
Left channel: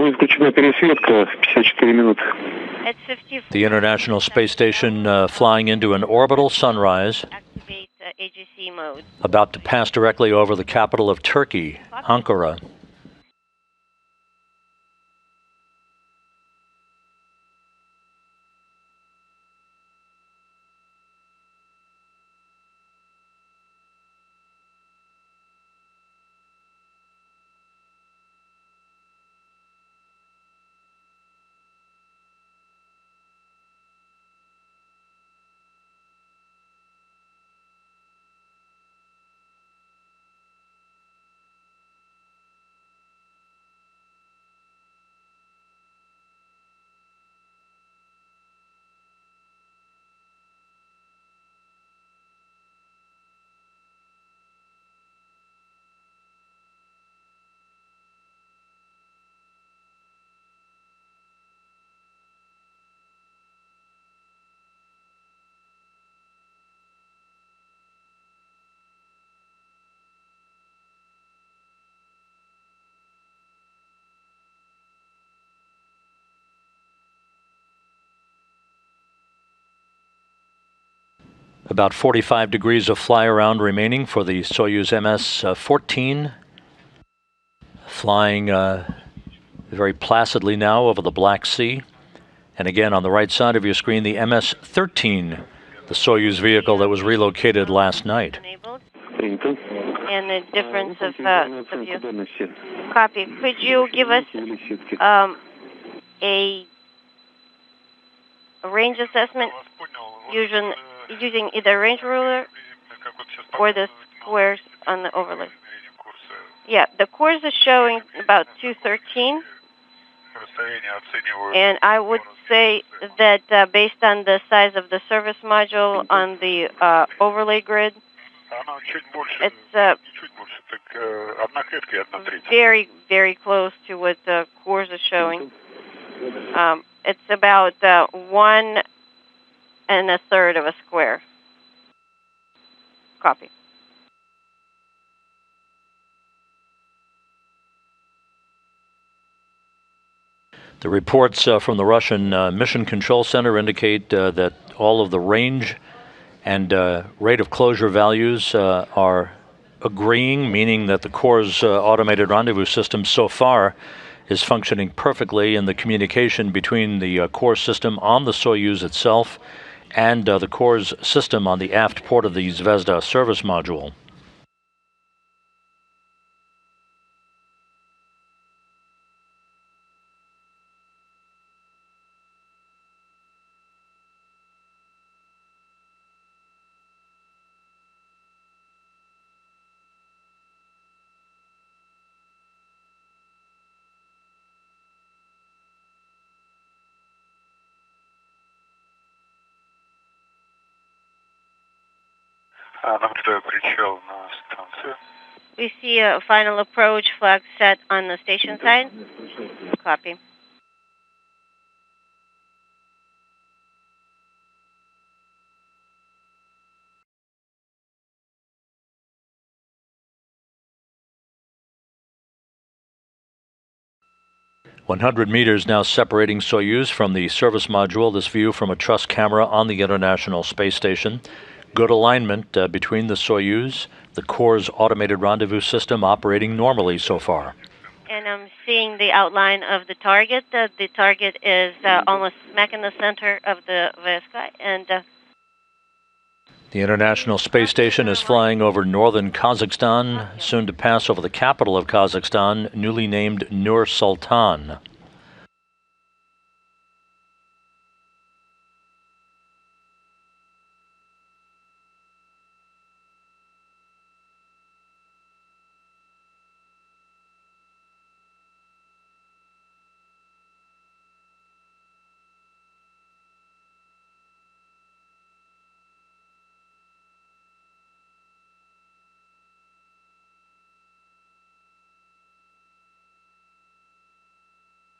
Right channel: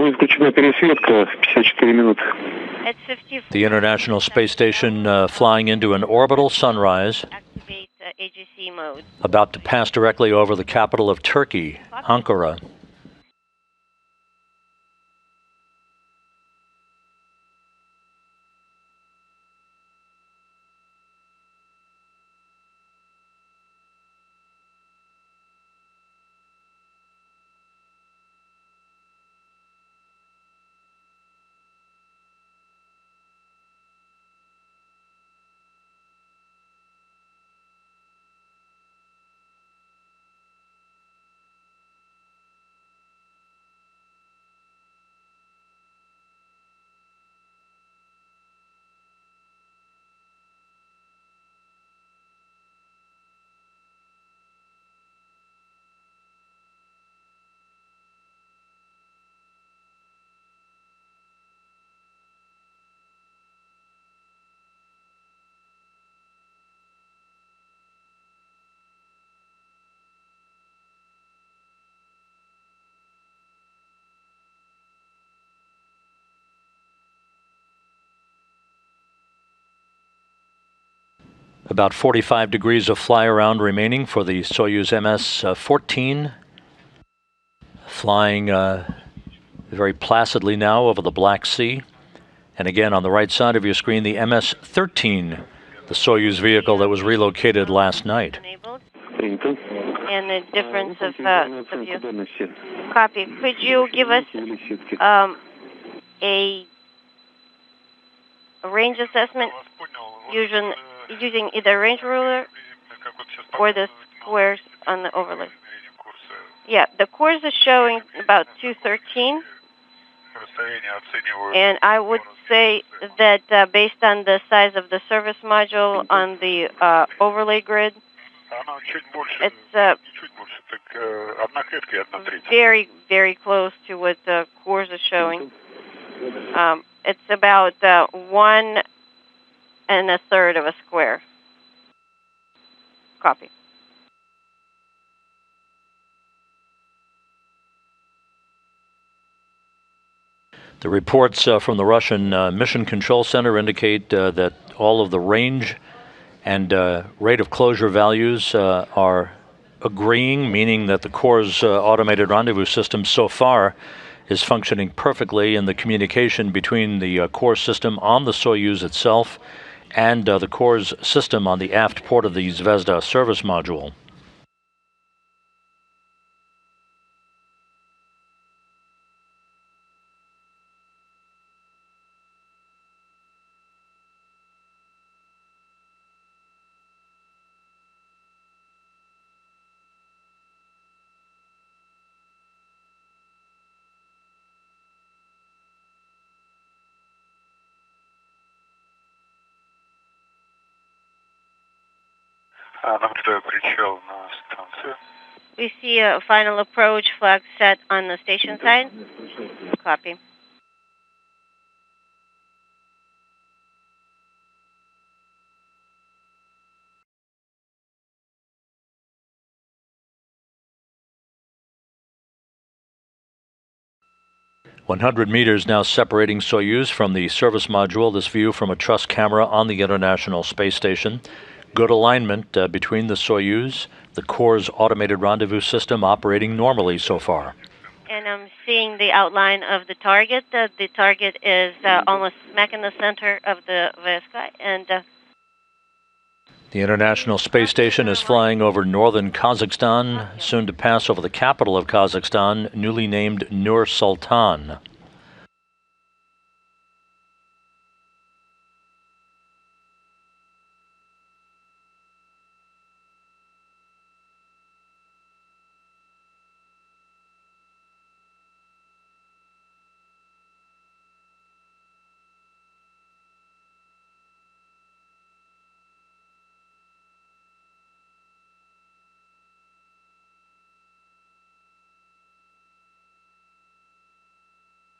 Будет включена пересветка в 54 минуты. At 50. The International Space Station flying into an orbital sunrise. Activate AGC mode. About to pass directly over the capital of Turkey, Ankara. About 45 degrees of fly around remaining for the Soyuz MS-14. Flying very placidly now over the Black Sea. And again, on the right side of your screen, the MS-13, the Soyuz vehicle that was relocated last night. And the difference of view. Copy. Could you give us a range assessment using either range ruler or the squares on the overlay? Yeah, the course is showing about 213. And I would say that based on the size of the service module on the overlay grid, it's very, very close to what the course is showing. It's about 1 1/3 of a square. Copy. The reports from the Russian Mission Control Center indicate that all of the range and rate of closure values are agreeing, meaning that the Corps' automated rendezvous system so far is functioning perfectly, and the communication between the Corps system on the Soyuz itself and the Corps' system on the aft port of the Zvezda service module. We see a final approach flag set on the station side. Copy. "100 meters now separating Soyuz from the service module. This view from a truss camera on the International Space Station. Good alignment between the Soyuz, the Corps' automated rendezvous system operating normally so far." And I'm seeing the outline of the target. The target is almost smack in the center of the sky. And the International Space Station is flying over northern Kazakhstan, soon to pass over the capital of Kazakhstan, newly named Nur Sultan.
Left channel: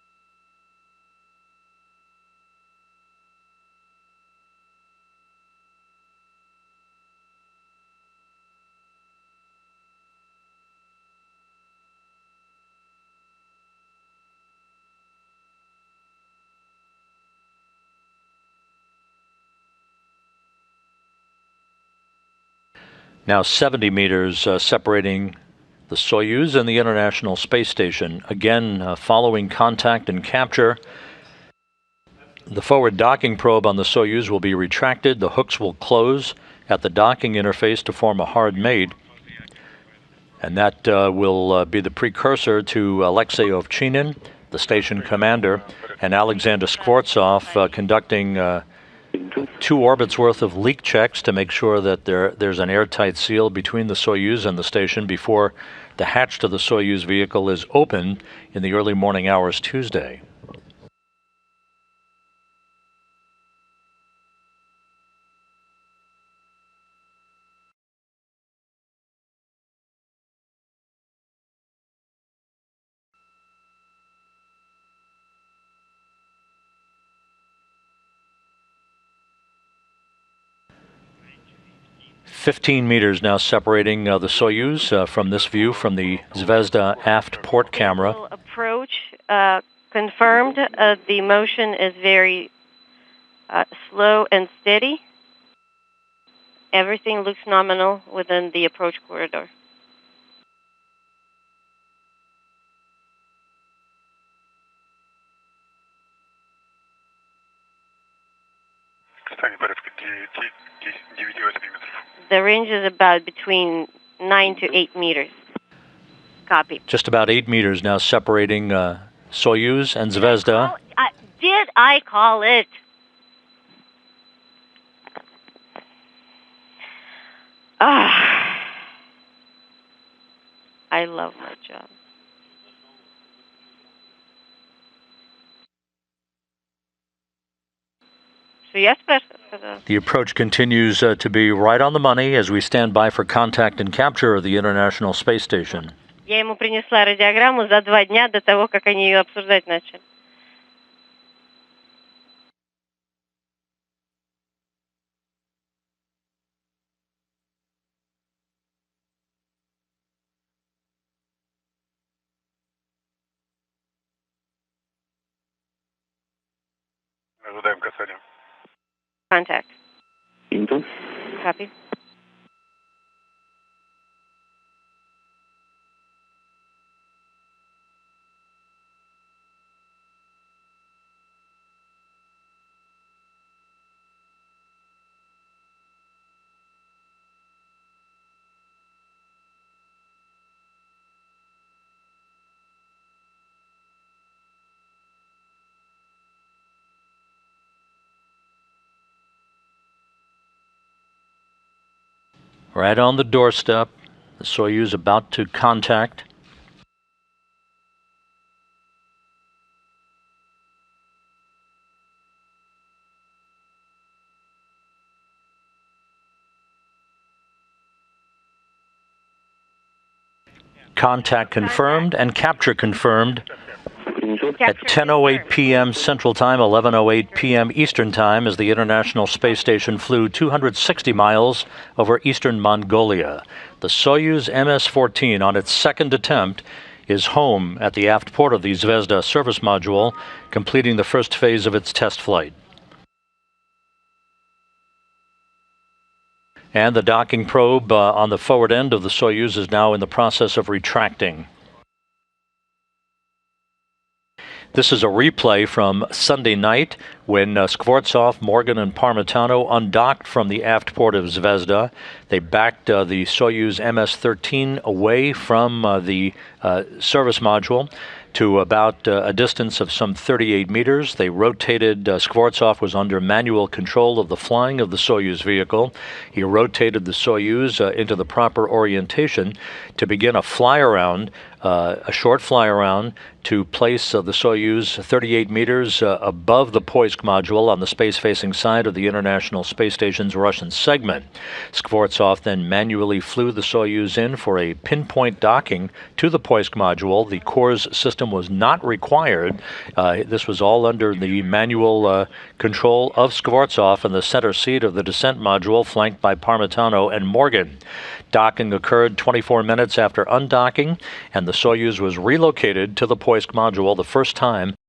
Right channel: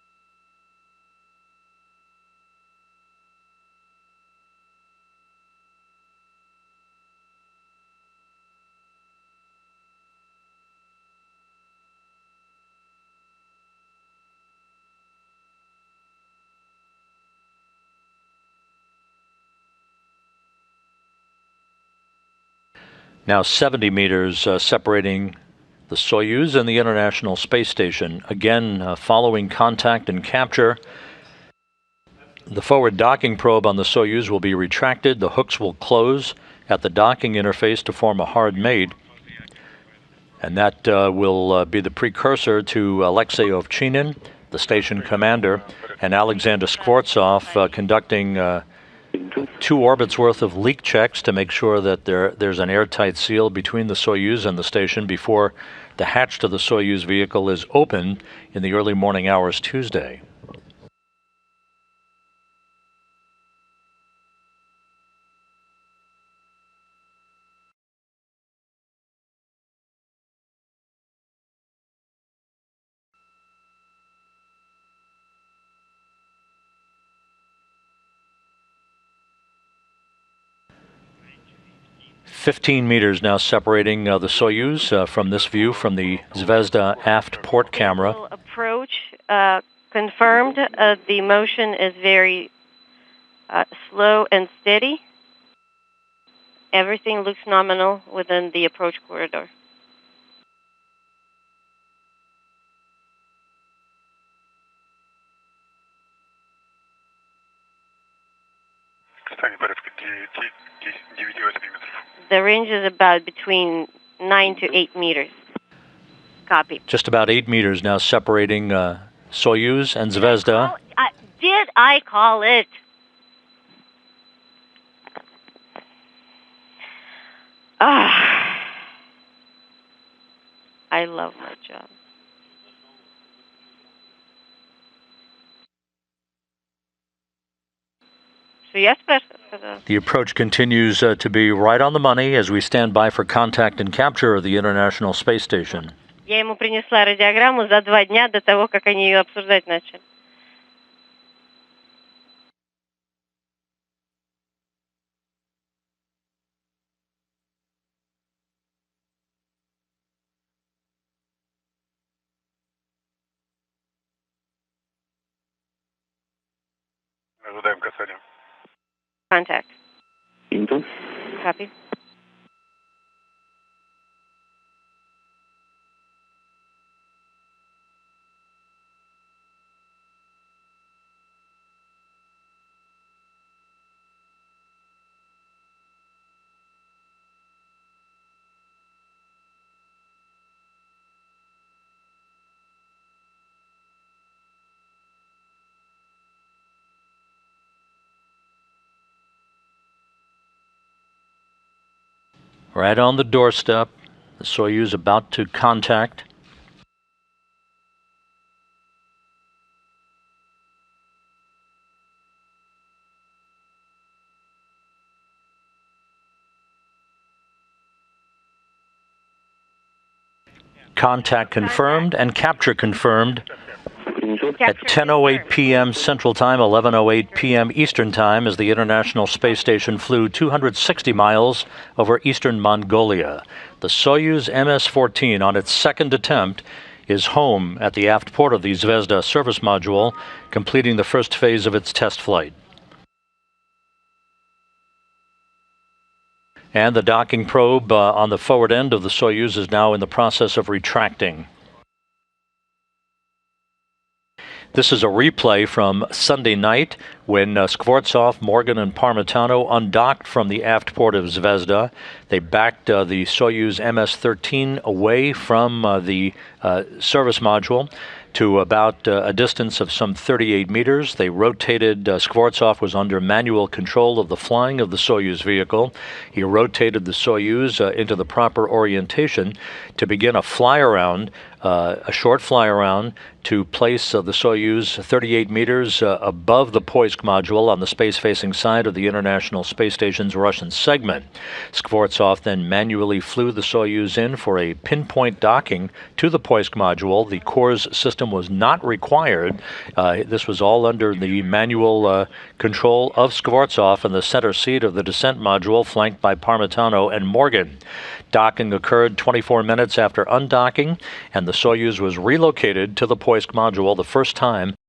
Now 70 meters separating the Soyuz and the International Space Station. Again, following contact and capture, the forward docking probe on the Soyuz will be retracted. The hooks will close at the docking interface to form a hard mate. And that will be the precursor to Alexei Ovchinin, the station commander, and Alexander Skvortsov conducting 2 orbits worth of leak checks to make sure that there's an airtight seal between the Soyuz and the station before the hatch to the Soyuz vehicle is opened in the early morning hours Tuesday. "15 meters now separating the Soyuz from this view from the Zvezda aft port camera. Approach confirmed. The motion is very slow and steady. Everything looks nominal within the approach corridor. The range is about between 9 to 8 meters. Copy. Just about 8 meters now separating Soyuz and Zvezda. Did I call it? I love my job. The approach continues to be right on the money as we stand by for contact and capture of the International Space Station. Я ему принесла радиограмму за 2 дня до того, как они ее обсуждать начали. Ожидаем касания. Contact. Copy. Right on the doorstep, the Soyuz about to contact. Contact confirmed and capture confirmed. At 10:08 p.m. Central Time, 11:08 p.m. Eastern Time, as the International Space Station flew 260 miles over eastern Mongolia. The Soyuz MS-14, on its second attempt, is home at the aft port of the Zvezda service module, completing the first phase of its test flight. And the docking probe on the forward end of the Soyuz is now in the process of retracting. This is a replay from Sunday night when Skvortsov, Morgan, and Parmitano undocked from the aft port of Zvezda. They backed the Soyuz MS-13 away from the service module to about a distance of some 38 meters. They rotated, Skvortsov was under manual control of the flying of the Soyuz vehicle. He rotated the Soyuz into the proper orientation to begin a fly-around, a short fly-around to place the Soyuz 38 meters above the Poisk module on the space-facing side of the International Space Station's Russian segment. Skvortsov then manually flew the Soyuz in for a pinpoint docking to the Poisk module. The core's system was not required. This was all under the manual control of Skvortsov in the center seat of the descent module, flanked by Parmitano and Morgan. Docking occurred 24 minutes after undocking, and the Soyuz was relocated to the Poisk module, the first time